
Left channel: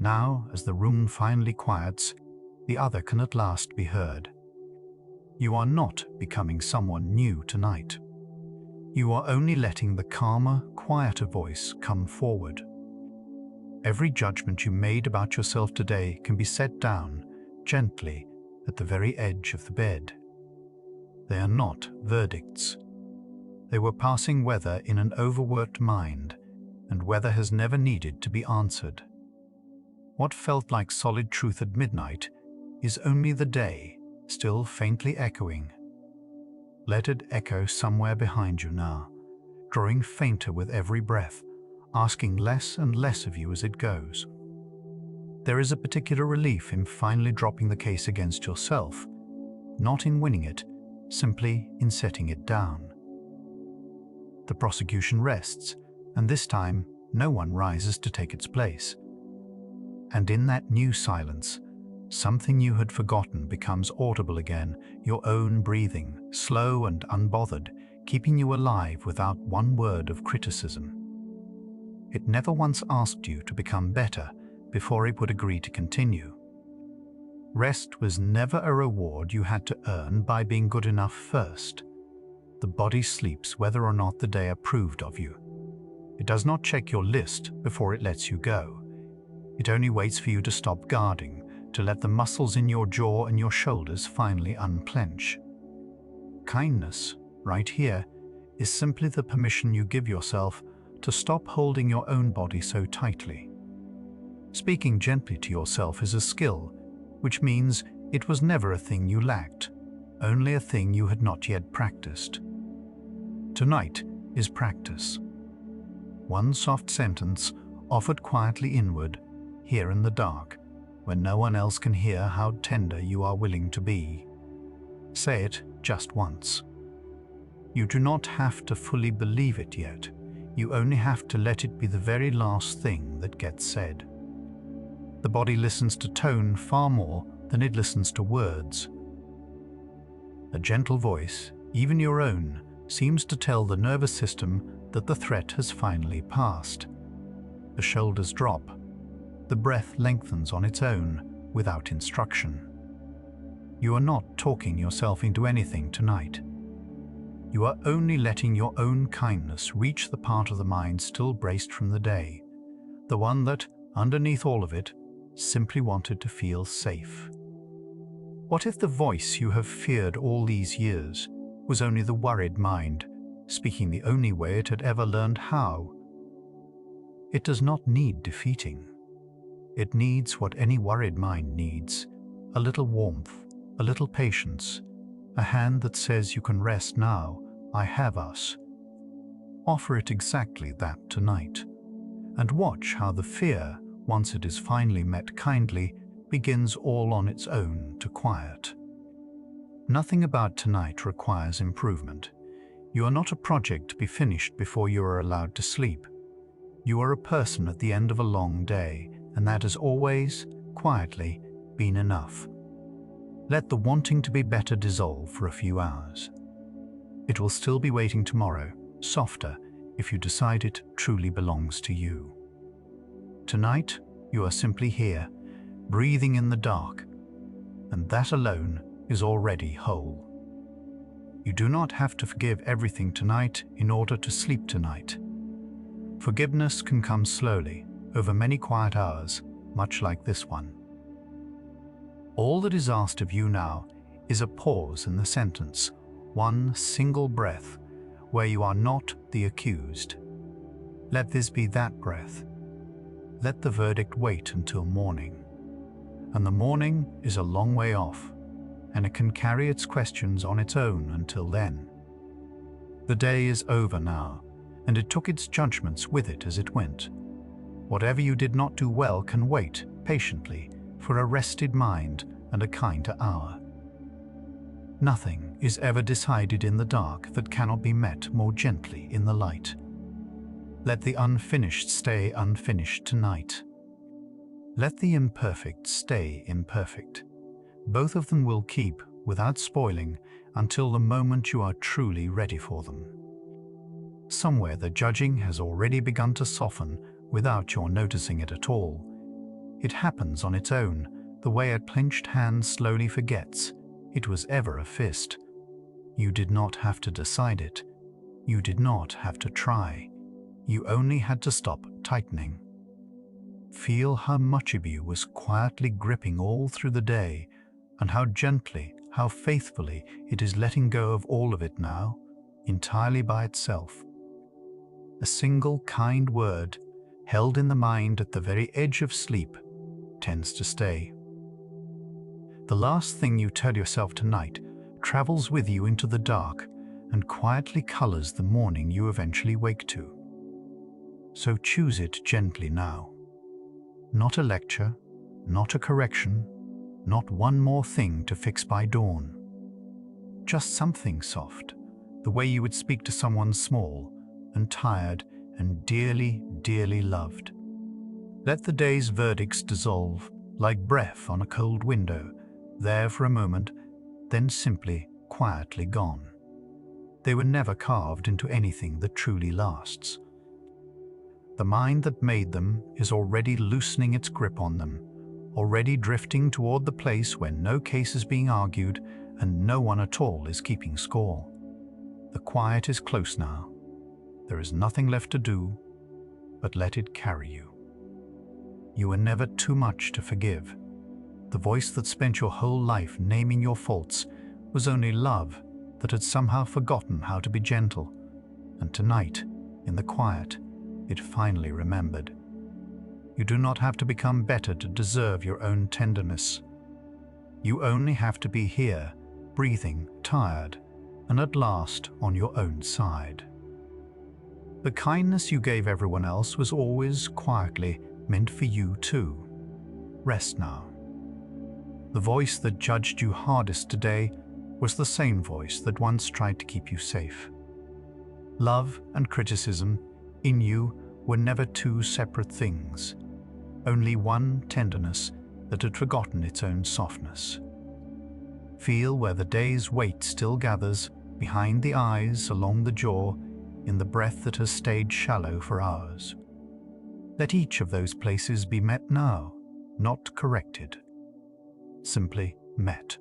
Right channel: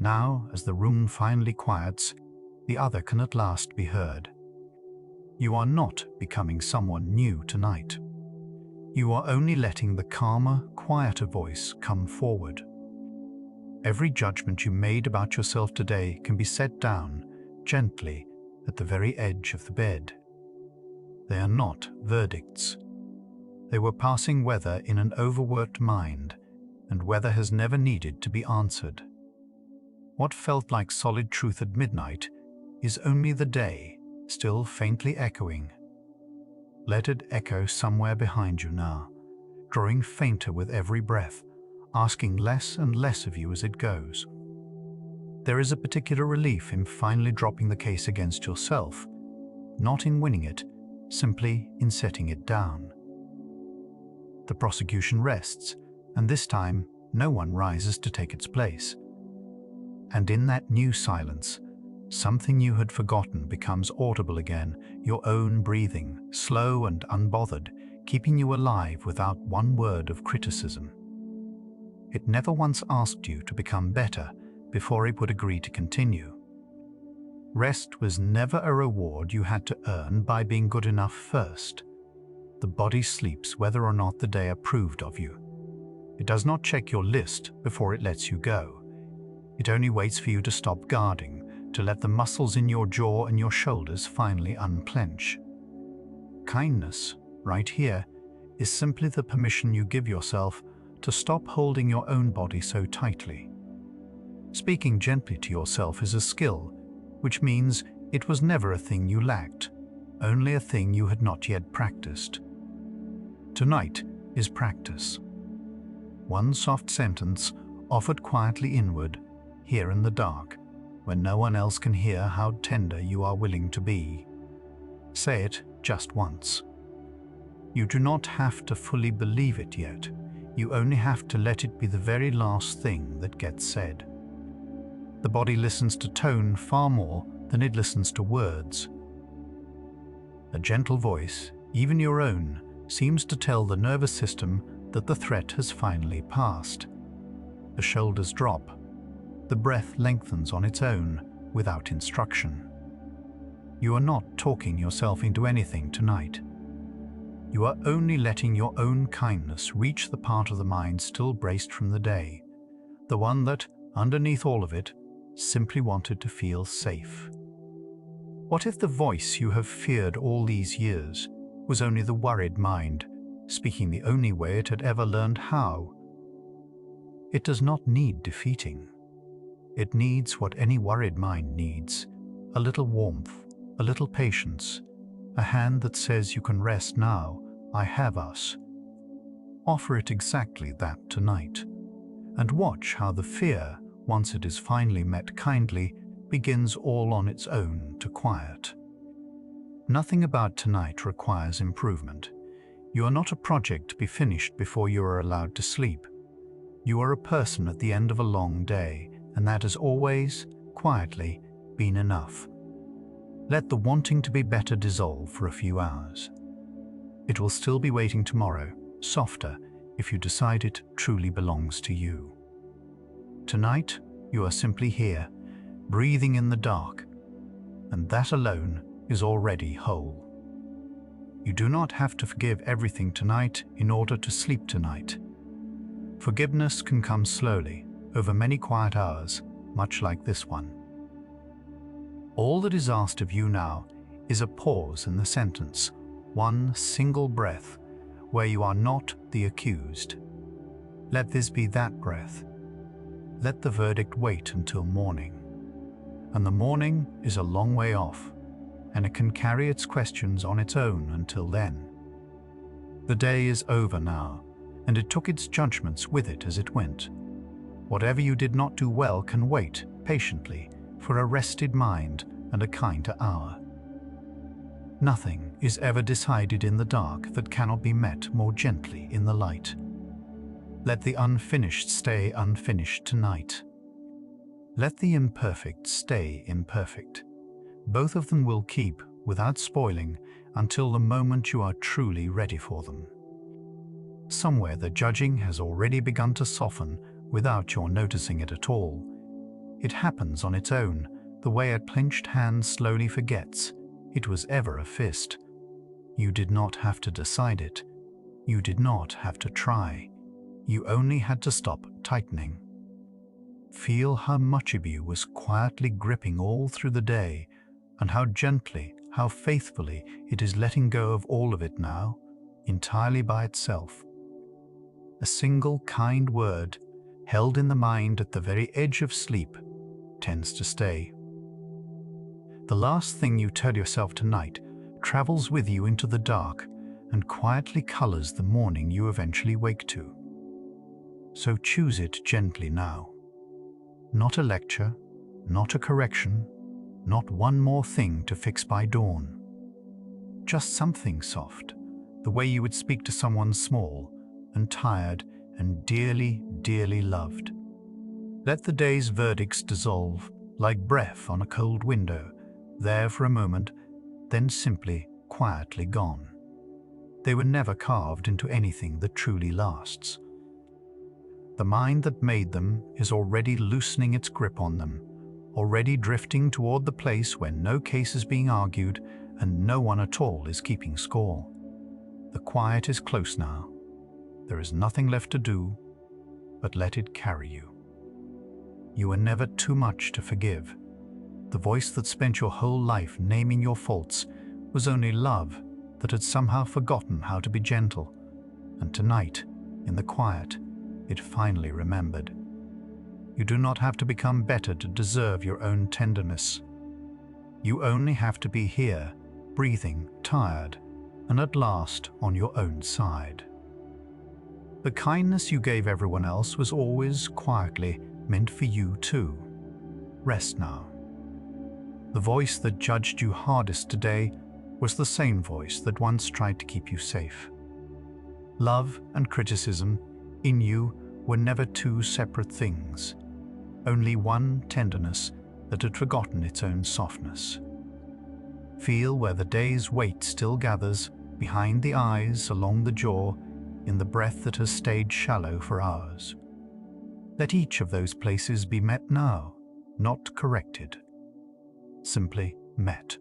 Now, as the room finally quiets, the other can at last be heard. You are not becoming someone new tonight. You are only letting the calmer, quieter voice come forward. Every judgment you made about yourself today can be set down, gently, at the very edge of the bed. They are not verdicts. They were passing weather in an overworked mind, and weather has never needed to be answered. What felt like solid truth at midnight is only the day, still faintly echoing. Let it echo somewhere behind you now, growing fainter with every breath, asking less and less of you as it goes. There is a particular relief in finally dropping the case against yourself, not in winning it, simply in setting it down. The prosecution rests, and this time no one rises to take its place. And in that new silence, something you had forgotten becomes audible again, your own breathing, slow and unbothered, keeping you alive without one word of criticism. It never once asked you to become better before it would agree to continue. Rest was never a reward you had to earn by being good enough first. The body sleeps whether or not the day approved of you. It does not check your list before it lets you go. It only waits for you to stop guarding, to let the muscles in your jaw and your shoulders finally unclench. Kindness, right here, is simply the permission you give yourself to stop holding your own body so tightly. Speaking gently to yourself is a skill, which means it was never a thing you lacked, only a thing you had not yet practiced. Tonight is practice. One soft sentence offered quietly inward, here in the dark, when no one else can hear how tender you are willing to be. Say it just once. You do not have to fully believe it yet. You only have to let it be the very last thing that gets said. The body listens to tone far more than it listens to words. A gentle voice, even your own, seems to tell the nervous system that the threat has finally passed. The shoulders drop. The breath lengthens on its own, without instruction. You are not talking yourself into anything tonight. You are only letting your own kindness reach the part of the mind still braced from the day, the one that, underneath all of it, simply wanted to feel safe. What if the voice you have feared all these years was only the worried mind, speaking the only way it had ever learned how? It does not need defeating. It needs what any worried mind needs: a little warmth, a little patience, a hand that says you can rest now, I have us. Offer it exactly that tonight, and watch how the fear, once it is finally met kindly, begins all on its own to quiet. Nothing about tonight requires improvement. You are not a project to be finished before you are allowed to sleep. You are a person at the end of a long day, and that has always, quietly, been enough. Let the wanting to be better dissolve for a few hours. It will still be waiting tomorrow, softer, if you decide it truly belongs to you. Tonight, you are simply here, breathing in the dark, and that alone is already whole. You do not have to forgive everything tonight in order to sleep tonight. Forgiveness can come slowly, over many quiet hours, much like this one. All that is asked of you now is a pause in the sentence, one single breath, where you are not the accused. Let this be that breath. Let the verdict wait until morning. And the morning is a long way off, and it can carry its questions on its own until then. The day is over now, and it took its judgments with it as it went. Whatever you did not do well can wait patiently for a rested mind and a kinder hour. Nothing is ever decided in the dark that cannot be met more gently in the light. Let the unfinished stay unfinished tonight. Let the imperfect stay imperfect. Both of them will keep, without spoiling, until the moment you are truly ready for them. Somewhere the judging has already begun to soften without your noticing it at all. It happens on its own, the way a clenched hand slowly forgets it was ever a fist. You did not have to decide it. You did not have to try. You only had to stop tightening. Feel how much of you was quietly gripping all through the day, and how gently, how faithfully it is letting go of all of it now, entirely by itself. A single kind word, held in the mind at the very edge of sleep, tends to stay. The last thing you tell yourself tonight travels with you into the dark and quietly colors the morning you eventually wake to. So choose it gently now. Not a lecture, not a correction, not one more thing to fix by dawn. just something soft, the way you would speak to someone small and tired and dearly, dearly loved. Let the day's verdicts dissolve like breath on a cold window, there for a moment, then simply, quietly gone. They were never carved into anything that truly lasts. The mind that made them is already loosening its grip on them, already drifting toward the place where no case is being argued and no one at all is keeping score. The quiet is close now. There is nothing left to do but let it carry you. You were never too much to forgive. The voice that spent your whole life naming your faults was only love that had somehow forgotten how to be gentle, and tonight, in the quiet, it finally remembered. You do not have to become better to deserve your own tenderness. You only have to be here, breathing, tired, and at last on your own side. The kindness you gave everyone else was always, quietly, meant for you too. Rest now. The voice that judged you hardest today was the same voice that once tried to keep you safe. Love and criticism, in you, were never two separate things, only one tenderness that had forgotten its own softness. Feel where the day's weight still gathers, behind the eyes, along the jaw, in the breath that has stayed shallow for hours. Let each of those places be met now, not corrected. Simply met.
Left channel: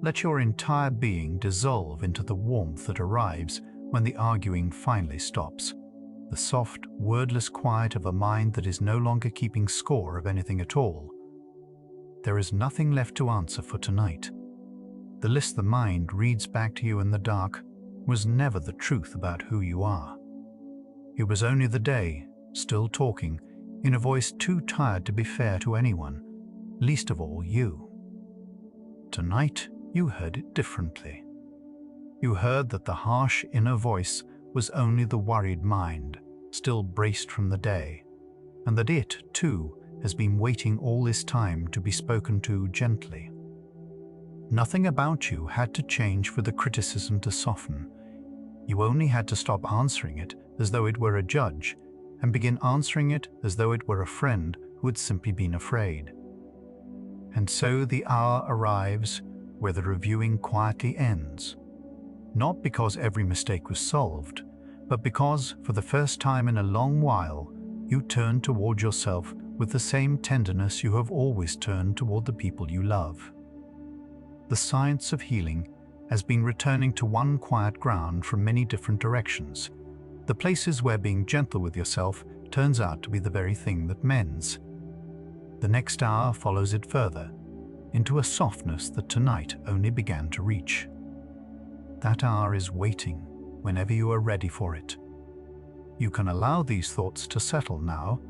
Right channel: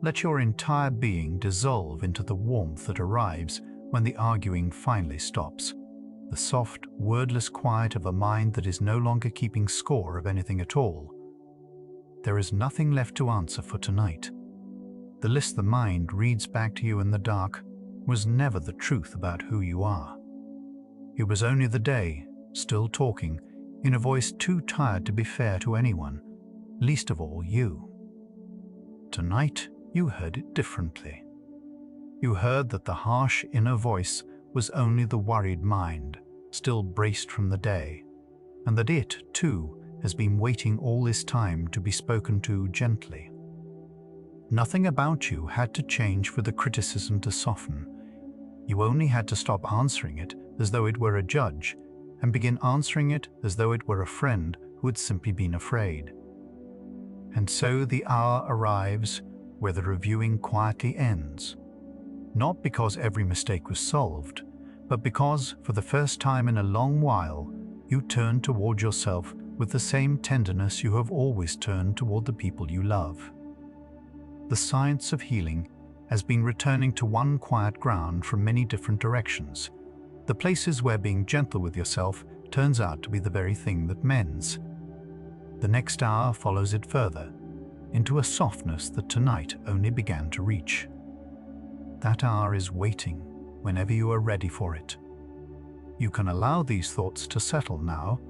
Let your entire being dissolve into the warmth that arrives when the arguing finally stops, the soft, wordless quiet of a mind that is no longer keeping score of anything at all. There is nothing left to answer for tonight. The list the mind reads back to you in the dark was never the truth about who you are. It was only the day, still talking, in a voice too tired to be fair to anyone, least of all you. Tonight, you heard it differently. You heard that the harsh inner voice was only the worried mind, still braced from the day, and that it, too, has been waiting all this time to be spoken to gently. Nothing about you had to change for the criticism to soften. You only had to stop answering it as though it were a judge, and begin answering it as though it were a friend who had simply been afraid. And so the hour arrives where the reviewing quietly ends, not because every mistake was solved, but because, for the first time in a long while, you turn toward yourself with the same tenderness you have always turned toward the people you love. The science of healing has been returning to one quiet ground from many different directions, the places where being gentle with yourself turns out to be the very thing that mends. The next hour follows it further, into a softness that tonight only began to reach. That hour is waiting whenever you are ready for it. You can allow these thoughts to settle now,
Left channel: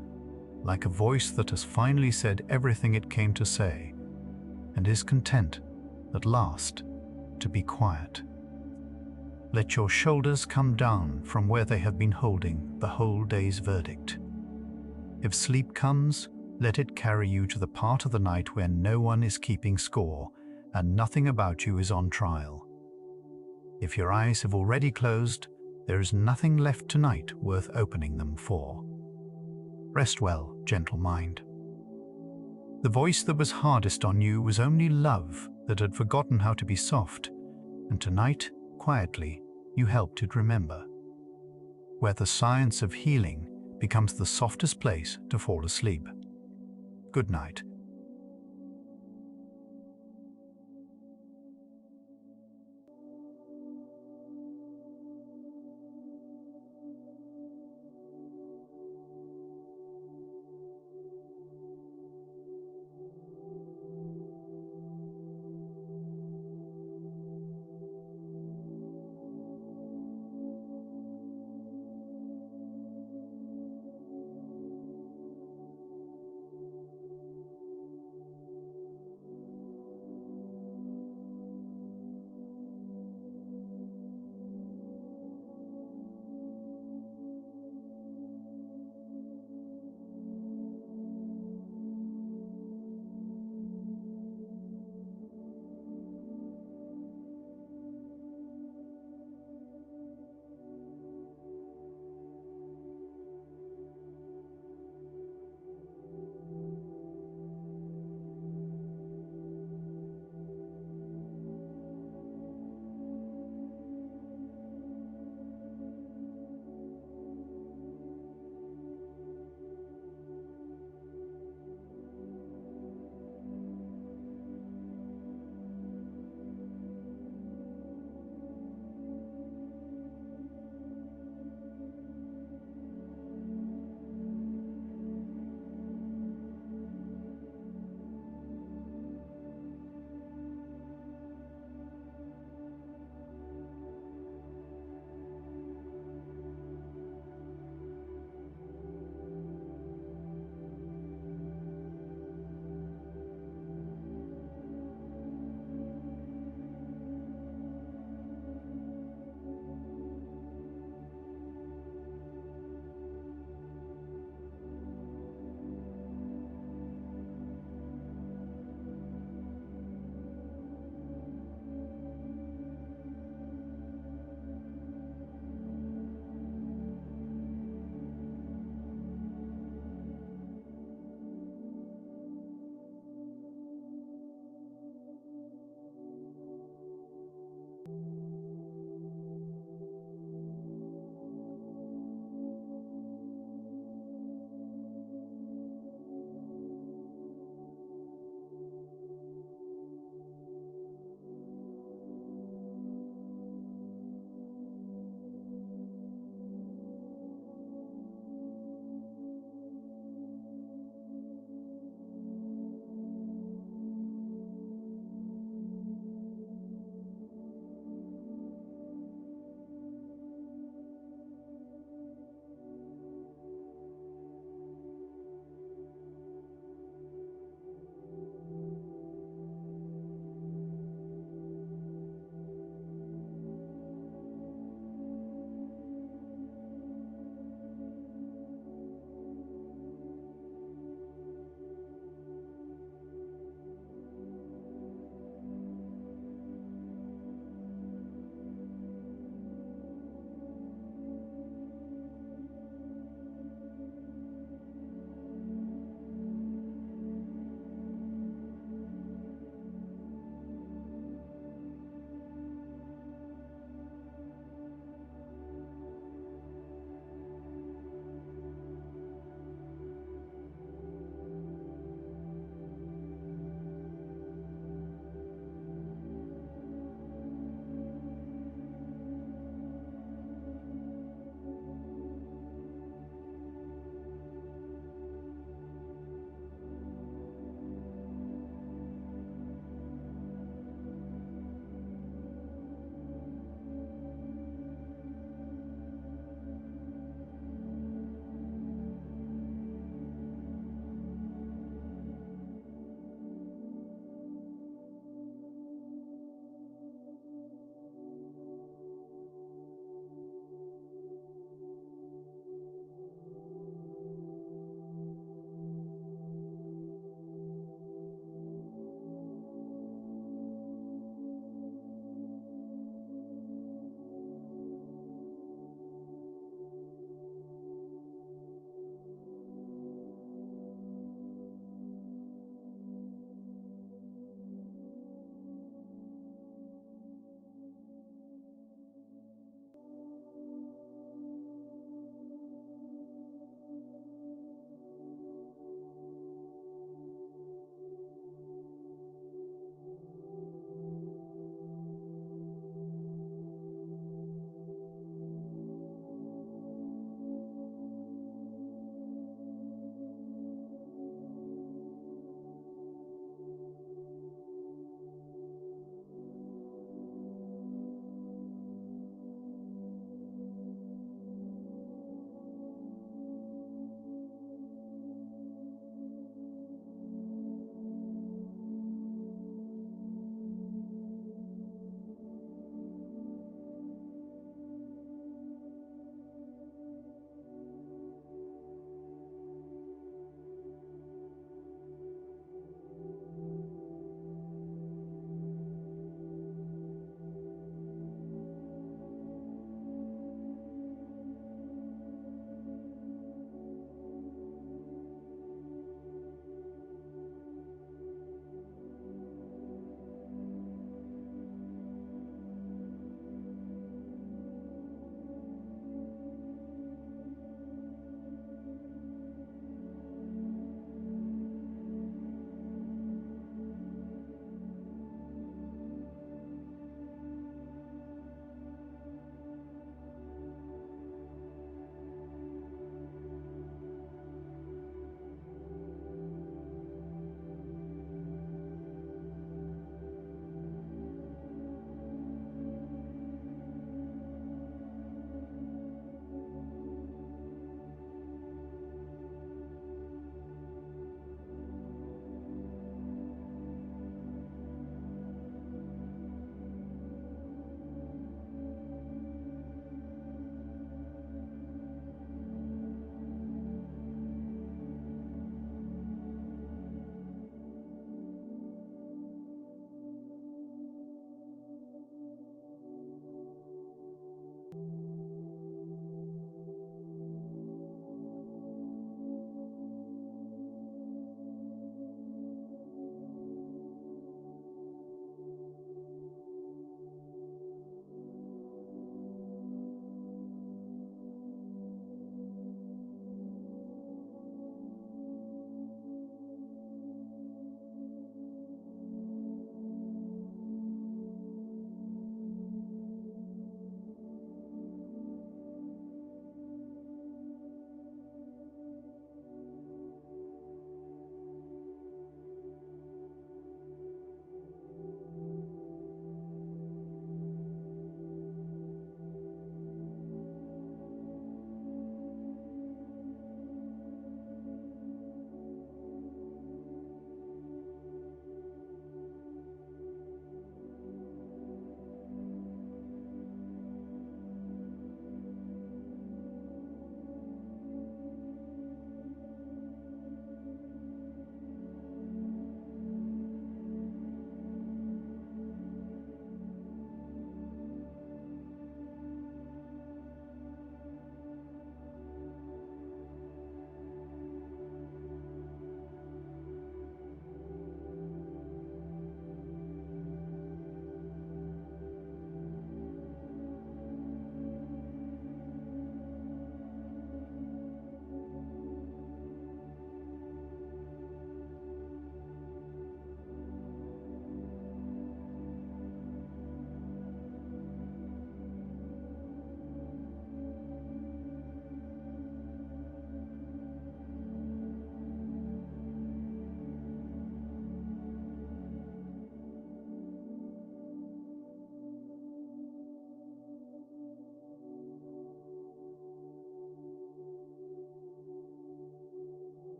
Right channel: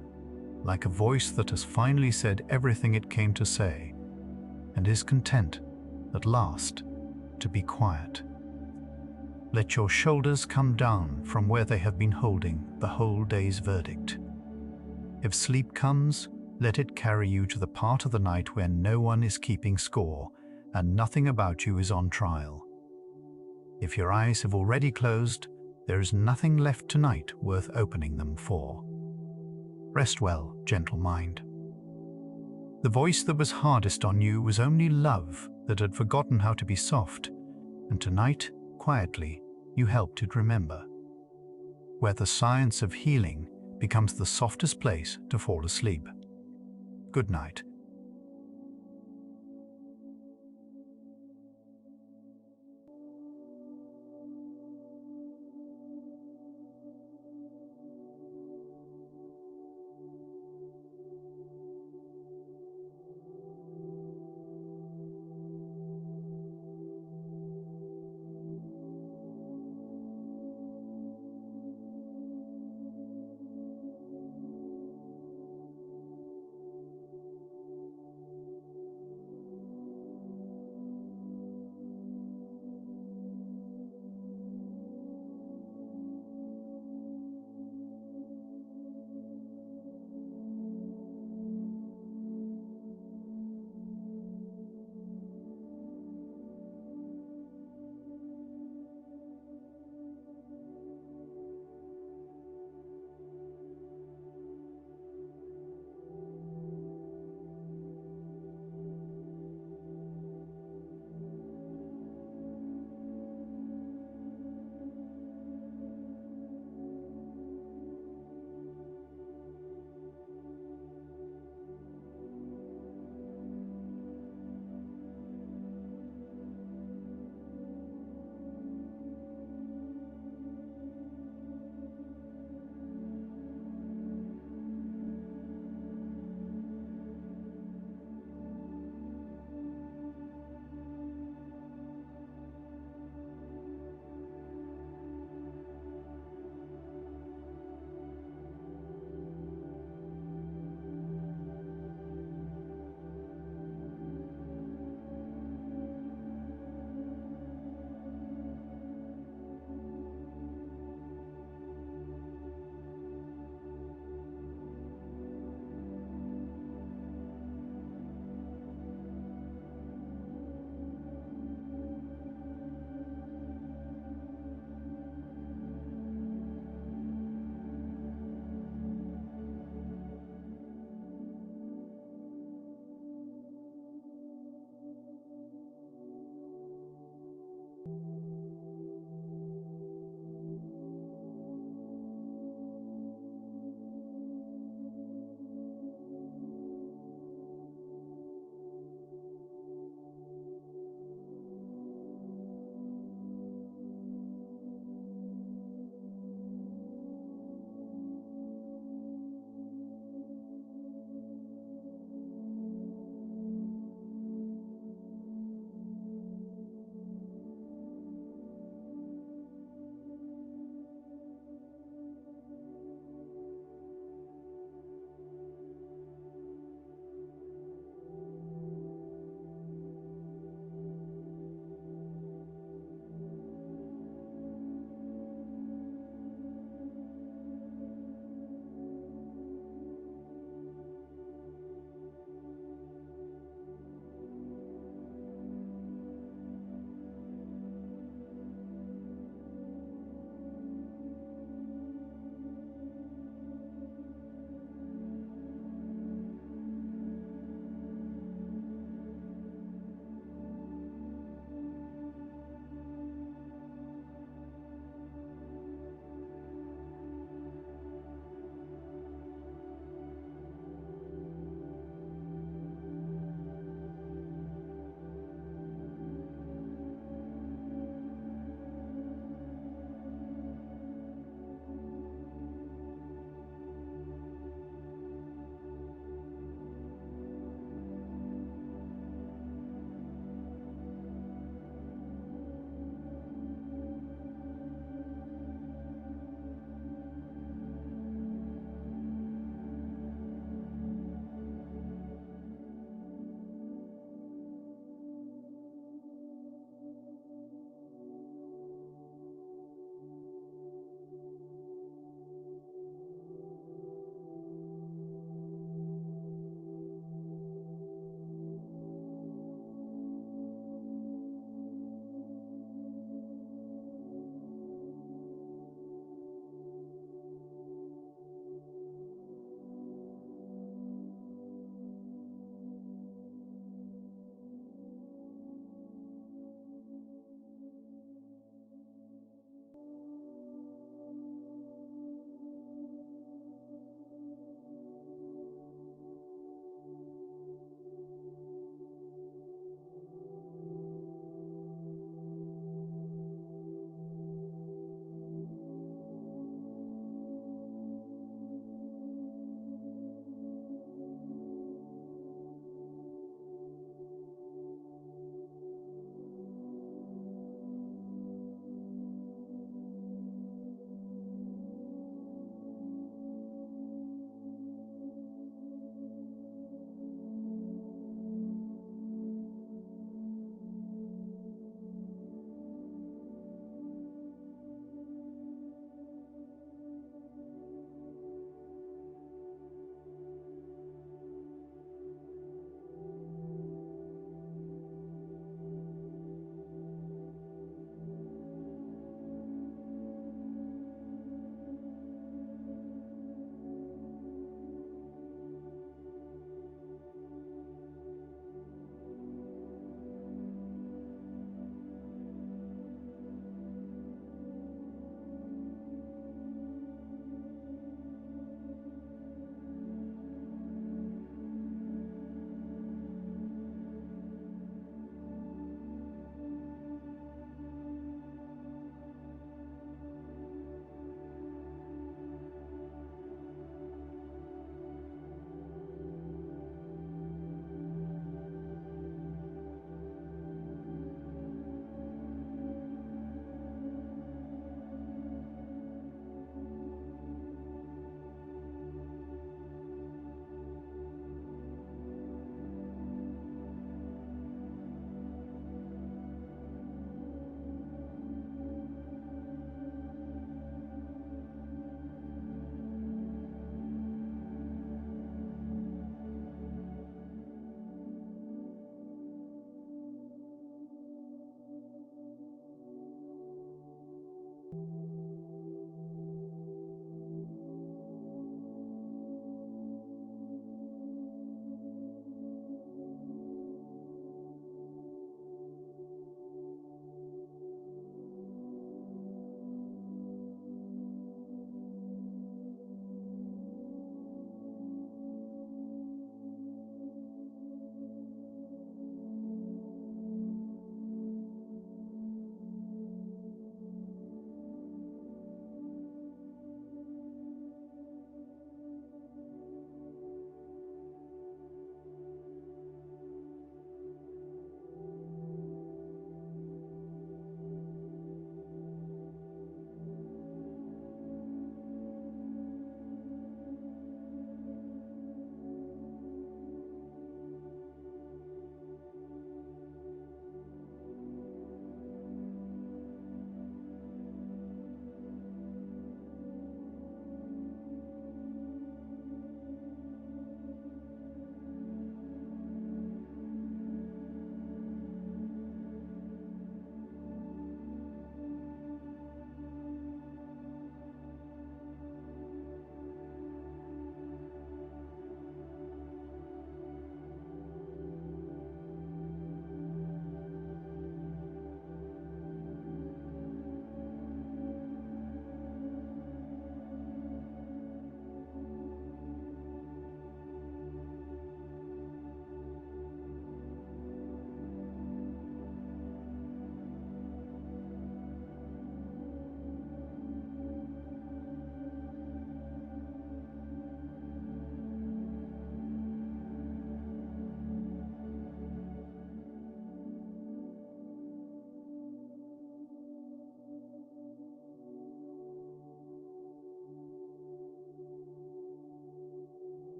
like a voice that has finally said everything it came to say, and is content, at last, to be quiet. Let your shoulders come down from where they have been holding the whole day's verdict. If sleep comes, let it carry you to the part of the night where no one is keeping score and nothing about you is on trial. If your eyes have already closed, there is nothing left tonight worth opening them for. Rest well, gentle mind. The voice that was hardest on you was only love that had forgotten how to be soft, and tonight, quietly, you helped it remember. Where the science of healing becomes the softest place to fall asleep. Good night,